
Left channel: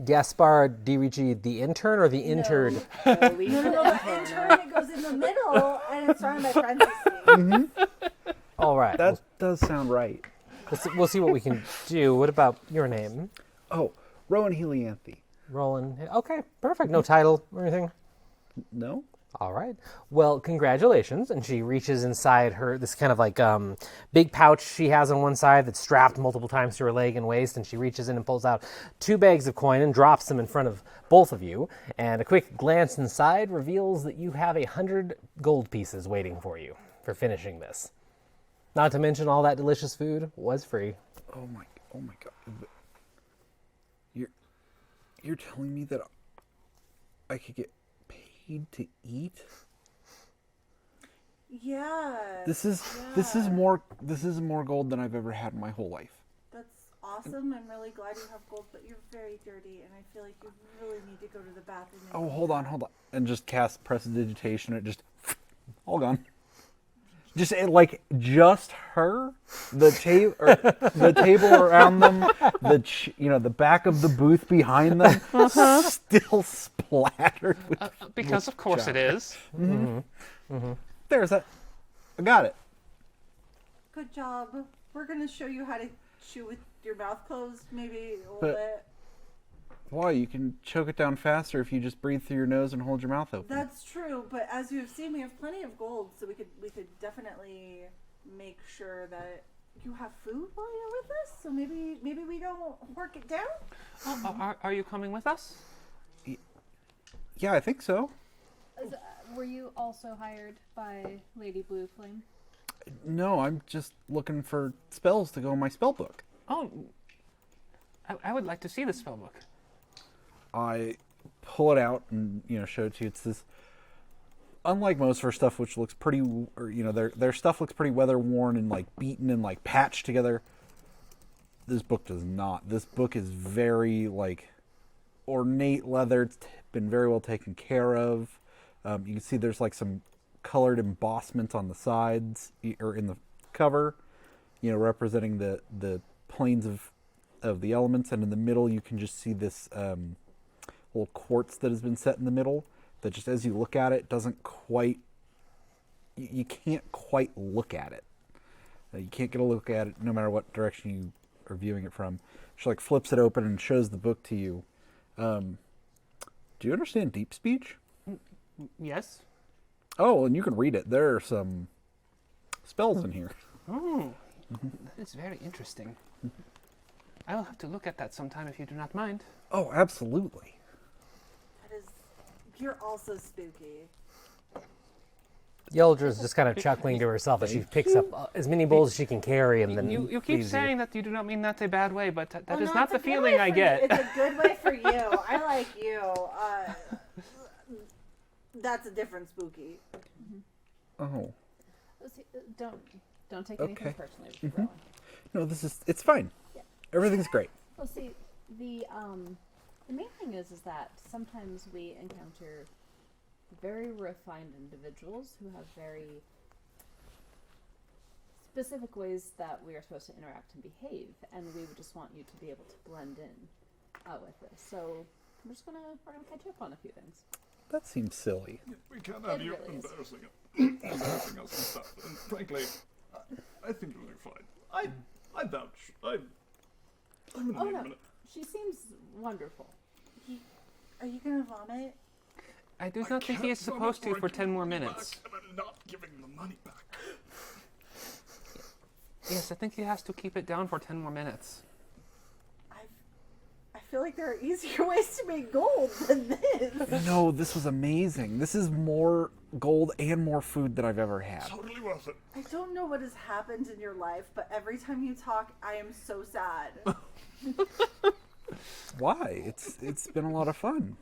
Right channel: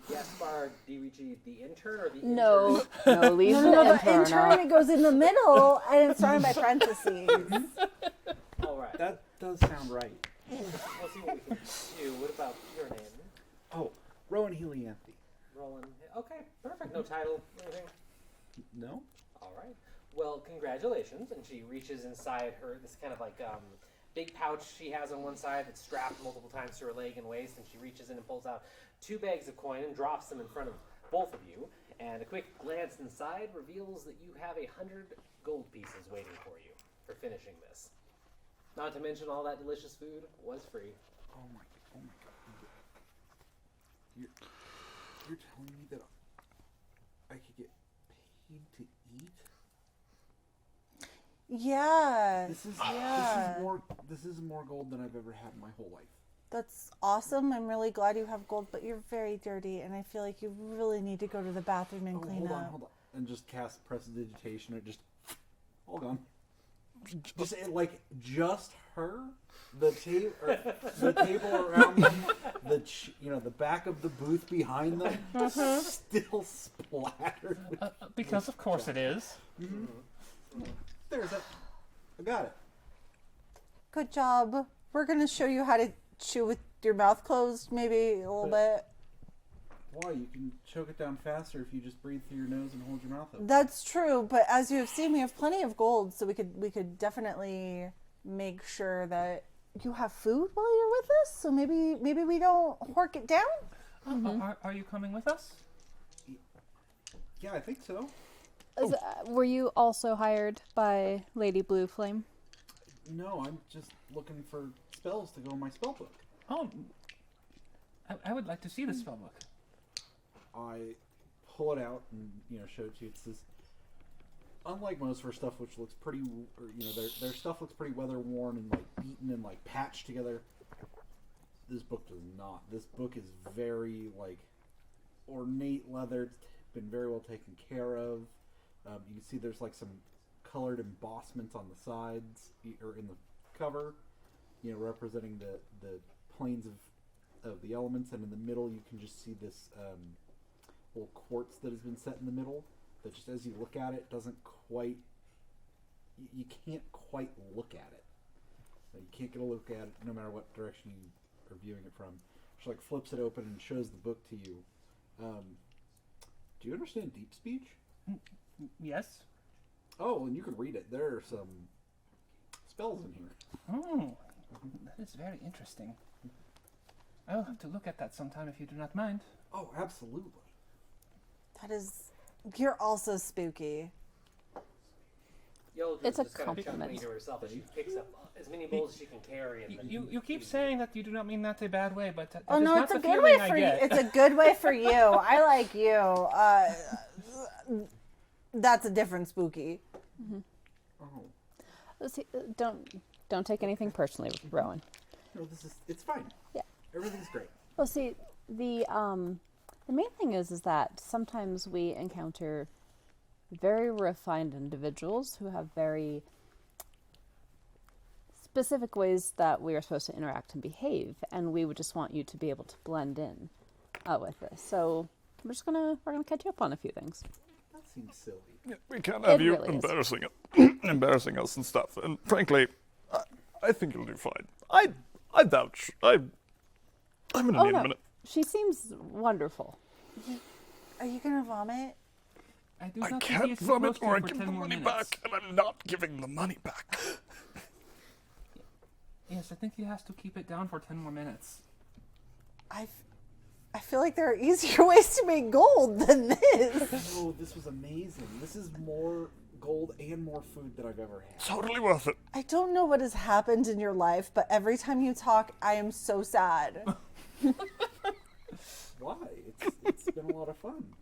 Gaspard Ricci, the intern or the intern? No, leave The intern, it goes in the middle, and it's surrounded by parentheses. All right. That does sound right. We'll see what we can do. What about your name? Oh, Rowan Helianthe. Roland. Okay, perfect. No title or anything? No? All right. Well, congratulations. And she reaches inside her, this kind of big pouch she has on one side that's strapped multiple times to her leg and waist. And she reaches in and pulls out 2 bags of coin and drops them in front of both of you. And a quick glance inside reveals that you have 100 gold pieces waiting for you for finishing this. Not to mention all that delicious food was free. Oh my god. You're telling me that I could get paid to eat? Yeah. This is more gold than I've ever had in my whole life. That's awesome. I'm really glad you have gold, but you're very dirty, and I feel like you really need to go to the bathroom and Oh, clean hold on. up. And just cast prestidigitation. It just all gone. just her, the table around them, the back of the booth behind them, still splattered with. Because of course it is. There's that. I got it. Good job. We're gonna show you how to chew with your mouth closed, maybe a little bit. Why? You can choke it down faster if you just breathe through your nose and hold your mouth open. That's true, but as you have seen, we have plenty of gold, so we could definitely make sure that you have food while you're with us. So maybe we don't hork it down. Are you coming with us? Yeah, I think so. Were you also hired by Lady Blue Flame? No, I'm just looking for spells to go in my spell book. Oh, I would like to see the spell book. I pull it out and show it to you. It's this. Unlike most of her stuff, which looks pretty, their stuff looks pretty weather worn and like beaten and like patched together. This book does not. This book is very like ornate leather. It's been very well taken care of. You can see there's like some colored embossment on the sides or in the cover, representing the planes of the elements, and in the middle you can just see this little quartz that has been set in the middle that just as you look at it doesn't quite, you can't quite look at it. You can't get a look at it no matter what direction you are viewing it from. She like flips it open and shows the book to you. Do you understand deep speech? Yes. Oh, and you can read it. There are some spells in here. Oh, that is very interesting. I will have to look at that sometime if you do not mind. Oh, absolutely. You're also spooky. Yeldra just kind of chuckling to herself as she picks up as many bowls as she can carry, and then You keep saying that you do not mean that a bad way, but that Oh, is no, not it's the a good feeling way I for get. you. It's a good way for you. I like you. That's a different spooky. Oh. See, don't take anything Okay. personally, Rowan. No, it's fine. Yeah. Everything's great. Well, see, the main thing is that sometimes we encounter very refined individuals who have very specific ways that we are supposed to interact and behave, and we would just want you to be able to blend in with this. So we're gonna catch you up on a few things. That seems silly. We can't have It you really is. embarrassing us and stuff. And frankly, I think you'll do fine. I vouch. I'm in Oh a no, minute. she seems wonderful. Are you gonna vomit? I do I not think can't he is vomit supposed to or I for give 10 the more money minutes. back, and I'm not giving the money back. Yes, I think he has to keep it down for 10 more minutes. I feel like there are easier ways to make gold than this. No, this was amazing. This is more gold and more food than I've ever had. Totally worth it. I don't know what has happened in your life, but every time you talk, I am so sad. Why? It's been a lot of fun.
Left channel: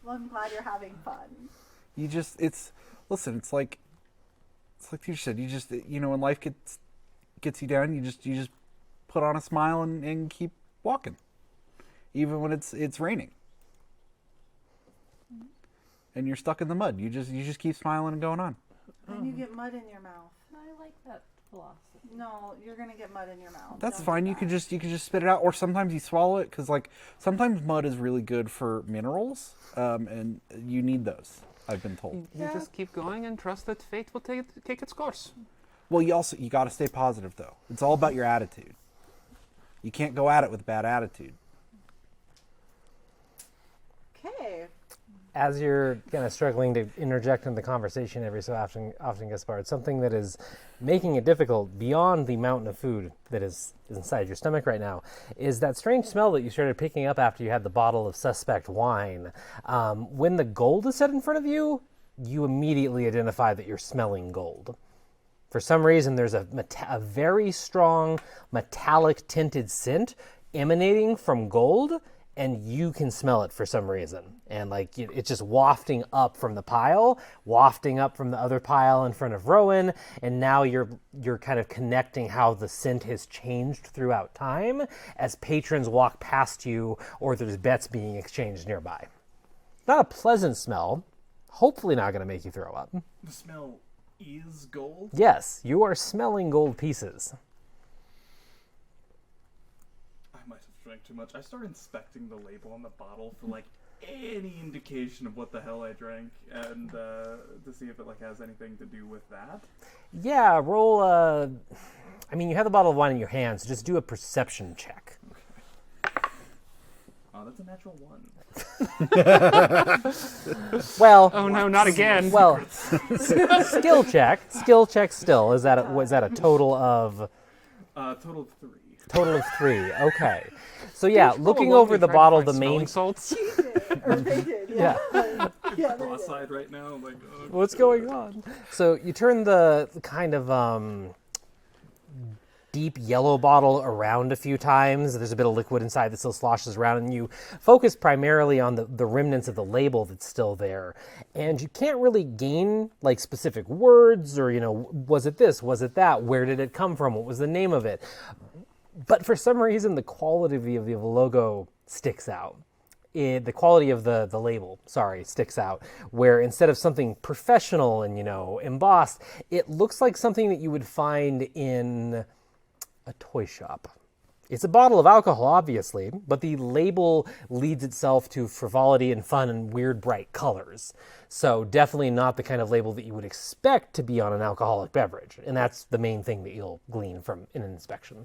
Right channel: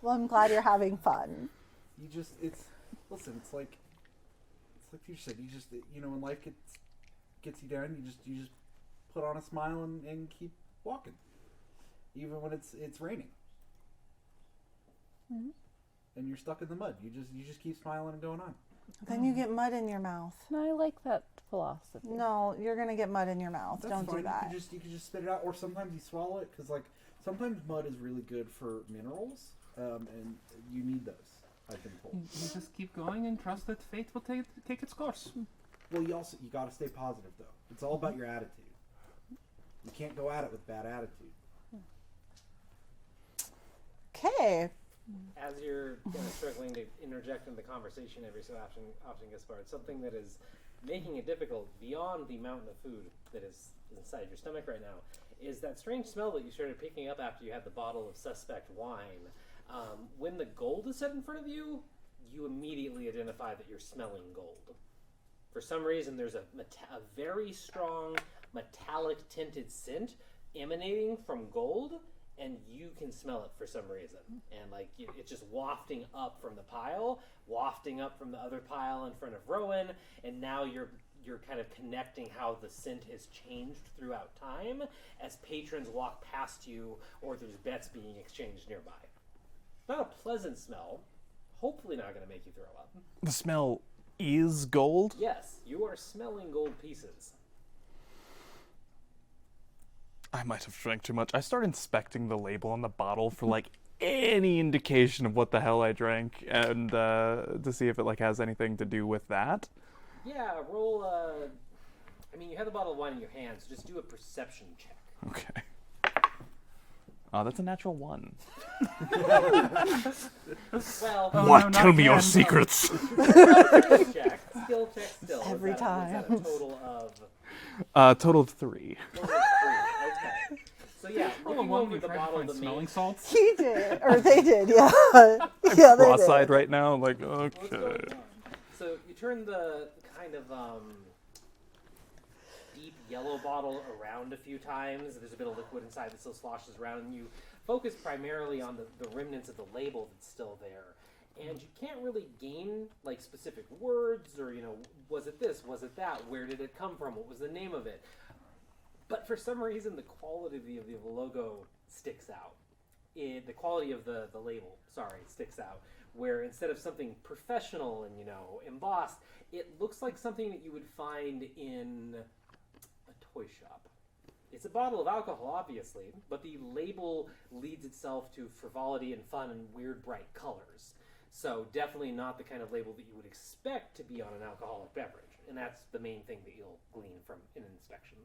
Well, I'm glad you're having fun. Listen, it's like you said, when life gets you down, you just put on a smile and keep walking. Even when it's raining. Mm-hmm. And you're stuck in the mud. You just keep smiling and going on. Then you get mud in your mouth. And I like that philosophy. No, you're gonna get mud in your mouth. That's Don't do fine. You that. can just spit it out, or sometimes you swallow it because sometimes mud is really good for minerals, and you need those. I've been told. You just keep going and trust that fate will take its course. Well, you got to stay positive though. It's all about your attitude. You can't go at it with a bad attitude. Okay. As you're kind of struggling to interject in the conversation every so often, Gaspard, something that is making it difficult beyond the mountain of food that is inside your stomach right now is that strange smell that you started picking up after you had the bottle of suspect wine. When the gold is set in front of you, you immediately identify that you're smelling gold. For some reason, there's a very strong metallic tinted scent emanating from gold, and you can smell it for some reason. And it's just wafting up from the pile, wafting up from the other pile in front of Rowan, and now you're kind of connecting how the scent has changed throughout time as patrons walk past you or there's bets being exchanged nearby. Not a pleasant smell, hopefully not going to make you throw up. The smell is gold? Yes, you are smelling gold pieces. I might have drank too much. I start inspecting the label on the bottle for like any indication of what the hell I drank, and to see if it like has anything to do with that. Yeah, roll. I mean, you have the bottle of wine in your hand, so just do a perception check. Okay. Oh, that's a natural 1. Well, Oh no, not again. Secrets. skill check. Skill check. Still, was that a total of? Total of 3. Total of 3. Okay. So yeah, looking along over you the tried to bottle, find the smelling main. salts. He did, or they did, yeah. Yeah, they Cross-eyed did. right now, like, oh, What's shit. going on? So you turn the kind of deep yellow bottle around a few times. There's a bit of liquid inside that still sloshes around, and you focus primarily on the remnants of the label that's still there. And you can't really gain like specific words or, was it this, was it that, where did it come from, what was the name of it? But for some reason, the quality of the logo sticks out. The quality of the label, sticks out. Where instead of something professional and, embossed, it looks like something that you would find in a toy shop. It's a bottle of alcohol, obviously, but the label leads itself to frivolity and fun and weird, bright colors. So definitely not the kind of label that you would expect to be on an alcoholic beverage. And that's the main thing that you'll glean from in an inspection.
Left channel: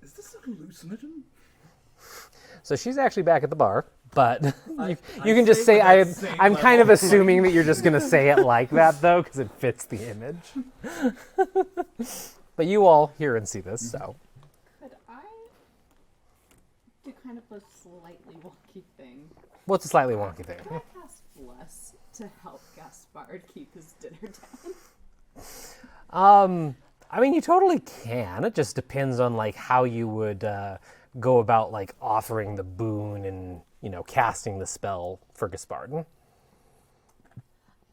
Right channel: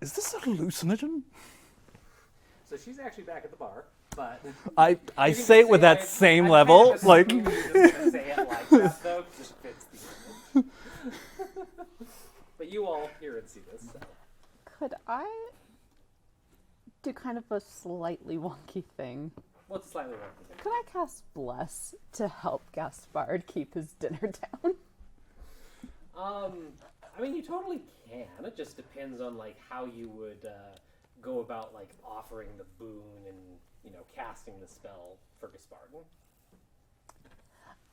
Is this a hallucinogen? So she's actually back at the bar, but I you can say just it say with that same I'm level. kind of assuming like, that you're just going to say it like that, though, because it fits the image. But you all hear and see this, so. Could I do kind of a slightly wonky thing? What's a slightly wonky thing? Could I cast Bless to help Gaspard keep his dinner down? I mean, you totally can. It just depends on, like, how you would go about, like, offering the boon and, casting the spell for Gaspard.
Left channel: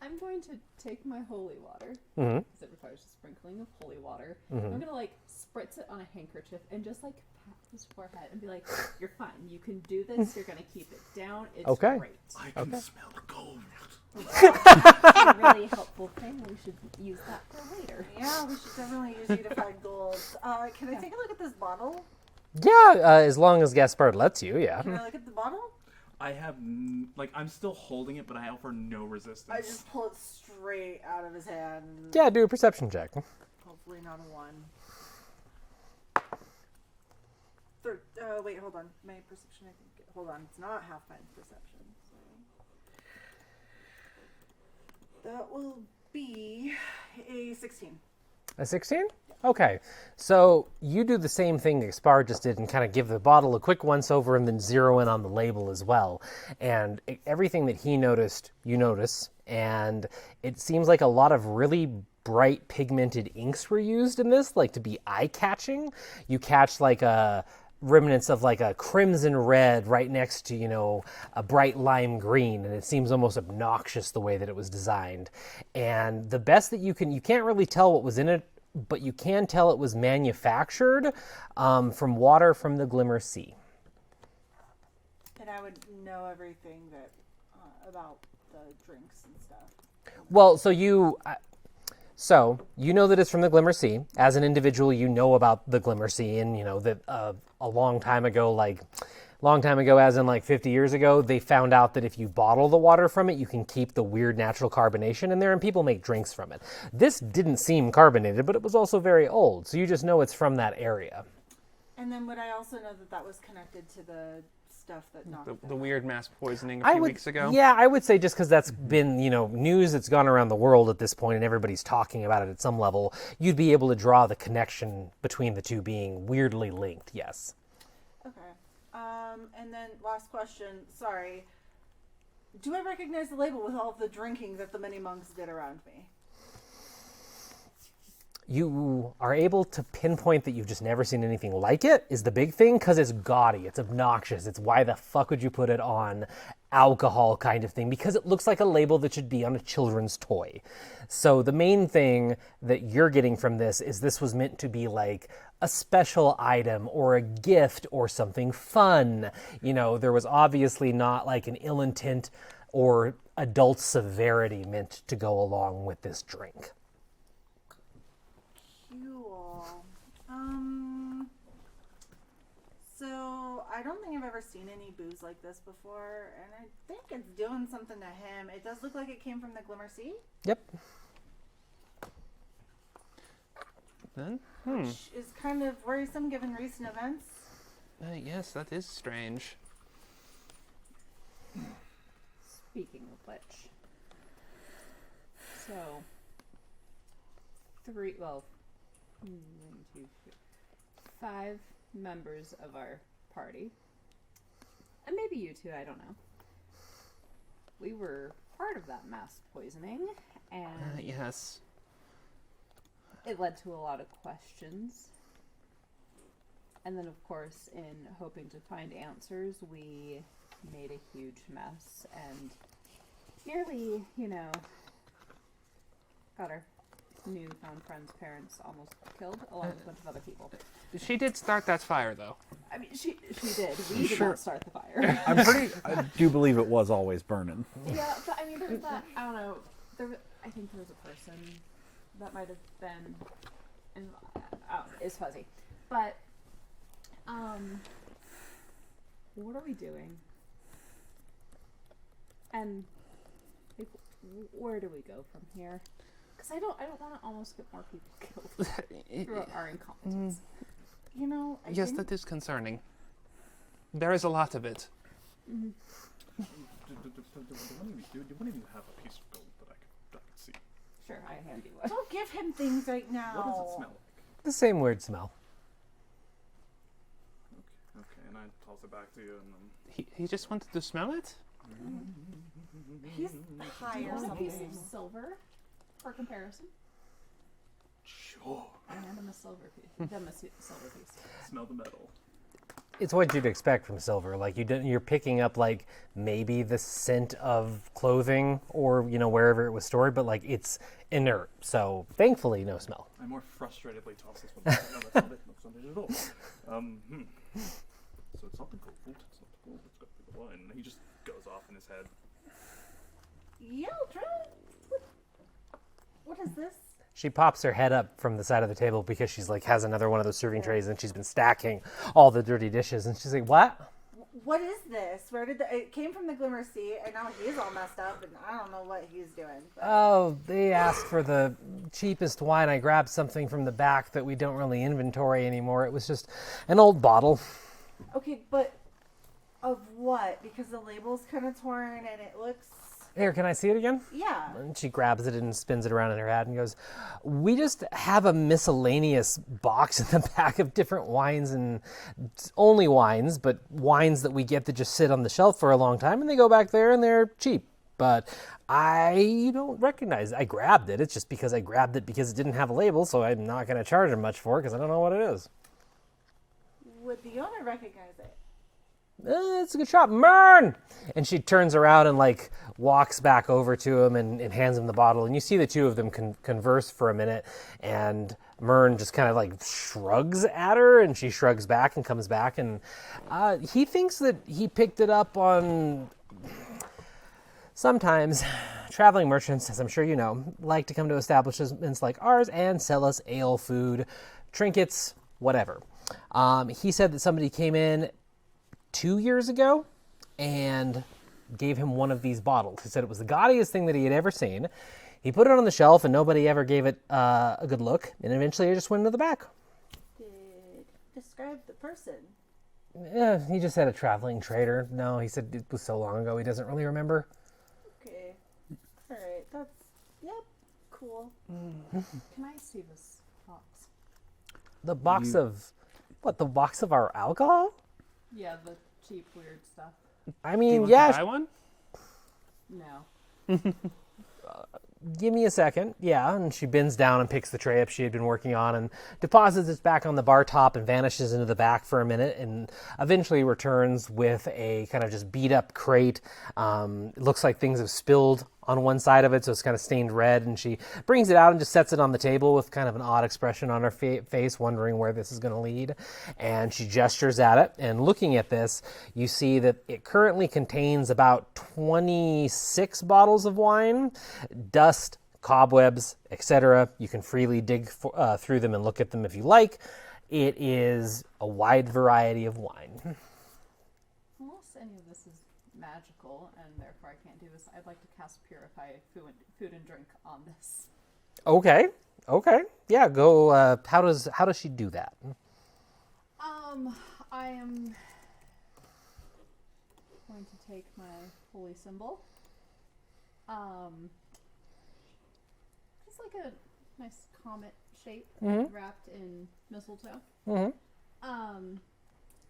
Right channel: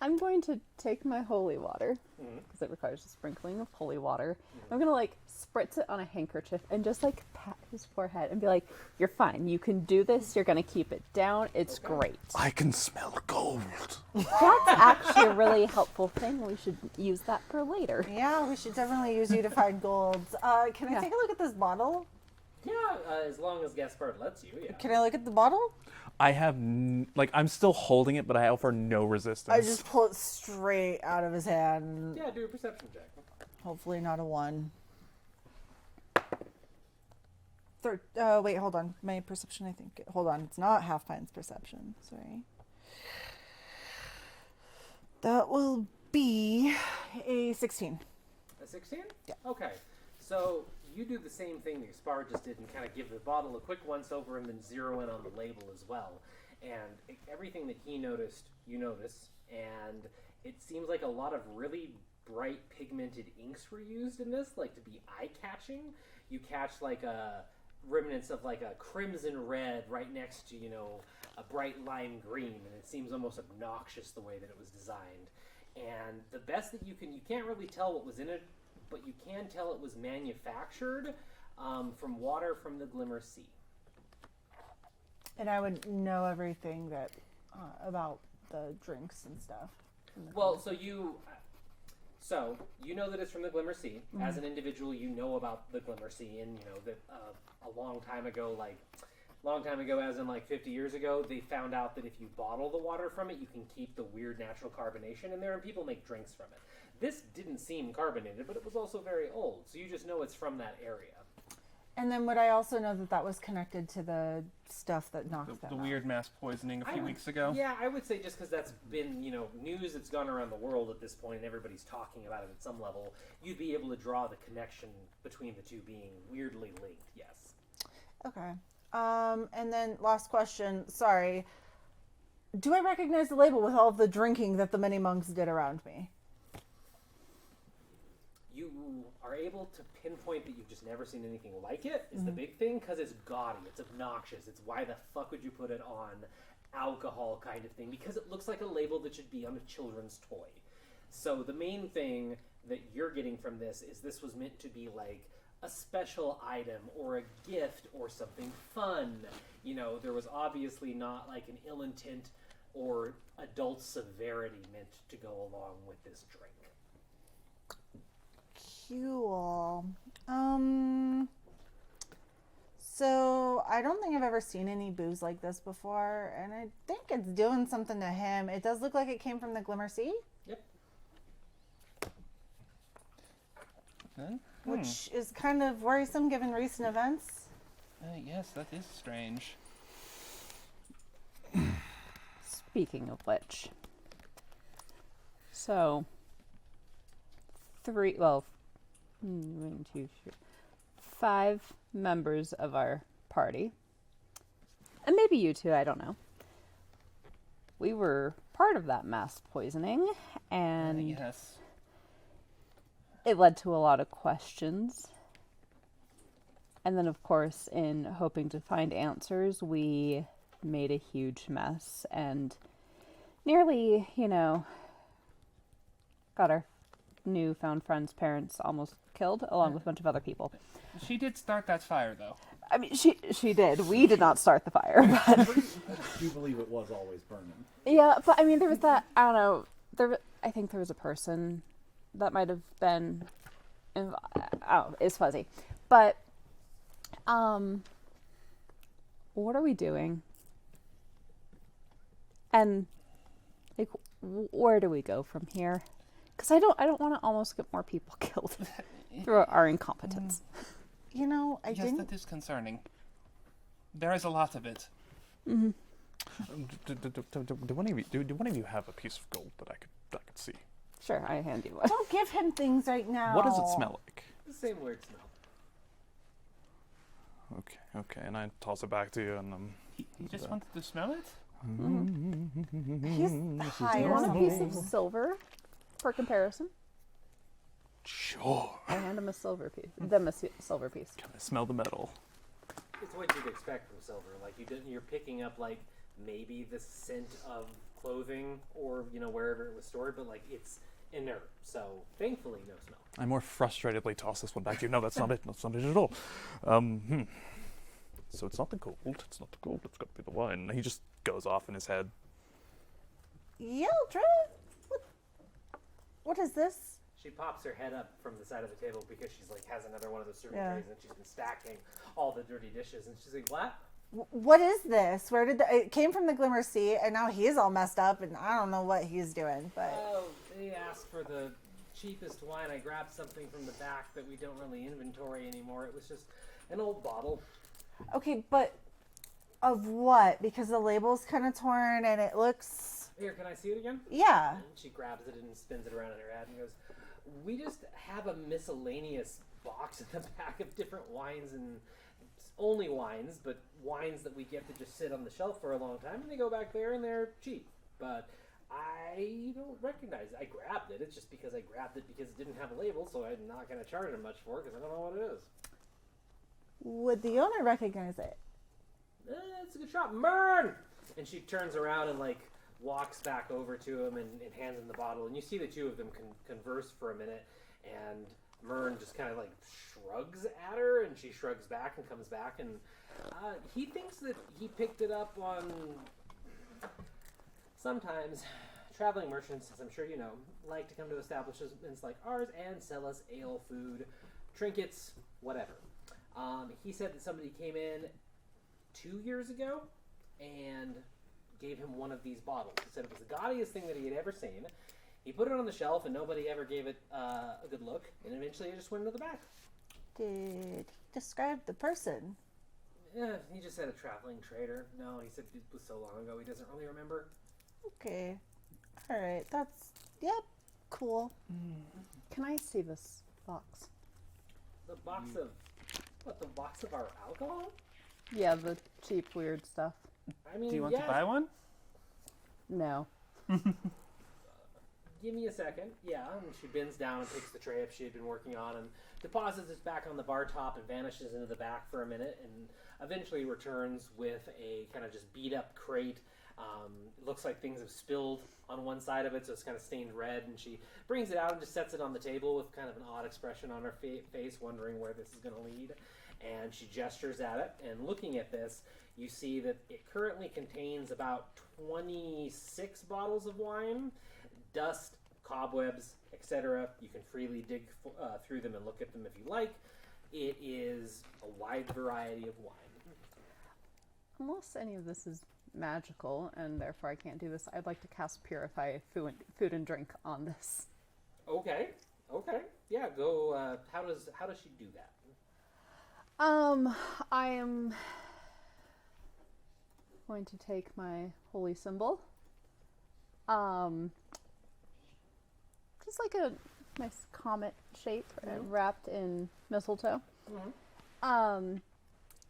I'm going to take my holy water, because it requires a sprinkling of holy water. I'm going to, like, spritz it on a handkerchief and just, like, pat his forehead and be like, you're fine. You can do this. You're going to keep it down. It's Okay. great. I can smell gold. Actually a really helpful thing. We should use that for later. Yeah, we should definitely use you to find gold. Can I Yeah. take a look at this bottle? Yeah, as long as Gaspard lets you, yeah. Can I look at the bottle? I have, I'm still holding it, but I offer no resistance. I just pull it straight out of his hand. Yeah, do a perception check. Hopefully not a 1. Wait, hold on. My perception, I think. Hold on. It's not Half Pine's perception. Sorry. That will be a 16. A 16? Yeah. Okay. So you do the same thing that Gaspard just did and kind of give the bottle a quick once-over and then zero in on the label as well. And everything that he noticed, you notice. And it seems like a lot of really bright pigmented inks were used in this, like to be eye-catching. You catch like remnants of like a crimson red right next to, a bright lime green, and it seems almost obnoxious the way that it was designed. And the best that you can't really tell what was in it, but you can tell it was manufactured from water from the Glimmer Sea. And I would know everything that about the drinks and stuff. Well, so you know that it's from the Glimmer Sea. As an individual, you know about the Glimmer Sea, and that a long time ago, as in like 50 years ago, they found out that if you bottle the water from it, you can keep the weird natural carbonation in there, and people make drinks from it. This didn't seem carbonated, but it was also very old, so you just know it's from that area. And then would I also know that was connected to the stuff that knocked them The out? weird mass poisoning a few weeks ago. Yeah, I would say just because that's been, news that's gone around the world at this point and everybody's talking about it at some level, you'd be able to draw the connection between the two being weirdly linked, yes. Okay. And then last question. Sorry. Do I recognize the label with all of the drinking that the many monks did around me? You are able to pinpoint that you've just never seen anything like it is the big thing, because it's gaudy, it's obnoxious, it's why the fuck would you put it on alcohol kind of thing, because it looks like a label that should be on a children's toy. So the main thing that you're getting from this was meant to be like a special item or a gift or something fun. There was obviously not like an ill intent or adult severity mint to go along with this drink. Cool. So I don't think I've ever seen any booze like this before, and I think it's doing something to him. It does look like it came from the Glimmer Sea, Yep. Then, which is kind of worrisome given recent events. yes, that is strange. Speaking of which, so 5 members of our party, and maybe you two, I don't know. We were part of that mass poisoning, and Yes. it led to a lot of questions. And then, of course, in hoping to find answers, we made a huge mess and nearly, got our newfound friend's parents almost killed, along with a bunch of other people. She did start that fire, though. I mean, she did. We did not start the fire. I do believe it was always burning. Yeah, but I mean, there was that, I don't know, I think there was a person that might have been, it's fuzzy. But, what are we doing? And, like, where do we go from here? Because I don't want to almost get more people killed through our incompetence. I Yes, think that is concerning. There is a lot of it. Mm-hmm. Do one of you have a piece of gold that I could see? Sure, I hand you one. don't give him things right now. What does it smell like? The same weird smell. Okay, and I toss it back to you, and He just wanted to smell it? He's high You or want a piece something. of silver for comparison? sure. I hand him a silver piece. Them a silver piece. Smell the metal. It's what you'd expect from silver. Like you're picking up like maybe the scent of clothing or wherever it was stored, but like it's inert. So thankfully, no smell. I more frustratedly toss this one back to you. No, that's not it. That's not it at all. So it's not the gold. It's not the gold. It's got to be the wine. He just goes off in his head. Yeldra? What is this? She pops her head up from the side of the table because she's like has another one of those serving Yeah. trays and she's been stacking all the dirty dishes and she's like, "What?" What is this? Where did it came from the Glimmer Sea, and now he's all messed up, and I don't know what he's doing. But Oh, they asked for the cheapest wine. I grabbed something from the back that we don't really inventory anymore. It was just an old bottle. okay, but of what? Because the label's kind of torn, and it looks Here, can I see it again? yeah. And she grabs it and spins it around in her head and goes, "We just have a miscellaneous box in the back of different wines and only wines, but wines that we get that just sit on the shelf for a long time and they go back there and they're cheap. But I don't recognize it. I grabbed it. It's just because I grabbed it because it didn't have a label, so I'm not going to charge him much for it because I don't know what it is." Would the owner recognize it? It's a good shot. Mern! And she turns around and like walks back over to him and hands him the bottle. And you see the two of them converse for a minute. And Mern just kind of like shrugs at her and she shrugs back and comes back. And he thinks that he picked it up on... Sometimes traveling merchants, as I'm sure you know, like to come to establishments like ours and sell us ale, food, trinkets, whatever. He said that somebody came in 2 years ago and gave him one of these bottles. He said it was the gaudiest thing that he had ever seen. He put it on the shelf and nobody ever gave it a good look, and eventually it just went into the back. Did describe the person? Yeah, he just said a traveling trader. No, he said it was so long ago he doesn't really remember. Okay, all right. Cool. Can I see this box? The box of... What, the box of our alcohol? Yeah, the cheap, weird stuff. I Do you mean, want yeah, to buy one? No. give me a second. Yeah, and she bends down and picks the tray up she had been working on and deposits it back on the bar top and vanishes into the back for a minute and eventually returns with a kind of just beat up crate. It looks like things have spilled on one side of it, so it's kind of stained red, and she brings it out and just sets it on the table with kind of an odd expression on her face, wondering where this is going to lead. And she gestures at it, and looking at this, you see that it currently contains about 26 bottles of wine, dust, cobwebs, etc. You can freely dig through them and look at them if you like. It is a wide variety of wine. Unless any of this is magical and therefore I can't do this, I'd like to cast Purify food and drink on this. Okay. Yeah, go. How does she do that? I am going to take my holy symbol. Just like a nice comet shape and wrapped in mistletoe.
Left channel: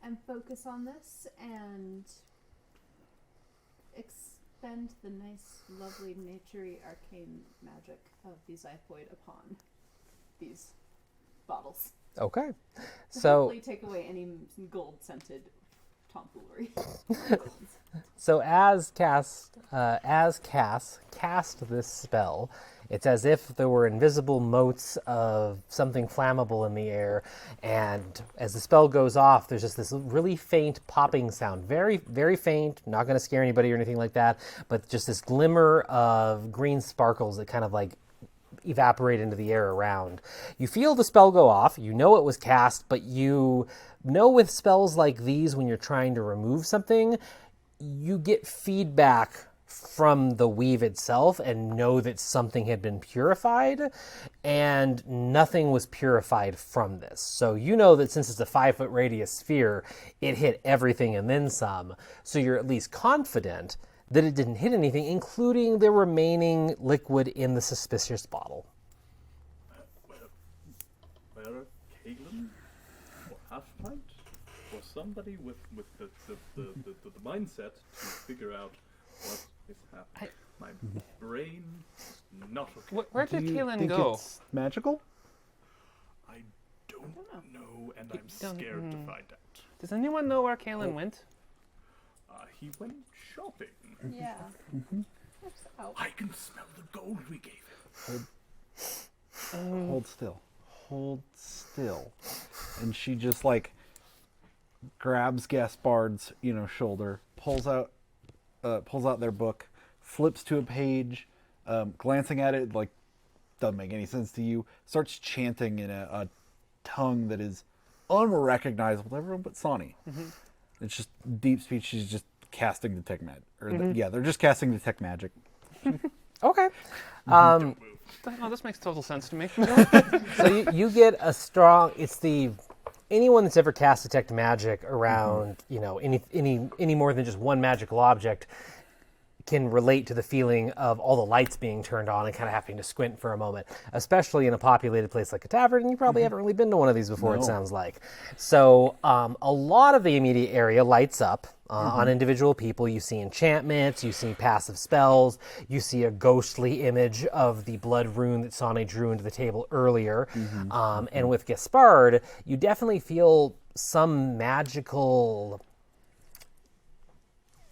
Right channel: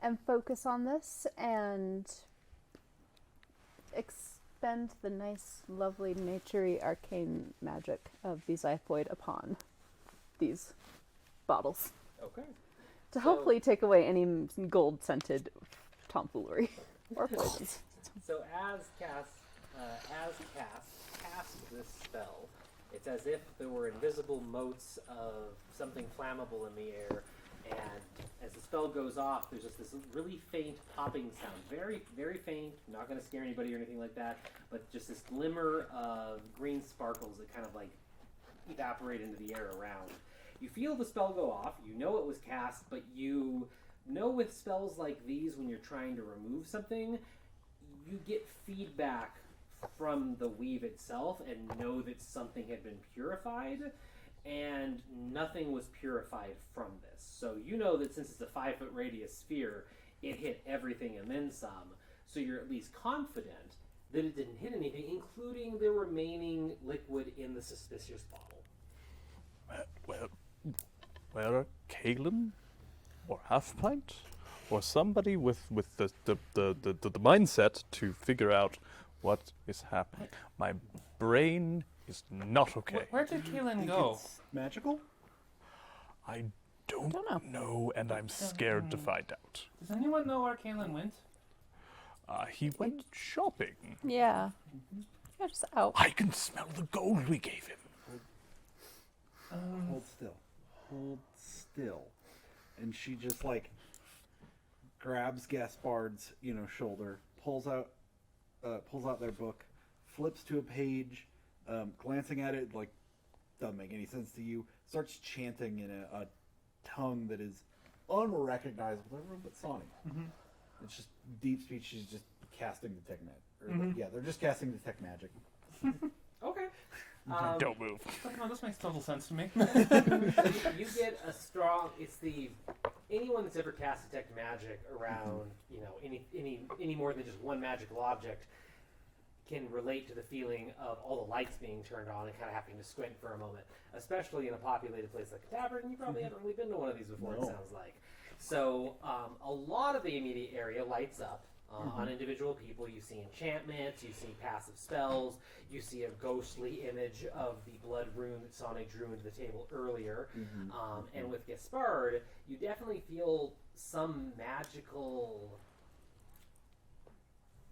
And focus on this and expend the nice, lovely, naturey, arcane magic of the Xiphoid upon these bottles. Okay. To hopefully take away any gold-scented tomfoolery. So as Cass cast this spell, it's as if there were invisible motes of something flammable in the air, and as the spell goes off, there's just this really faint popping sound. Very, very faint, not going to scare anybody or anything like that, but just this glimmer of green sparkles that kind of like evaporate into the air around. You feel the spell go off, you know it was cast, but you know with spells like these, when you're trying to remove something, you get feedback from the weave itself and know that something had been purified, and nothing was purified from this. So you know that since it's a 5-foot radius sphere, it hit everything and then some. So you're at least confident that it didn't hit anything, including the remaining liquid in the suspicious bottle. Where Kalen or Half Pint or somebody with the mindset to figure out what is happening. My brain is not okay. Where did Kaelin Think go? it's magical? I don't know, and I'm scared to find out. Does anyone know where Kaelin went? He went shopping. Yeah. Yeah, just out. I can smell the gold we gave him. Hold still. Hold still. And she just like grabs Gaspard's, shoulder, pulls out their book, flips to a page, glancing at it, like, doesn't make any sense to you, starts chanting in a tongue that is unrecognizable to everyone but Sonny. It's just deep speech. She's just casting detect magic. They're just casting detect magic. Okay. Don't move. Oh, this makes total sense to me. So you get a strong. It's anyone that's ever cast detect magic around, any more than just one magical object can relate to the feeling of all the lights being turned on and kind of having to squint for a moment, especially in a populated place like a tavern. And you probably haven't really been to one of these before, it sounds like. So a lot of the immediate area lights up. On individual people, you see enchantments, you see passive spells, you see a ghostly image of the blood rune that Sonny drew into the table earlier. And with Gaspard, you definitely feel some magical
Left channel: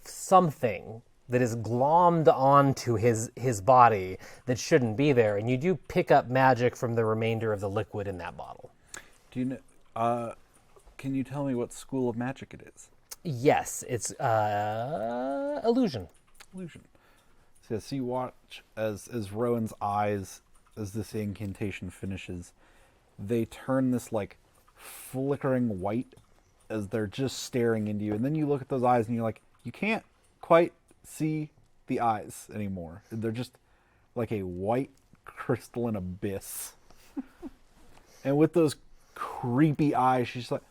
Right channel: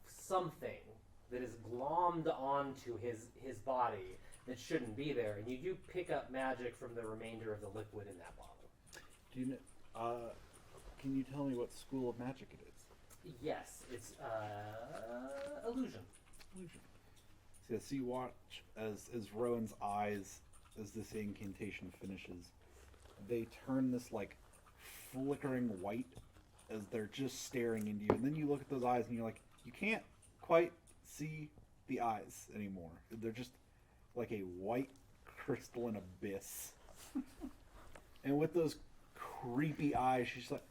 something that is glommed onto his body that shouldn't be there. And you do pick up magic from the remainder of the liquid in that bottle. Do you know? Can you tell me what school of magic it is? Yes, it's illusion. Illusion. So you watch as Rowan's eyes, as this incantation finishes, they turn this like flickering white as they're just staring into you. And then you look at those eyes and you're like, you can't quite see the eyes anymore. They're just like a white crystalline abyss. And with those creepy eyes, she's like,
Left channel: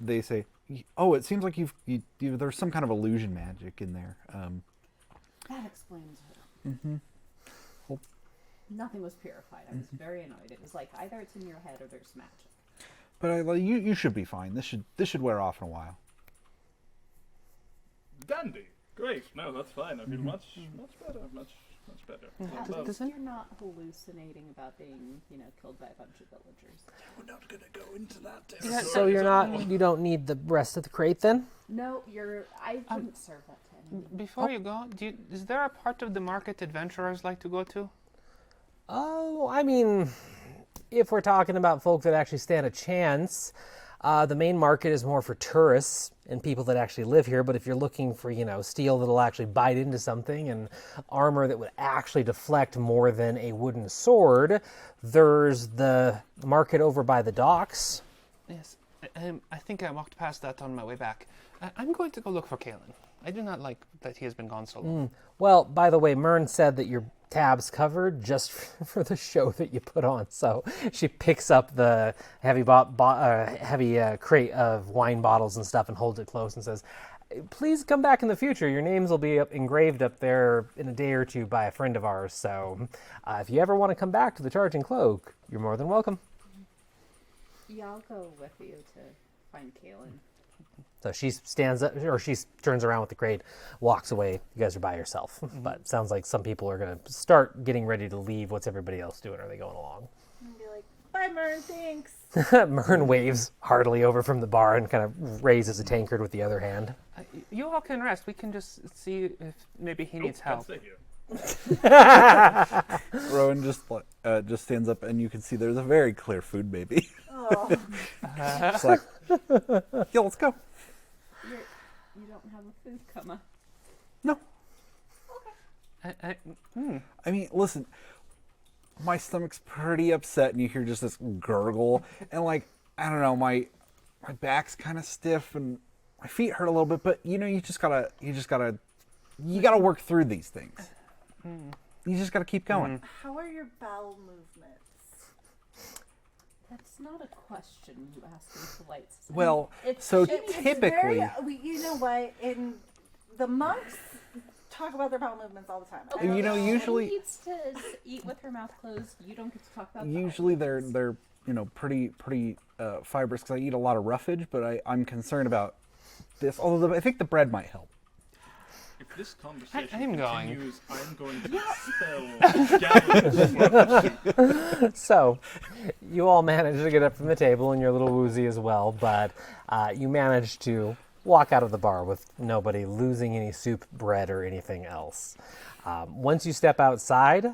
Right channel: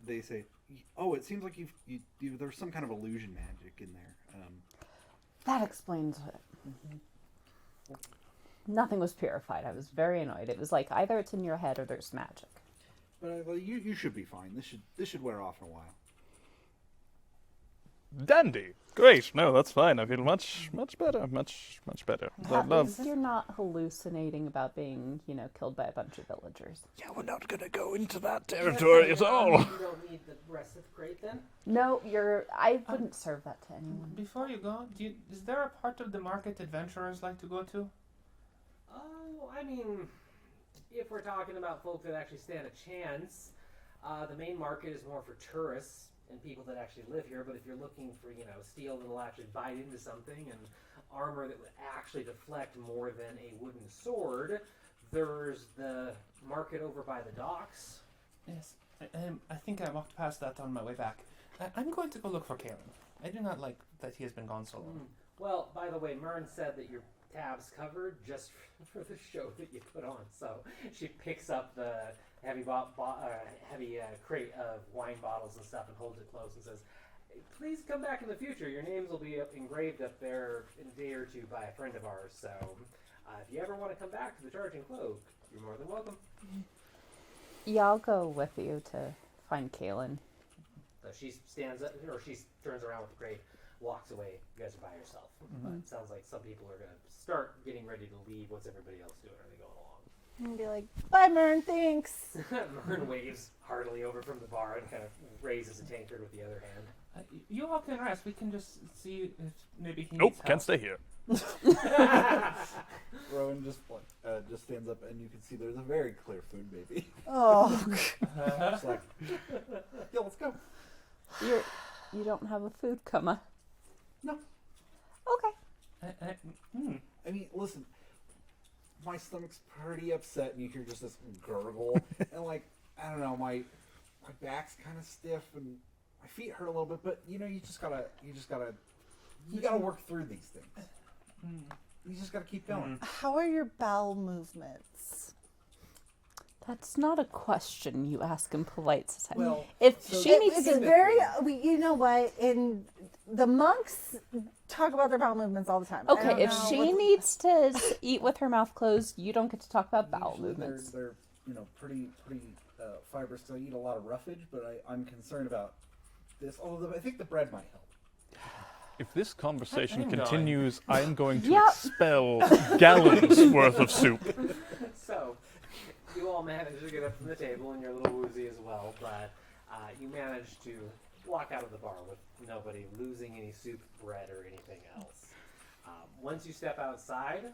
they say, "Oh, it seems like there's some kind of illusion magic in there." That explains it. Nothing was purified. I was very annoyed. It was like either it's in your head or there's magic. But you should be fine. This should wear off in a while. Dandy. Great. No, that's fine. I feel much better. Much better. At Love. least you're not hallucinating about being, killed by a bunch of villagers. Yeah, we're not gonna go into that So territory at all. you don't need the rest of the crate then? No, I wouldn't serve that to anyone. Before you go, is there a part of the market adventurers like to go to? Oh, I mean, if we're talking about folk that actually stand a chance, the main market is more for tourists and people that actually live here. But if you're looking for, steel that'll actually bite into something and armor that would actually deflect more than a wooden sword, there's the market over by the docks. Yes, I think I walked past that on my way back. I'm going to go look for Kalen. I do not like that he has been gone so long. Well, by the way, Myrn said that your tab's covered just for the show that you put on. So she picks up the heavy crate of wine bottles and stuff and holds it close and says, please come back in the future. Your names will be engraved up there in a day or two by a friend of ours. So if you ever want to come back to the Charging Cloak, you're more than welcome. Yeah, I'll go with you to find Kaylin. So she stands up, or she turns around with the crate, walks away. You guys are by yourself. But it sounds like some people are going to start getting ready to leave. What's everybody else doing? Are they going along? And be like, bye, Myrn, thanks. Myrn waves heartily over from the bar and kind of raises a tankard with the other hand. You all can rest. We can just see if maybe he Nope, needs help. can't stay here. Rowan just stands up, and you can see there's a very clear food baby. Oh, It's like, yeah, let's go. You don't have a food coma. No. Okay. I mean, listen, my stomach's pretty upset, and you hear just this gurgle, and I don't know, my back's kind of stiff, and my feet hurt a little bit, but you gotta work through these things. You just gotta keep going. how are your bowel movements? That's not a question you ask in polite society. Well, if so she needs It's to, very, you know what? In the monks talk about their bowel movements all the time. okay, you if know, she usually- needs to eat with her mouth closed, you don't get to talk about bowel Usually movements. they're pretty fibrous because I eat a lot of roughage, but I'm concerned about this. Although I think the bread might help. If this conversation I'm going. continues, I'm going to Yeah. expel gallons worth of soup. So you all manage to get up from the table, and you're a little woozy as well, but you manage to walk out of the bar with nobody losing any soup, bread, or anything else. Once you step outside,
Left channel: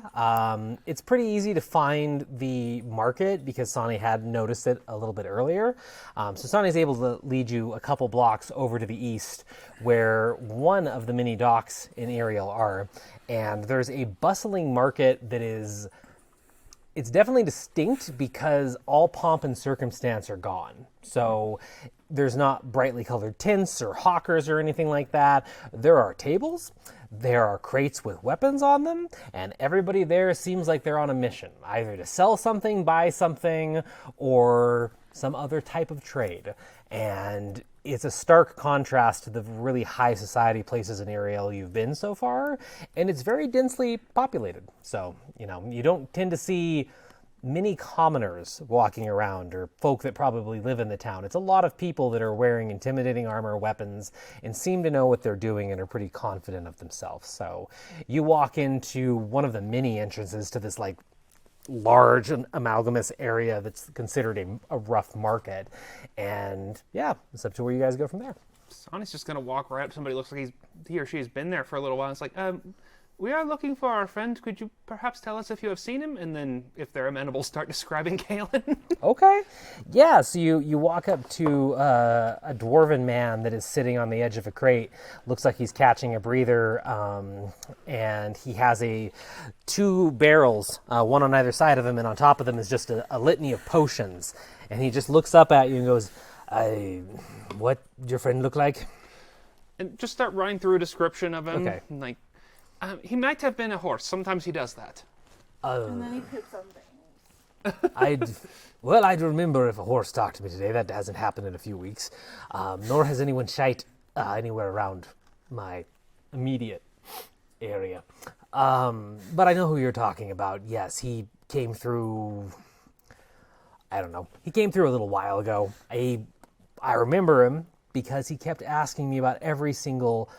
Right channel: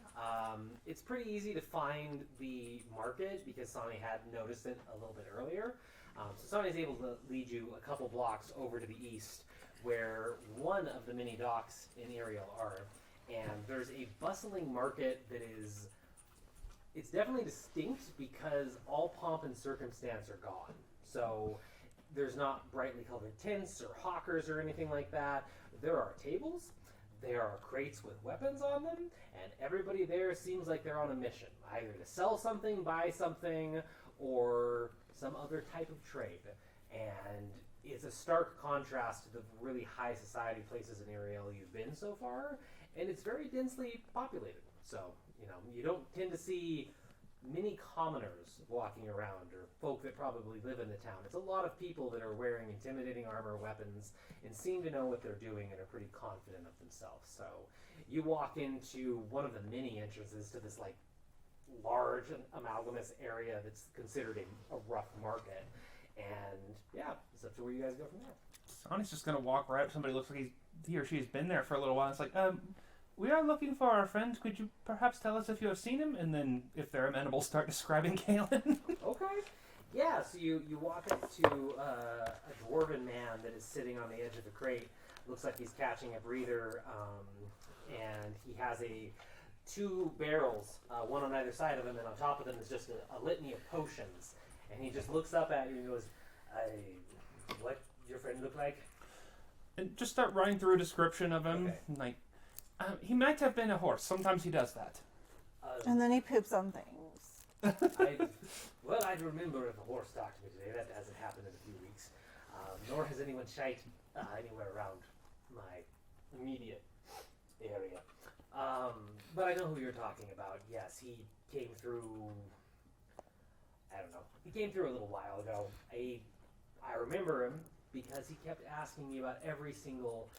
it's pretty easy to find the market because Sonny had noticed it a little bit earlier. So Sonny's able to lead you a couple blocks over to the east where one of the mini docks in Ariel are. And there's a bustling market that is... It's definitely distinct because all pomp and circumstance are gone. So there's not brightly colored tints or hawkers or anything like that. There are tables. There are crates with weapons on them, and everybody there seems like they're on a mission, either to sell something, buy something, or some other type of trade. And it's a stark contrast to the really high society places in Ariel you've been so far, and it's very densely populated. So, you don't tend to see many commoners walking around or folk that probably live in the town. It's a lot of people that are wearing intimidating armor, weapons, and seem to know what they're doing and are pretty confident of themselves. So you walk into one of the many entrances to this large amalgamous area that's considered a rough market. And yeah, it's up to where you guys go from there. Sonny's just going to walk right up to somebody who looks like he or she has been there for a little while. It's like, we are looking for our friend. Could you perhaps tell us if you have seen him? And then, if they're amenable, start describing Kalen. Okay. Yeah, so you walk up to a dwarven man that is sitting on the edge of a crate. Looks like he's catching a breather, and he has two barrels, one on either side of him, and on top of them is just a litany of potions. And he just looks up at you and goes, what your friend look like? And just start running through a description of him. Okay. Like, he might have been a horse. Sometimes he does that. And then he poops on things. I'd remember if a horse talked to me today. That hasn't happened in a few weeks. Nor has anyone shite anywhere around my immediate area. But I know who you're talking about. Yes, he came through... I don't know. He came through a little while ago. I remember him because he kept asking me about every single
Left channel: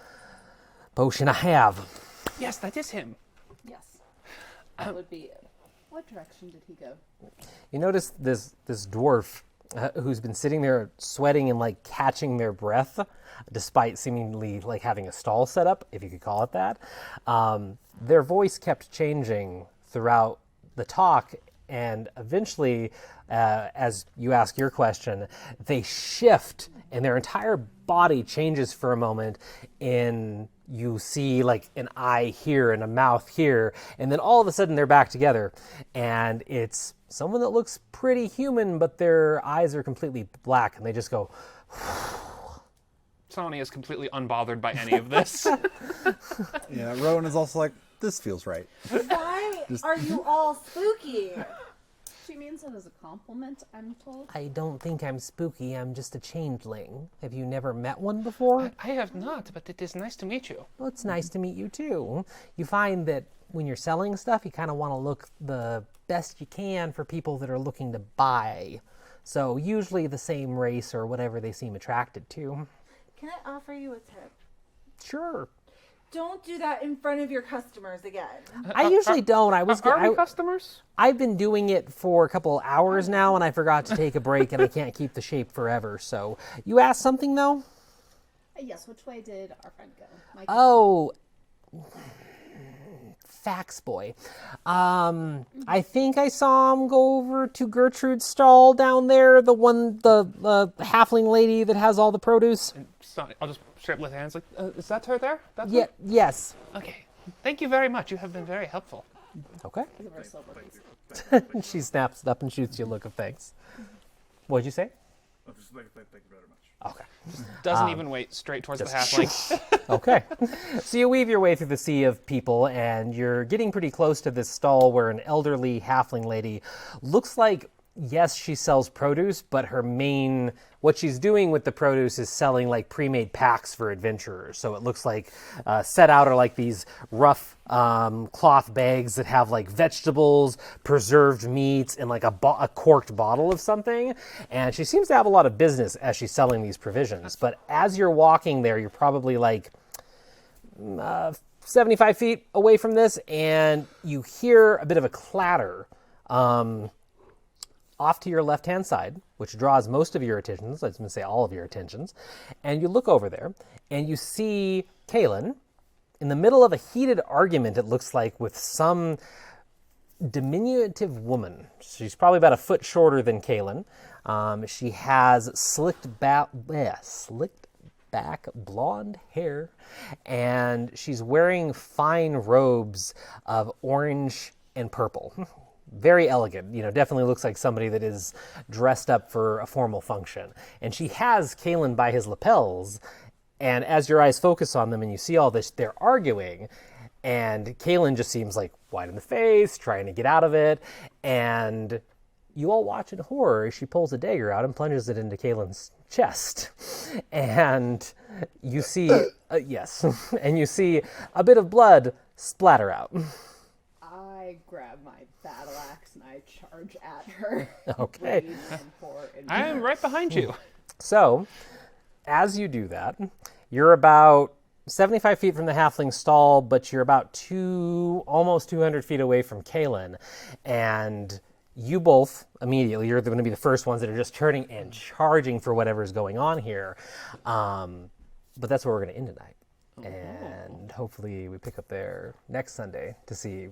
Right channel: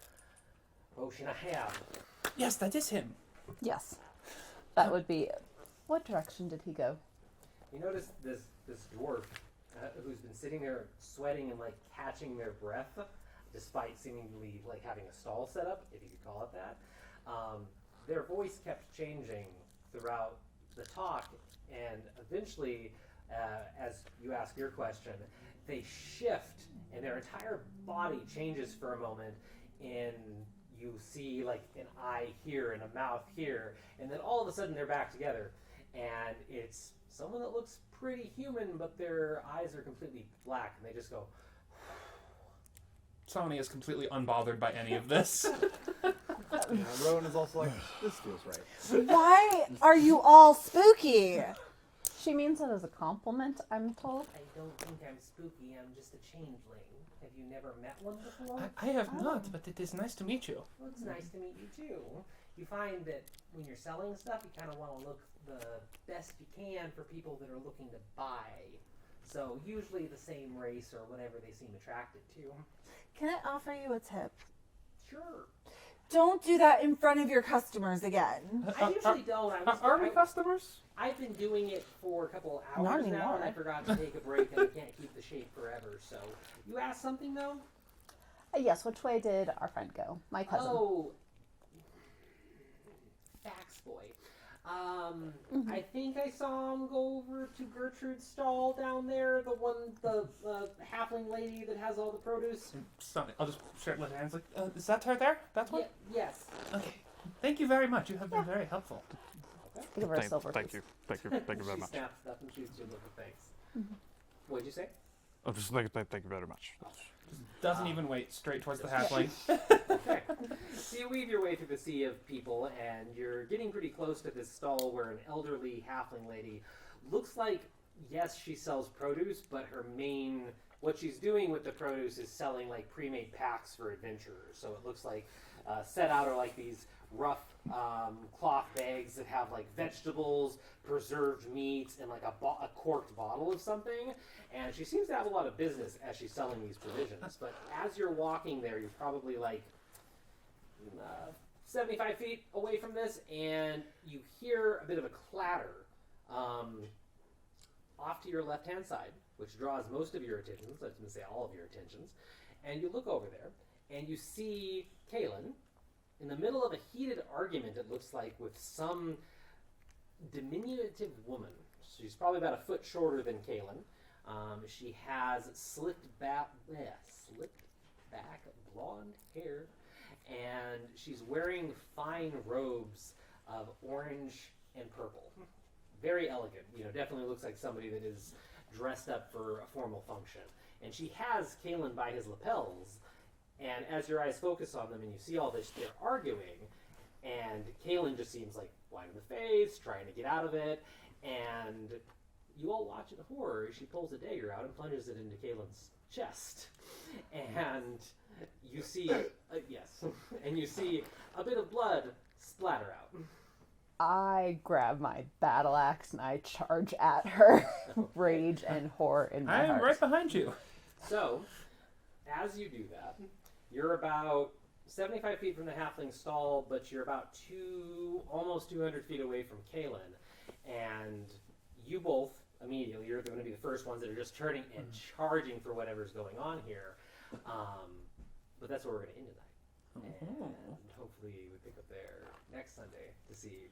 potion I have. Yes, that is him. Yes. That would be. What direction did he go? You notice this dwarf who's been sitting there sweating and like catching their breath, despite seemingly like having a stall set up, if you could call it that. Their voice kept changing throughout the talk, and eventually, as you ask your question, they shift and their entire body changes for a moment. You see like an eye here and a mouth here, and then all of a sudden they're back together, and it's someone that looks pretty human, but their eyes are completely black, and they just go. Sonny is completely unbothered by any of this. Yeah, Rowan is also like, this feels right. Why are you all spooky? She means it as a compliment, I'm told. I don't think I'm spooky. I'm just a changeling. Have you never met one before? I have not, but it is nice to meet you. Well, it's nice to meet you too. You find that when you're selling stuff, you kind of want to look the best you can for people that are looking to buy. So usually the same race or whatever they seem attracted to. Can I offer you a tip? Sure. Don't do that in front of your customers again. I usually don't. Are we customers? I've been doing it for a couple of hours now, and I forgot to take a break, and I can't keep the shape forever. So, you asked something, though? Yes, which way did our friend go? My cousin. Oh, Fax Boy. I think I saw him go over to Gertrude's stall down there, the halfling lady that has all the produce. Sonny, I'll just straight lift hands. Like, is that her there? That Yeah, yes. Okay. Thank you very much. You have been very helpful. Okay. Give her a silver Thank piece. you. Thank you. Thank you very She much. snaps it up and shoots you a look of thanks. What'd you say? I'm just thank you very much. Okay. Doesn't even wait straight towards the just- halfling. Okay. So you weave your way through the sea of people, and you're getting pretty close to this stall where an elderly halfling lady looks like, yes, she sells produce, but what she's doing with the produce is selling like pre-made packs for adventurers. So it looks like set out are like these rough cloth bags that have like vegetables, preserved meats, and like a corked bottle of something. And she seems to have a lot of business as she's selling these provisions. But as you're walking there, you're probably like 75 feet away from this, and you hear a bit of a clatter off to your left-hand side, which draws most of your attentions, I was going to say all of your attentions, and you look over there, and you see Kaylin in the middle of a heated argument, it looks like, with some diminutive woman. She's probably about a foot shorter than Kaylin. She has slicked back blonde hair, and she's wearing fine robes of orange and purple. Very elegant, definitely looks like somebody that is dressed up for a formal function. And she has Kaylin by his lapels, and as your eyes focus on them and you see all this, they're arguing, and Kaylin just seems like white in the face, trying to get out of it, and you all watch in horror as she pulls a dagger out and plunges it into Kaylin's chest. And you see, yes, and you see a bit of blood splatter out. I grab my battle axe and I charge at her. Okay. Rage and horror in my I am heart. right behind you. So, as you do that, you're about 75 feet from the halfling stall, but you're about almost 200 feet away from Kaylin. And you both, immediately, you're going to be the first ones that are just turning and charging for whatever's going on here. But that's where we're going to end tonight. And hopefully we pick up there next Sunday to see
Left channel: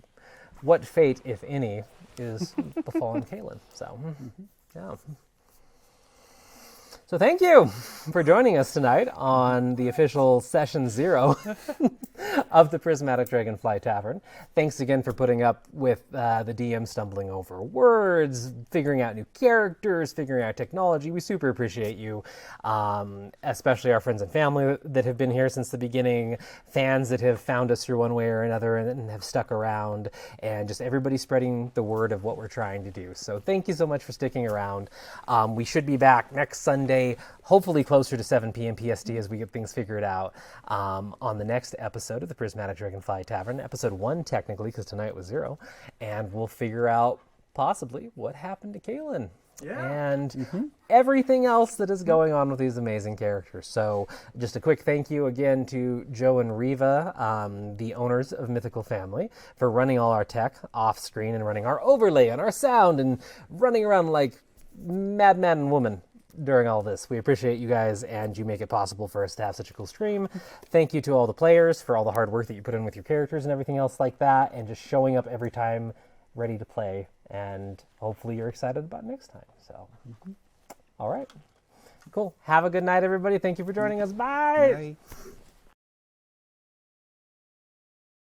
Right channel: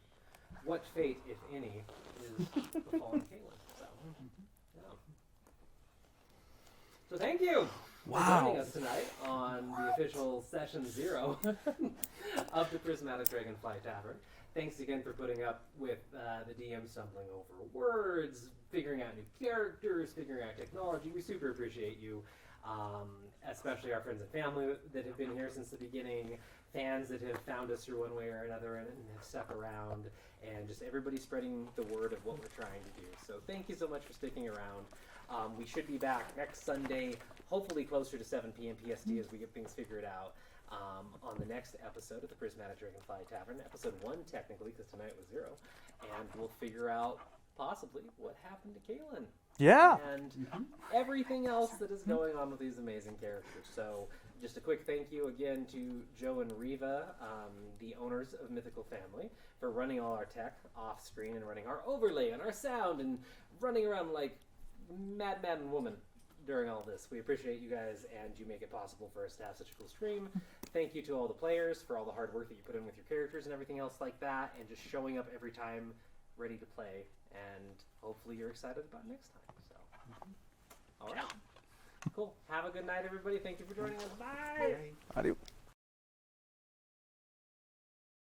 what fate, if any, is befallen Kaylin. So, yeah. So thank you for joining us tonight on the official Session 0 of the Prismatic Dragonfly Tavern. Thanks again for putting up with the DM stumbling over words, figuring out new characters, figuring out technology. We super appreciate you, especially our friends and family that have been here since the beginning, fans that have found us through one way or another and have stuck around, and just everybody spreading the word of what we're trying to do. So thank you so much for sticking around. We should be back next Sunday, hopefully closer to 7 p.m. PST as we get things figured out, on the next episode of the Prismatic Dragonfly Tavern, episode 1 technically, because tonight was 0, and we'll figure out possibly what happened to Kaylin. Yeah. and everything else that is going on with these amazing characters. So just a quick thank you again to Joe and Riva, the owners of Mythical Family, for running all our tech off screen and running our overlay and our sound and running around like madman and woman during all this. We appreciate you guys, and you make it possible for us to have such a cool stream. Thank you to all the players for all the hard work that you put in with your characters and everything else like that, and just showing up every time ready to play, and hopefully you're excited about next time. So all right, cool. Have a good night, everybody. Thank you for joining us. Bye. Bye. Adios.